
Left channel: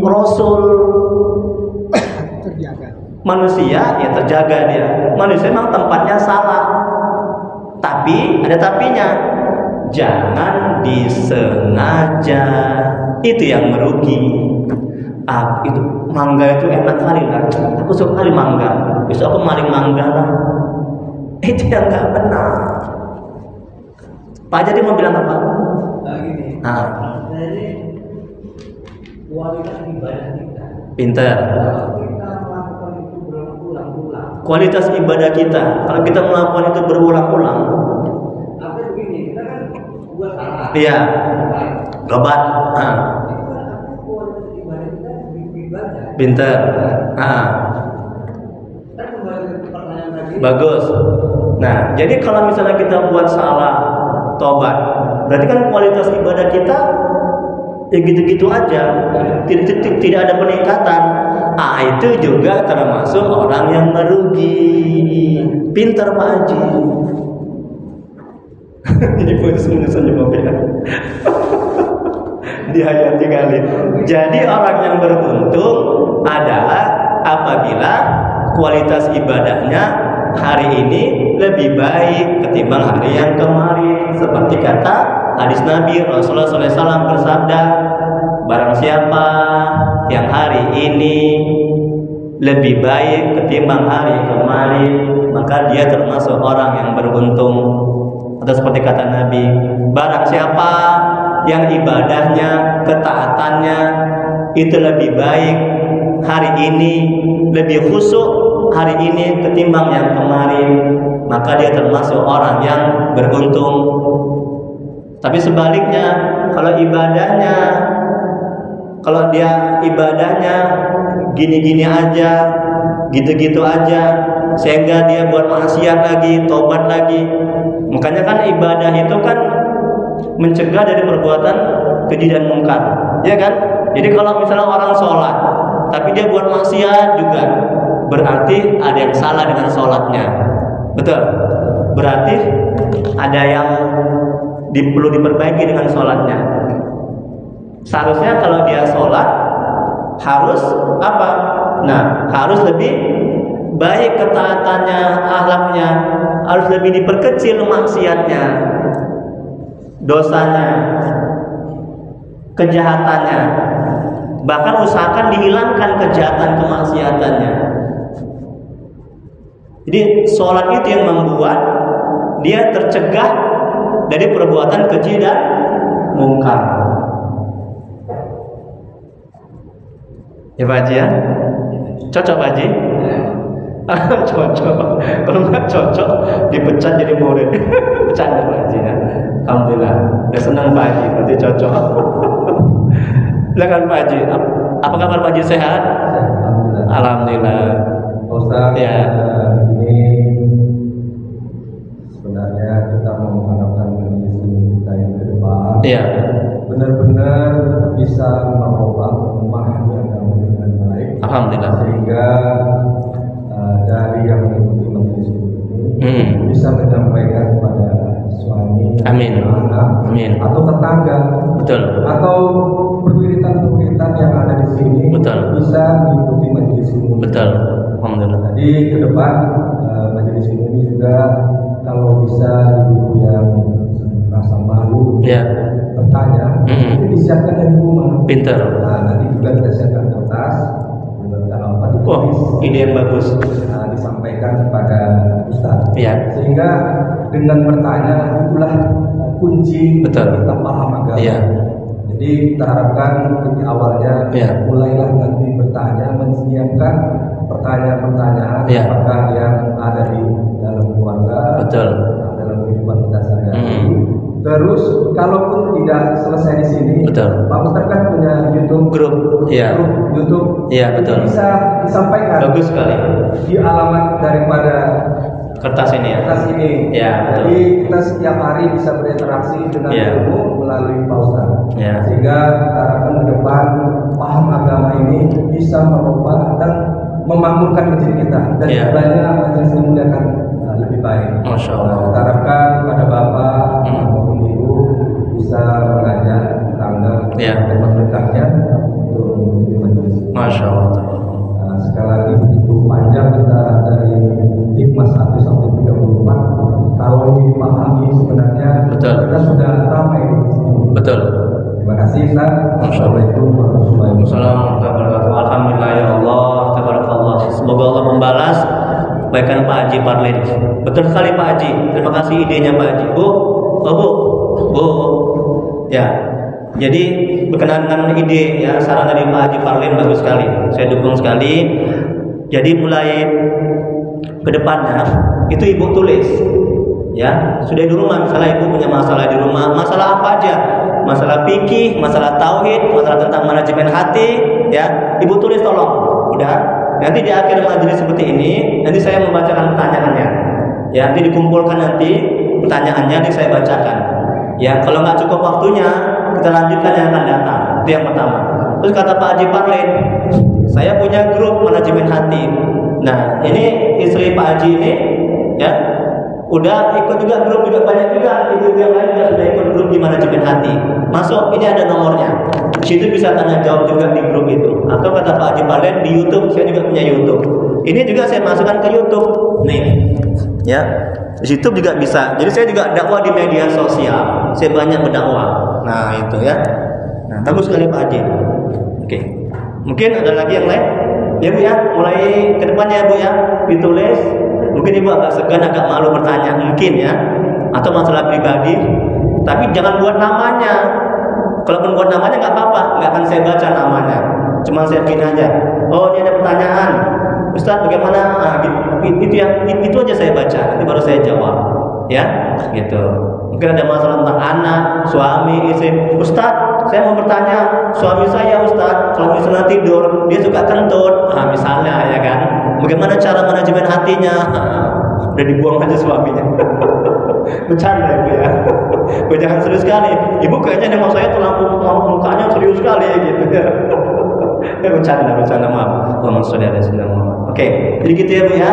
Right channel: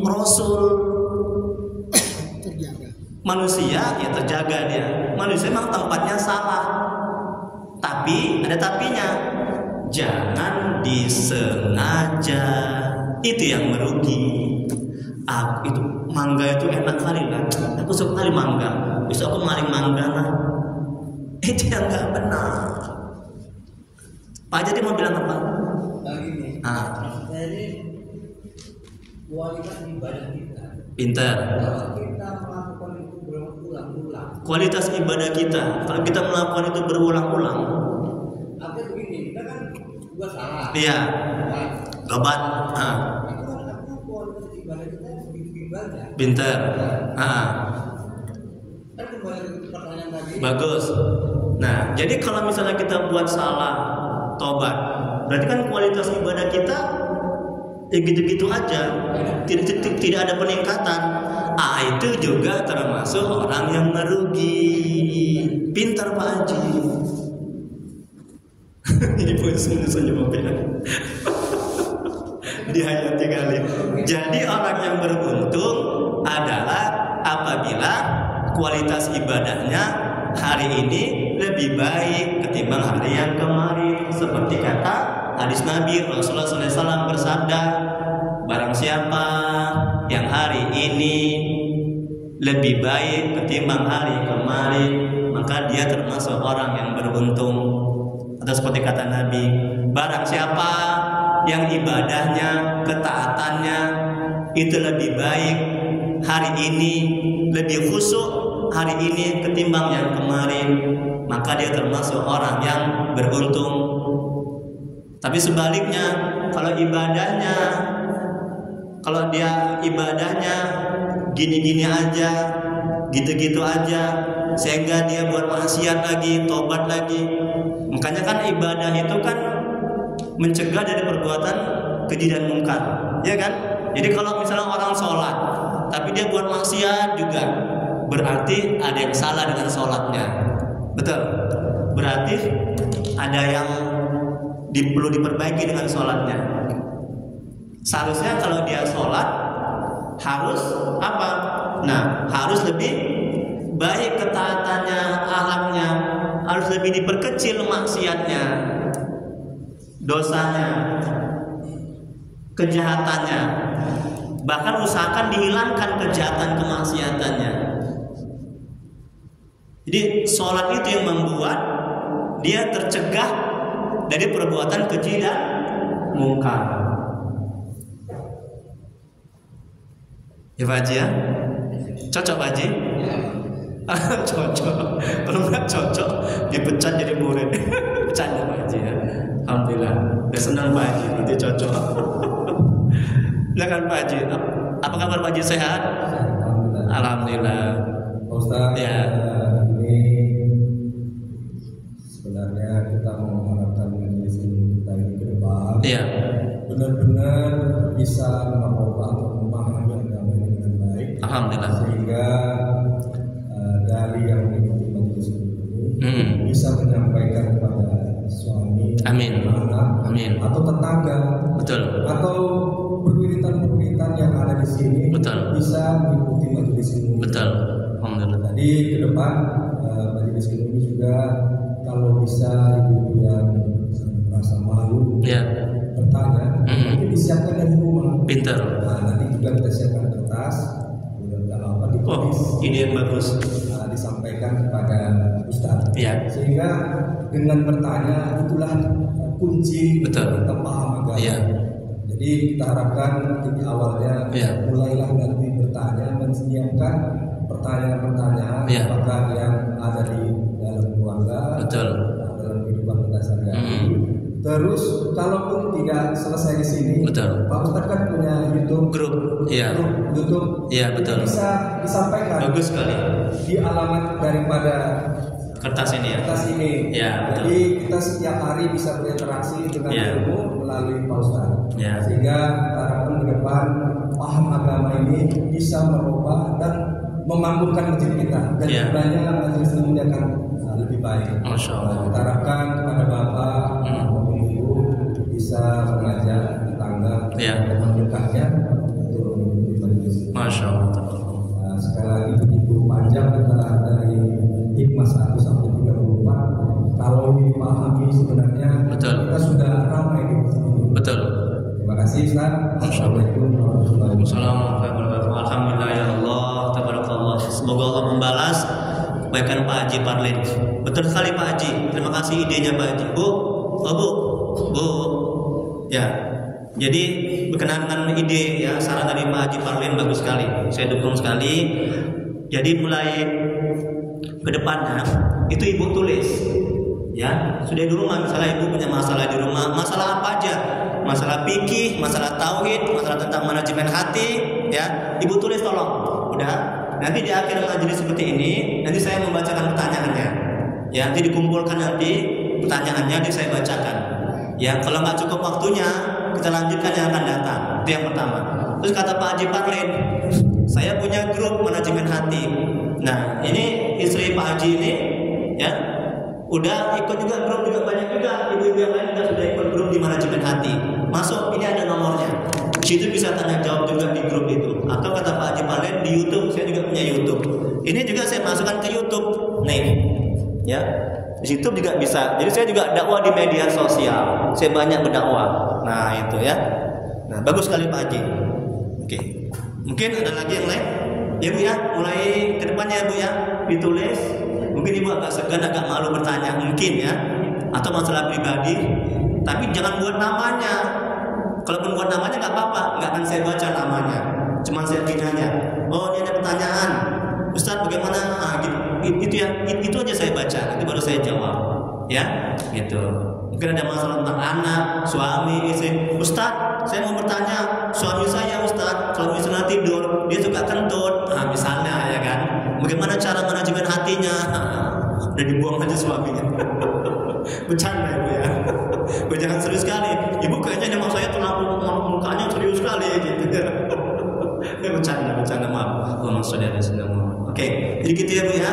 Rasul. Manusia ya terjaga dia. Manusia memang tempatnya salah. Tapi ada tapinya. Jangan disengaja. Itu yang merugi. Itu mangga itu enak kali lah. Aku suka kali mangga. Besok aku maling mangga lah. Itu yang nggak benar. Pak jadi mau bilang apa? Gini. Jadi kualitas ibadah kita. Pintar. Kalau kita melakukan itu berulang-ulang, kualitas ibadah kita. Kalau kita melakukan itu berulang-ulang. Artinya begini, kita kan buat salah. Iya. Tobat. Itu kan artinya kualitas ibadah kita sedikit baca. Pinter. Kan kembali ke pertanyaan tadi. Bagus. Nah, jadi kalau misalnya kita buat salah, tobat, berarti kan kualitas ibadah kita ya gitu-gitu aja, tidak ada peningkatan. Itu juga termasuk orang yang merugi. Pintar Pak Haji. Jadi senyum mobil. Dihayati kali. Jadi orang yang beruntung adalah apabila kualitas ibadahnya hari ini lebih baik ketimbang hari yang kemarin. Seperti kata hadis Nabi Rasulullah SAW bersabda, barang siapa yang hari ini lebih baik ketimbang hari kemarin, maka dia termasuk orang yang beruntung. Atau seperti kata Nabi, barang siapa yang ibadahnya, ketaatannya itu lebih baik hari ini, lebih khusyuk hari ini ketimbang yang kemarin, maka dia termasuk orang yang beruntung. Tapi sebaliknya, kalau dia ibadahnya gini-gini aja, gitu-gitu aja, sehingga dia buat maksiat lagi, tobat lagi. Makanya kan ibadah itu kan mencegah dari perbuatan keji dan mungkar, ya kan? Jadi kalau misalnya orang sholat, tapi dia buat maksiat juga, berarti ada yang salah dengan sholatnya, betul? Berarti ada yang perlu diperbaiki dengan sholatnya. Seharusnya kalau dia sholat harus apa? Nah, harus lebih baik ketaatannya, akhlaknya, harus lebih diperkecil maksiatnya, dosanya, kejahatannya. Bahkan usahakan dihilangkan kejahatan kemaksiatannya. Jadi sholat itu yang membuat dia tercegah dari perbuatan keji dan mungkar. Ya Pak Haji ya? Cocok Pak Haji? Cocok. Kalau nggak cocok dipecat jadi murid. Bercanda Pak Haji ya. Alhamdulillah. Udah senang Pak Haji, berarti cocok. Silakan Pak Haji. Apa kabar Pak Haji, sehat? Alhamdulillah. Ustaz, ya. Ini sebenarnya kita mau mengharapkan majelis kita ini ke depan. Iya. Benar-benar bisa merubah memahami agama ini dengan baik. Alhamdulillah. Sehingga dari yang mengikuti majelis ini bisa menyampaikan kepada suami, amin, anak, amin, atau tetangga, betul, atau perwiritan-perwiritan yang ada di sini, betul, bisa mengikuti majelis ini. Betul. Alhamdulillah. Jadi ke depan majelis ini juga kalau bisa ibu-ibu yang merasa malu bertanya, mungkin disiapkan dari rumah. Pintar. Nah, nanti juga kita siapkan kertas, apa ditulis. Ide yang bagus. Disampaikan kepada Ustaz. Iya. Sehingga dengan bertanya itulah kunci kita paham agama. Iya. Jadi kita harapkan di awalnya mulailah nanti bertanya, menyiapkan pertanyaan-pertanyaan apakah yang ada di dalam keluarga, dalam kehidupan kita sehari-hari. Terus kalaupun tidak selesai di sini, Pak Ustaz kan punya YouTube grup YouTube, itu bisa disampaikan. Bagus sekali. Di alamat daripada kertas ini ya. Kertas ini. Ya, jadi kita setiap hari bisa berinteraksi dengan ilmu melalui Pak Ustaz. Sehingga harapan ke depan paham agama ini bisa merubah dan memakmurkan diri kita dan sebenarnya majelis ilmu akan lebih baik. Masya Allah. Kita harapkan kepada Bapak maupun Ibu bisa mengajak tetangga teman dekatnya untuk mengikuti majelis. Masya Allah. Sekali lagi begitu panjang kita dari hikmah 1 sampai 34. Kalau ini dipahami sebenarnya kita sudah ramai di sini. Betul. Terima kasih Ustaz. Assalamualaikum warahmatullahi wabarakatuh. Alhamdulillah ya Allah, tabarakallah. Semoga Allah membalas kebaikan Pak Haji Parlin. Betul sekali Pak Haji. Terima kasih idenya Pak Haji. Bu. Ya. Jadi berkenaan dengan ide saran dari Pak Haji Parlin bagus sekali. Saya dukung sekali. Jadi mulai ke depannya itu ibu tulis, ya. Sudah di rumah, misalnya ibu punya masalah di rumah, masalah apa aja, masalah fikih, masalah tauhid, masalah tentang manajemen hati, ya, ibu tulis tolong. Udah. Nanti di akhir majelis seperti ini, nanti saya membacakan pertanyaannya, ya. Nanti dikumpulkan nanti pertanyaannya, nanti saya bacakan. Ya, kalau nggak cukup waktunya, kita lanjutkan yang akan datang. Itu yang pertama. Terus kata Pak Haji Parlen, saya punya grup manajemen hati. Nah, ini istri Pak Haji ini, ya, udah ikut juga grup, juga banyak juga ibu yang lain juga sudah ikut grup di manajemen hati. Masuk, ini ada nomornya. Di situ bisa tanya jawab juga di grup itu. Atau kata Pak Haji Parlen di YouTube, saya juga punya YouTube. Ini juga saya masukkan ke YouTube, nih, ya. Di situ juga bisa. Jadi saya juga dakwah di media sosial. Saya banyak berdakwah. Nah, itu ya. Nah, bagus sekali Pak Haji. Oke. Mungkin ada lagi yang lain? Ya Bu ya, mulai ke depannya Bu ya, ditulis. Mungkin Ibu agak segan, agak malu bertanya mungkin ya. Atau masalah pribadi. Tapi jangan buat namanya. Kalaupun buat namanya nggak apa-apa, nggak akan saya baca namanya. Cuma saya pin aja. Oh, ini ada pertanyaan. Ustaz bagaimana? Nah, itu aja saya baca, nanti baru saya jawab, ya, gitu. Mungkin ada masalah tentang anak, suami, istri. Ustaz, saya mau bertanya, suami saya Ustaz, kalau misalnya tidur dia suka kentut, nah, misalnya ya kan, bagaimana cara manajemen hatinya? Udah dibuang aja suaminya. Bercanda Ibu ya. Jangan serius sekali. Ibu kayaknya nengok saya tuh mukanya serius sekali gitu. Bercanda maaf. Allahumma sholli ala sayyidina Muhammad. Oke, jadi gitu ya Bu ya.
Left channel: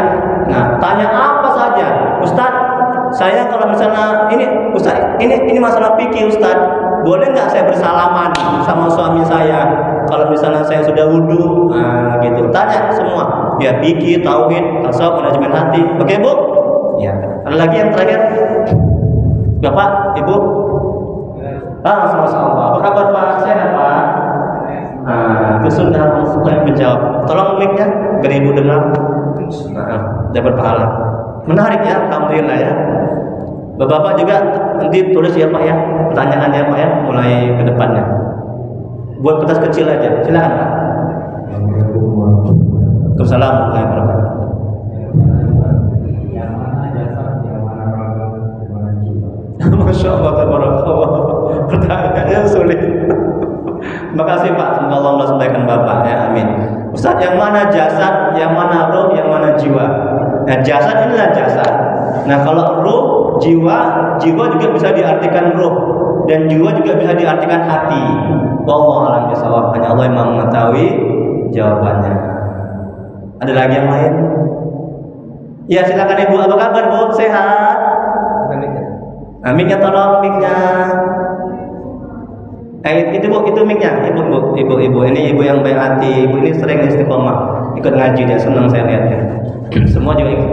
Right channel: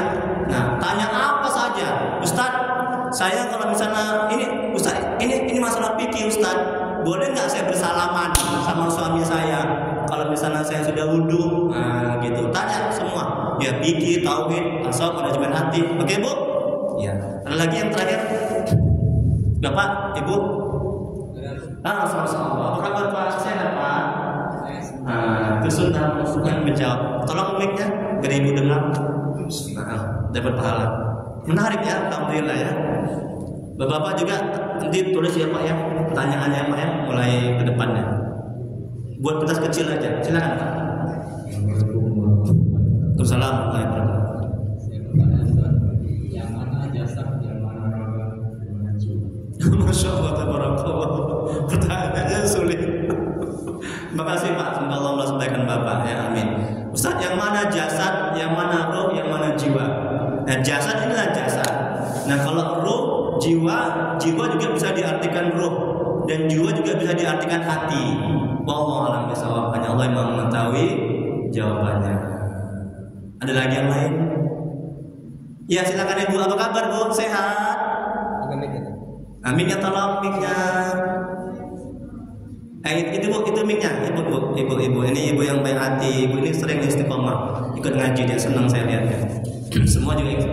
Nah, tanya apa saja. Ustaz, saya kalau misalnya ini Ustaz, ini masalah fikih Ustaz. Boleh nggak saya bersalaman sama suami saya kalau misalnya saya sudah wudu? Nah, gitu. Tanya semua. Ya fikih, tauhid, tasawuf, manajemen hati. Oke, Bu? Ya. Ada lagi yang terakhir? Bapak, Ibu? Sama-sama. Apa kabar Pak? Sehat Pak? Itu sunnah yang menjawab. Tolong mic-nya biar Ibu dengar. Dapat pahala. Menarik ya, alhamdulillah ya. Bapak juga nanti tulis ya Pak ya, pertanyaannya Pak ya, mulai ke depannya. Buat kertas kecil aja. Silakan Pak. Waalaikumsalam warahmatullahi wabarakatuh. Yang mana jasad, yang mana raga, yang mana jiwa? Masya Allah, tabarakallah. Pertanyaannya sulit. Terima kasih Pak, semoga Allah sampaikan Bapak ya, amin. Ustaz, yang mana jasad, yang mana roh, yang mana jiwa? Nah, jasad inilah jasad. Nah, kalau roh, jiwa juga bisa diartikan roh, dan jiwa juga bisa diartikan hati. Wallahu a'lam bishawab. Hanya Allah yang mengetahui jawabannya. Ada lagi yang lain? Ya, silakan Ibu. Apa kabar Bu? Sehat? Mic-nya tolong, mic-nya. Itu Bu, itu mic-nya. Ibu. Ini Ibu yang baik hati. Ibu ini sering istiqomah. Ikut ngaji dia, senang saya lihatnya. Semua juga ikut.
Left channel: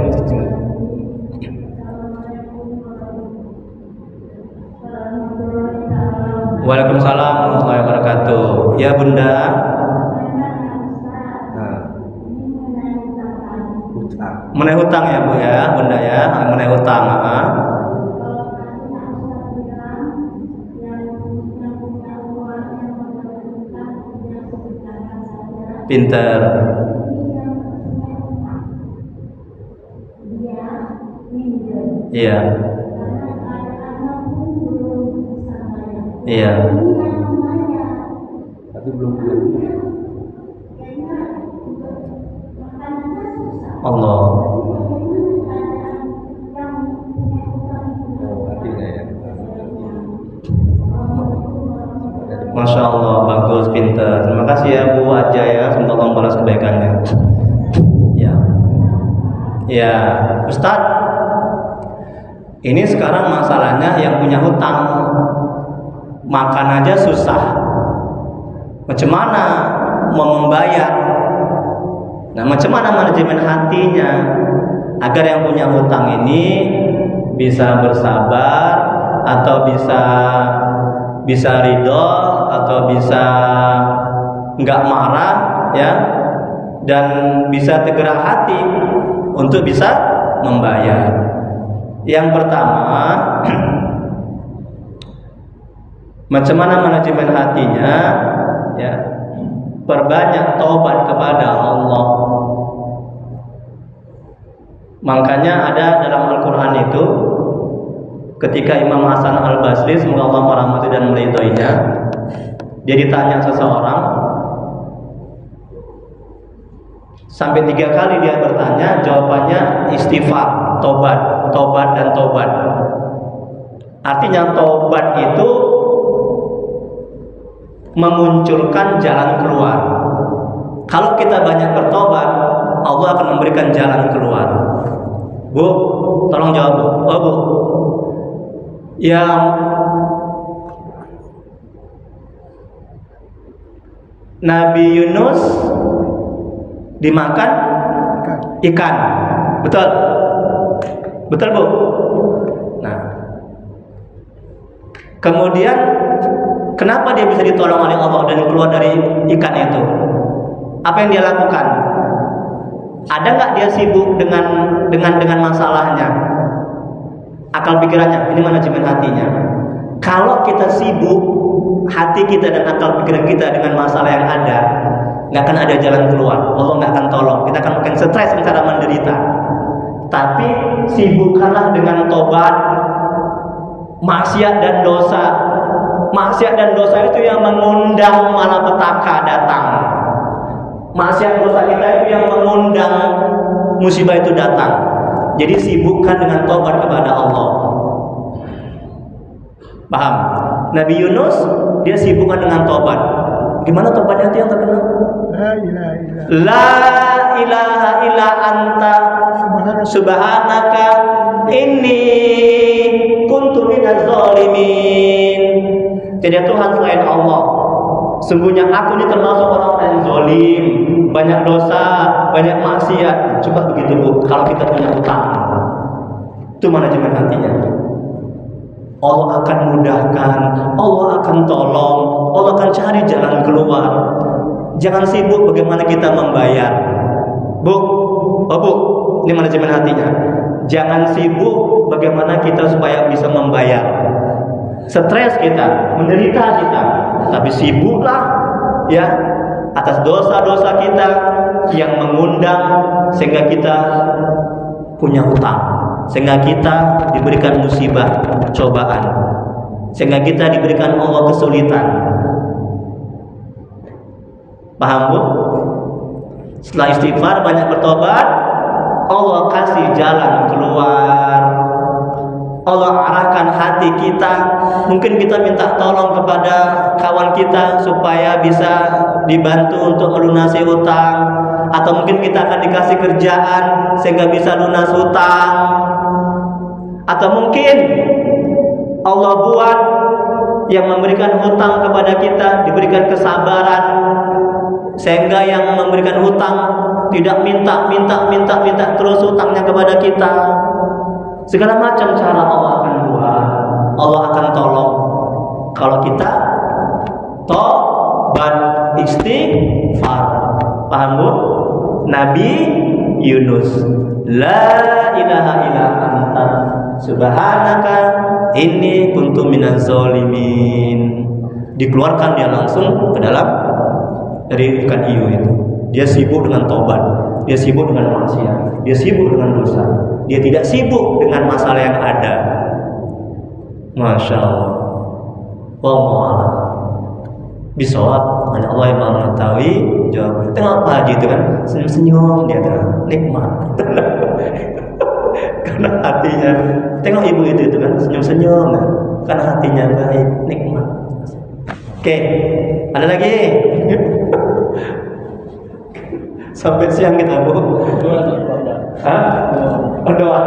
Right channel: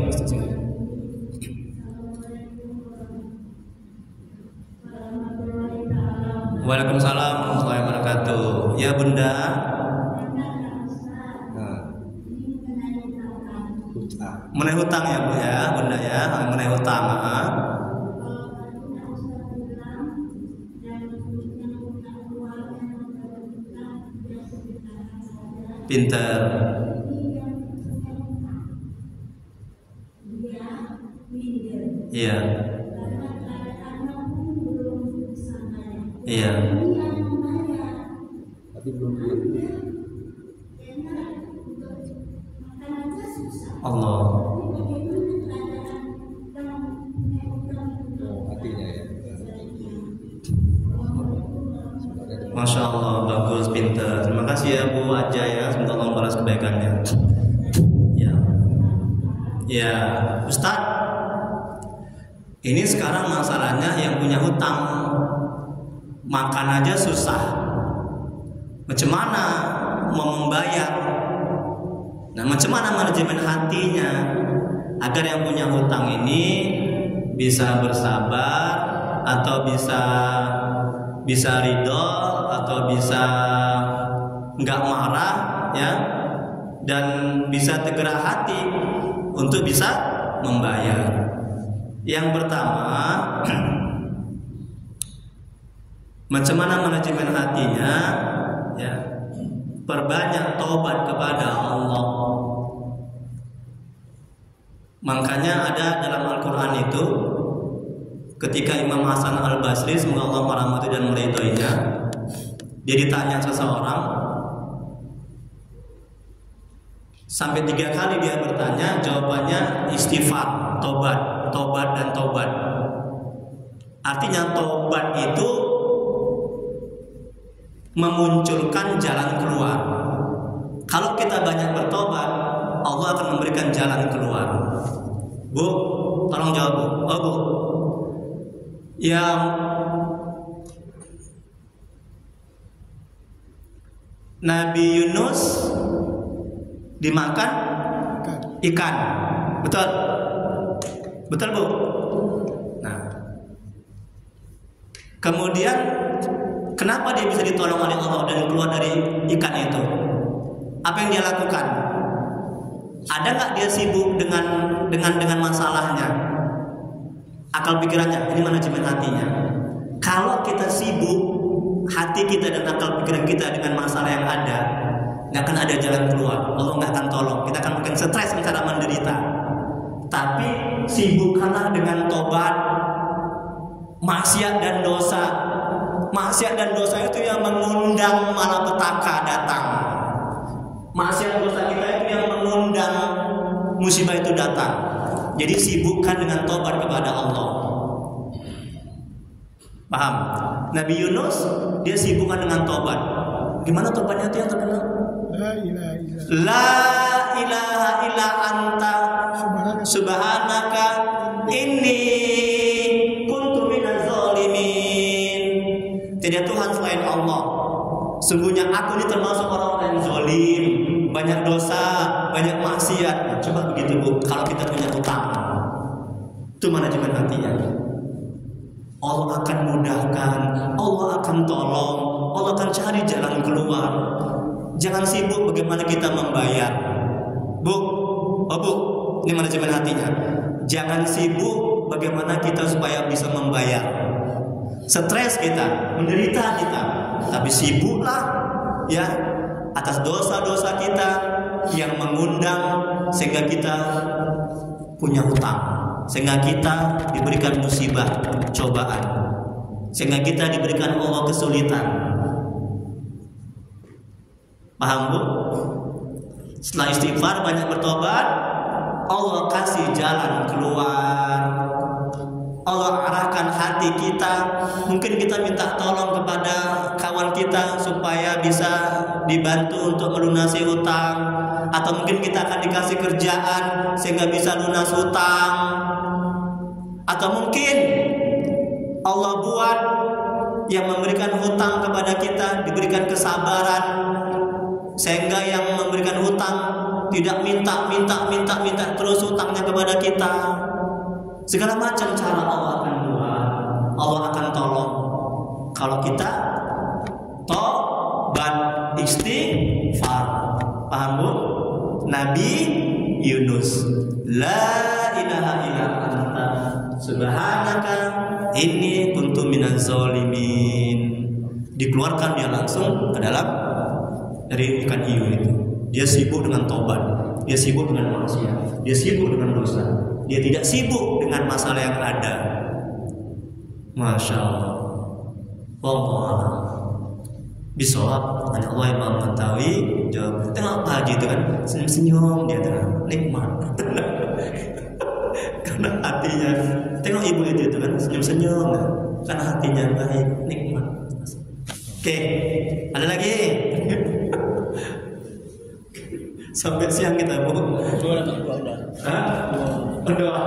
Waalaikumsalam warahmatullahi wabarakatuh. Ya Bunda. Mengenai hutang ya Bu ya, Bunda ya, mengenai hutang. Pinter. Iya. Iya. Tapi belum punya. Allah. Masya Allah, bagus, pintar. Terima kasih ya Bu Aja ya, semoga Allah membalas kebaikannya. Ya, Ustadz, ini sekarang masalahnya yang punya hutang makan aja susah. Macam mana mau membayar? Nah, macam mana manajemen hatinya agar yang punya hutang ini bisa bersabar atau bisa ridho atau bisa nggak marah ya, dan bisa tergerak hati untuk bisa membayar. Yang pertama, macam mana manajemen hatinya ya, perbanyak taubat kepada Allah. Makanya ada dalam Al-Quran itu, ketika Imam Hasan Al-Basri, semoga Allah merahmati dan meridhoinya, dia ditanya seseorang, sampai 3 kali dia bertanya, jawabannya istighfar, tobat, tobat dan tobat. Artinya tobat itu memunculkan jalan keluar. Kalau kita banyak bertobat, Allah akan memberikan jalan keluar. Bu, tolong jawab Bu. Oh Bu, yang Nabi Yunus dimakan ikan, betul? Betul Bu? Nah, kemudian kenapa dia bisa ditolong oleh Allah dan keluar dari ikan itu? Apa yang dia lakukan? Ada nggak dia sibuk dengan masalahnya? Akal pikirannya, ini manajemen hatinya. Kalau kita sibuk hati kita dan akal pikiran kita dengan masalah yang ada, nggak akan ada jalan keluar. Allah nggak akan tolong. Kita akan makin stres, kita akan menderita. Tapi sibukkanlah dengan tobat, maksiat dan dosa. Maksiat dan dosa itu yang mengundang malapetaka datang. Maksiat dosa kita itu yang mengundang musibah itu datang. Jadi sibukkan dengan tobat kepada Allah. Paham? Nabi Yunus dia sibukkan dengan tobat. Gimana tobatnya itu yang terkenal? La ilaha illa anta subhanaka inni kuntu minaz zalimin. Tidak Tuhan selain Allah. Sungguhnya aku ini termasuk orang-orang yang zalim, banyak dosa, banyak maksiat. Coba begitu Bu, kalau kita punya hutang, itu manajemen hatinya. Allah akan mudahkan, Allah akan tolong, Allah akan cari jalan keluar. Jangan sibuk bagaimana kita membayar. Bu, oh Bu, ini manajemen hatinya. Jangan sibuk bagaimana kita supaya bisa membayar. Stres kita, menderita kita, tapi sibuklah ya atas dosa-dosa kita yang mengundang sehingga kita punya hutang, sehingga kita diberikan musibah, cobaan, sehingga kita diberikan Allah kesulitan. Paham Bu? Setelah istighfar, banyak bertobat, Allah kasih jalan keluar. Allah arahkan hati kita. Mungkin kita minta tolong kepada kawan kita supaya bisa dibantu untuk melunasi hutang, atau mungkin kita akan dikasih kerjaan sehingga bisa lunas hutang, atau mungkin Allah buat yang memberikan hutang kepada kita diberikan kesabaran sehingga yang memberikan hutang tidak minta terus hutangnya kepada kita. Segala macam cara Allah akan buat, Allah akan tolong kalau kita tobat istighfar. Paham Bu? Nabi Yunus, la ilaha illa anta subhanaka inni kuntu minaz zalimin. Dikeluarkan dia langsung ke dalam dari ikan hiu itu. Dia sibuk dengan tobat, dia sibuk dengan maksiat, dia sibuk dengan dosa. Dia tidak sibuk dengan masalah yang ada. Masya Allah. Wallahu bisawab, hanya Allah yang mengetahui jawab. Tengok Pak Haji itu kan senyum-senyum, dia tuh nikmat. Karena hatinya. Tengok ibu itu kan senyum-senyum, karena hatinya baik, nikmat. Oke, ada lagi? Sampai siang kita Bu. Doa.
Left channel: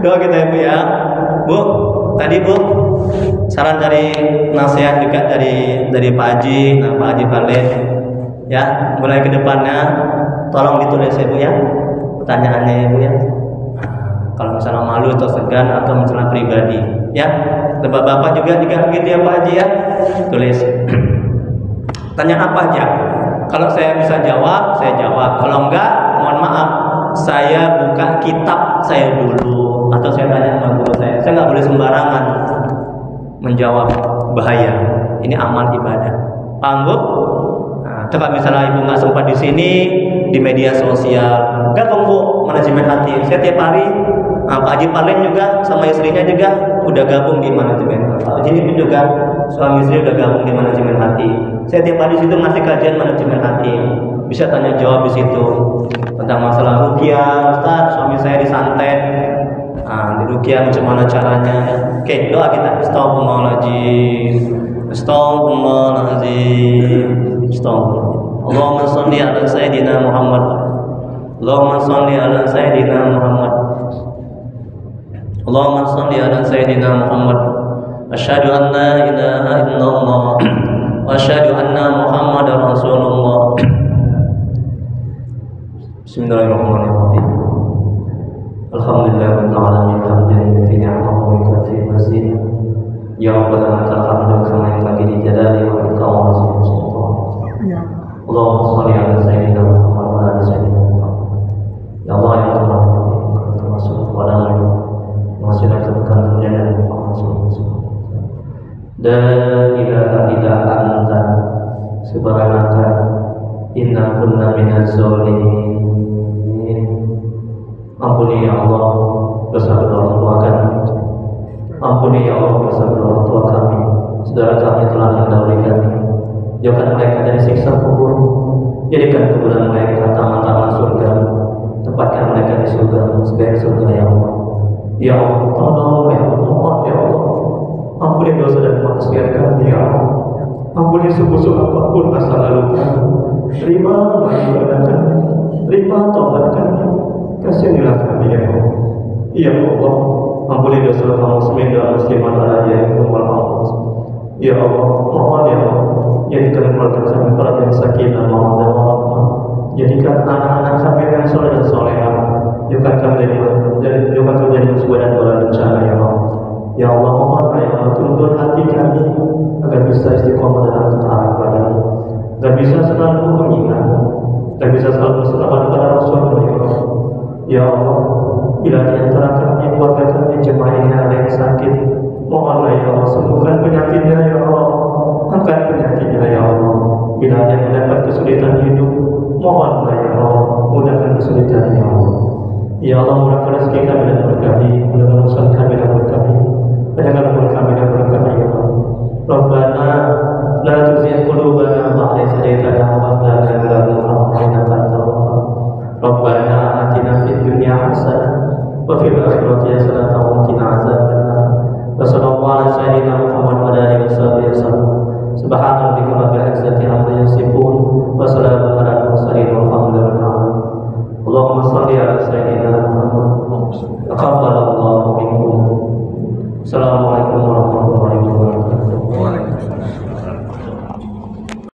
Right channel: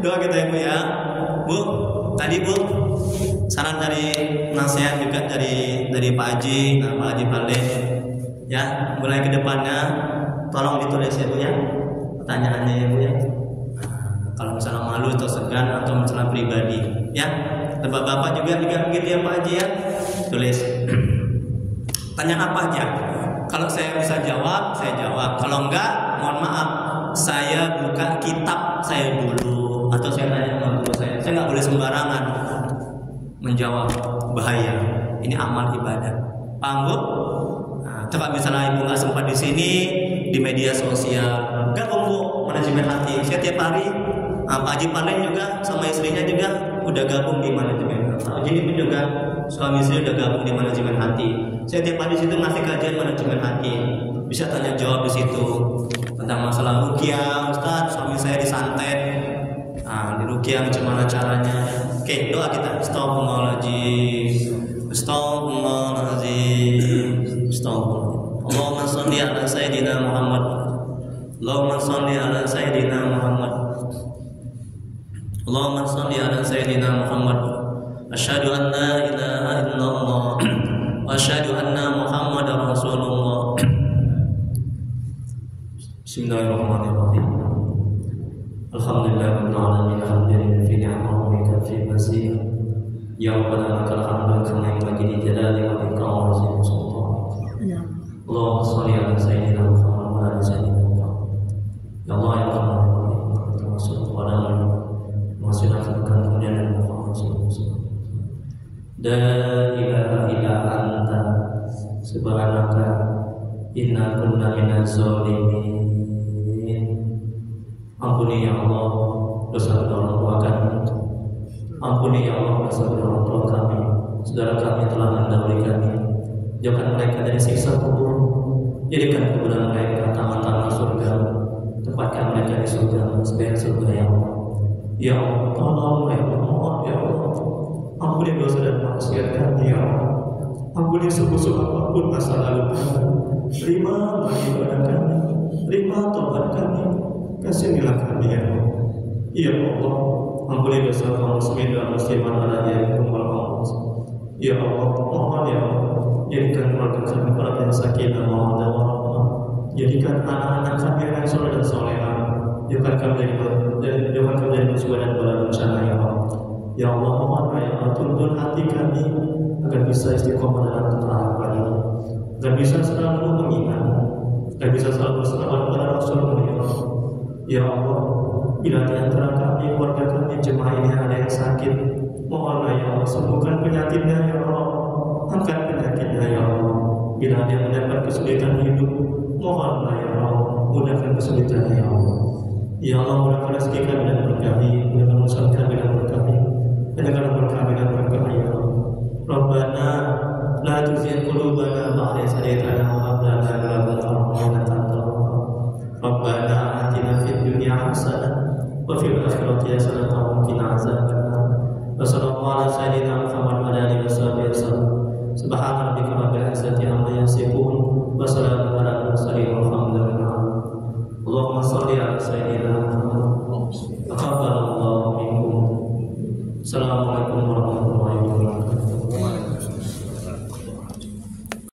Doa kita ya Bu ya. Bu, tadi Bu saran dari nasihat juga dari Pak Haji, Pak Haji Khalid. Ya, mulai ke depannya tolong ditulis ya Bu ya. Pertanyaannya ya Bu ya. Kalau misalnya malu atau segan atau misalnya pribadi, ya. Bapak-bapak juga begitu ya Pak Haji ya. Tulis. Tanya apa aja. Kalau saya bisa jawab, saya jawab. Kalau enggak, mohon maaf, saya buka kitab saya dulu, atau saya tanya sama guru saya. Saya nggak boleh sembarangan menjawab, bahaya. Ini amal ibadah. Paham Bu? Nah, kalau misalnya ibu nggak sempat di sini, di media sosial, gabung Bu, manajemen hati. Saya tiap hari Pak Haji Parlin juga sama istrinya juga udah gabung di manajemen hati. Jadi pun juga suami istri udah gabung di manajemen hati. Saya tiap hari situ ngasih kajian manajemen hati. Bisa tanya jawab di situ tentang masalah ruqyah. Ustaz, suami saya disantet. Di ruqyah macam mana caranya? Oke, doa kita. Astagfirullahaladzim. Astagfirullahaladzim. Astagfirullah. Allahumma shalli ala sayyidina Muhammad. Allahumma shalli ala sayyidina Muhammad. Allahumma shalli ala sayyidina Muhammad. Asyhadu an la ilaha illallah wa asyhadu anna Muhammadar Rasulullah. Bismillahirrahmanirrahim. Alhamdulillahirabbil alamin hamdan fi ni'amahu wa kafi masih. Ya Rabbana lakal hamdu kama yanbaghi li jalali wa ikram sultanik. Allahumma shalli ala sayyidina Muhammad wa ala sayyidina Muhammad. Ya Allah yang termasuk kepada menghasilkan kemuliaan dan Muhammad sallallahu alaihi wasallam. La ilaha illa anta subhanaka inna kunna minaz zalimin. Ampuni ya Allah dosa kedua orang tua kami. Ampuni ya Allah dosa kedua orang tua kami. Saudara kami telah mendahului kami. Jauhkan mereka dari siksa kubur. Jadikan kuburan mereka taman-taman surga. Tempatkan mereka di surga sebagai surga ya Allah. Ya Allah, tolong ya Allah, mohon ya Allah. Ampuni dosa dan maksiat kami ya Allah. Ampuni sebusuk apapun masa lalu kami. Terima ibadah kami. Terima taubat kami. Kasihanilah kami ya Allah. Ya Allah, ampuni dosa kaum muslimin dan muslimat yang kumpul Allah. Ya Allah, mohon ya Allah. Jadikan keluarga kami keluarga yang sakinah, mawaddah warahmah. Jadikan anak-anak kami yang soleh dan solehah. Jadikan kami dari musibah dan bala bencana ya Allah. Ya Allah, mohon ya Allah, tuntun hati kami agar bisa istiqomah dalam ketaatan kepada-Mu, agar bisa selalu mengingat-Mu, agar bisa selalu berselawat kepada Rasul-Mu ya Allah. Ya Allah, bila di antara kami, keluarga kami, jemaah ini ada yang sakit, mohonlah ya Allah, sembuhkan penyakitnya ya Allah. Angkat penyakitnya ya Allah. Bila ada yang mendapat kesulitan hidup, mohonlah ya Allah, mudahkan kesulitannya ya Allah. Ya Allah, mudahkan rezeki kami dan berkahi, mudahkan urusan kami dan berkahi, banyakkan umur kami dan berkahi ya Allah. Rabbana la tuzigh qulubana ba'da idh hadaytana wa hab lana min ladunka rahmah innaka antal wahhab. Rabbana atina fid dunya hasanah wa fil akhirati hasanah wa qina azabannar. Wa sallallahu ala sayyidina Muhammad wa ala alihi wasallam. Subhana rabbika rabbil izzati amma yasifun wa salamun alal mursalin walhamdulillahi rabbil alamin. Allahumma shalli ala sayyidina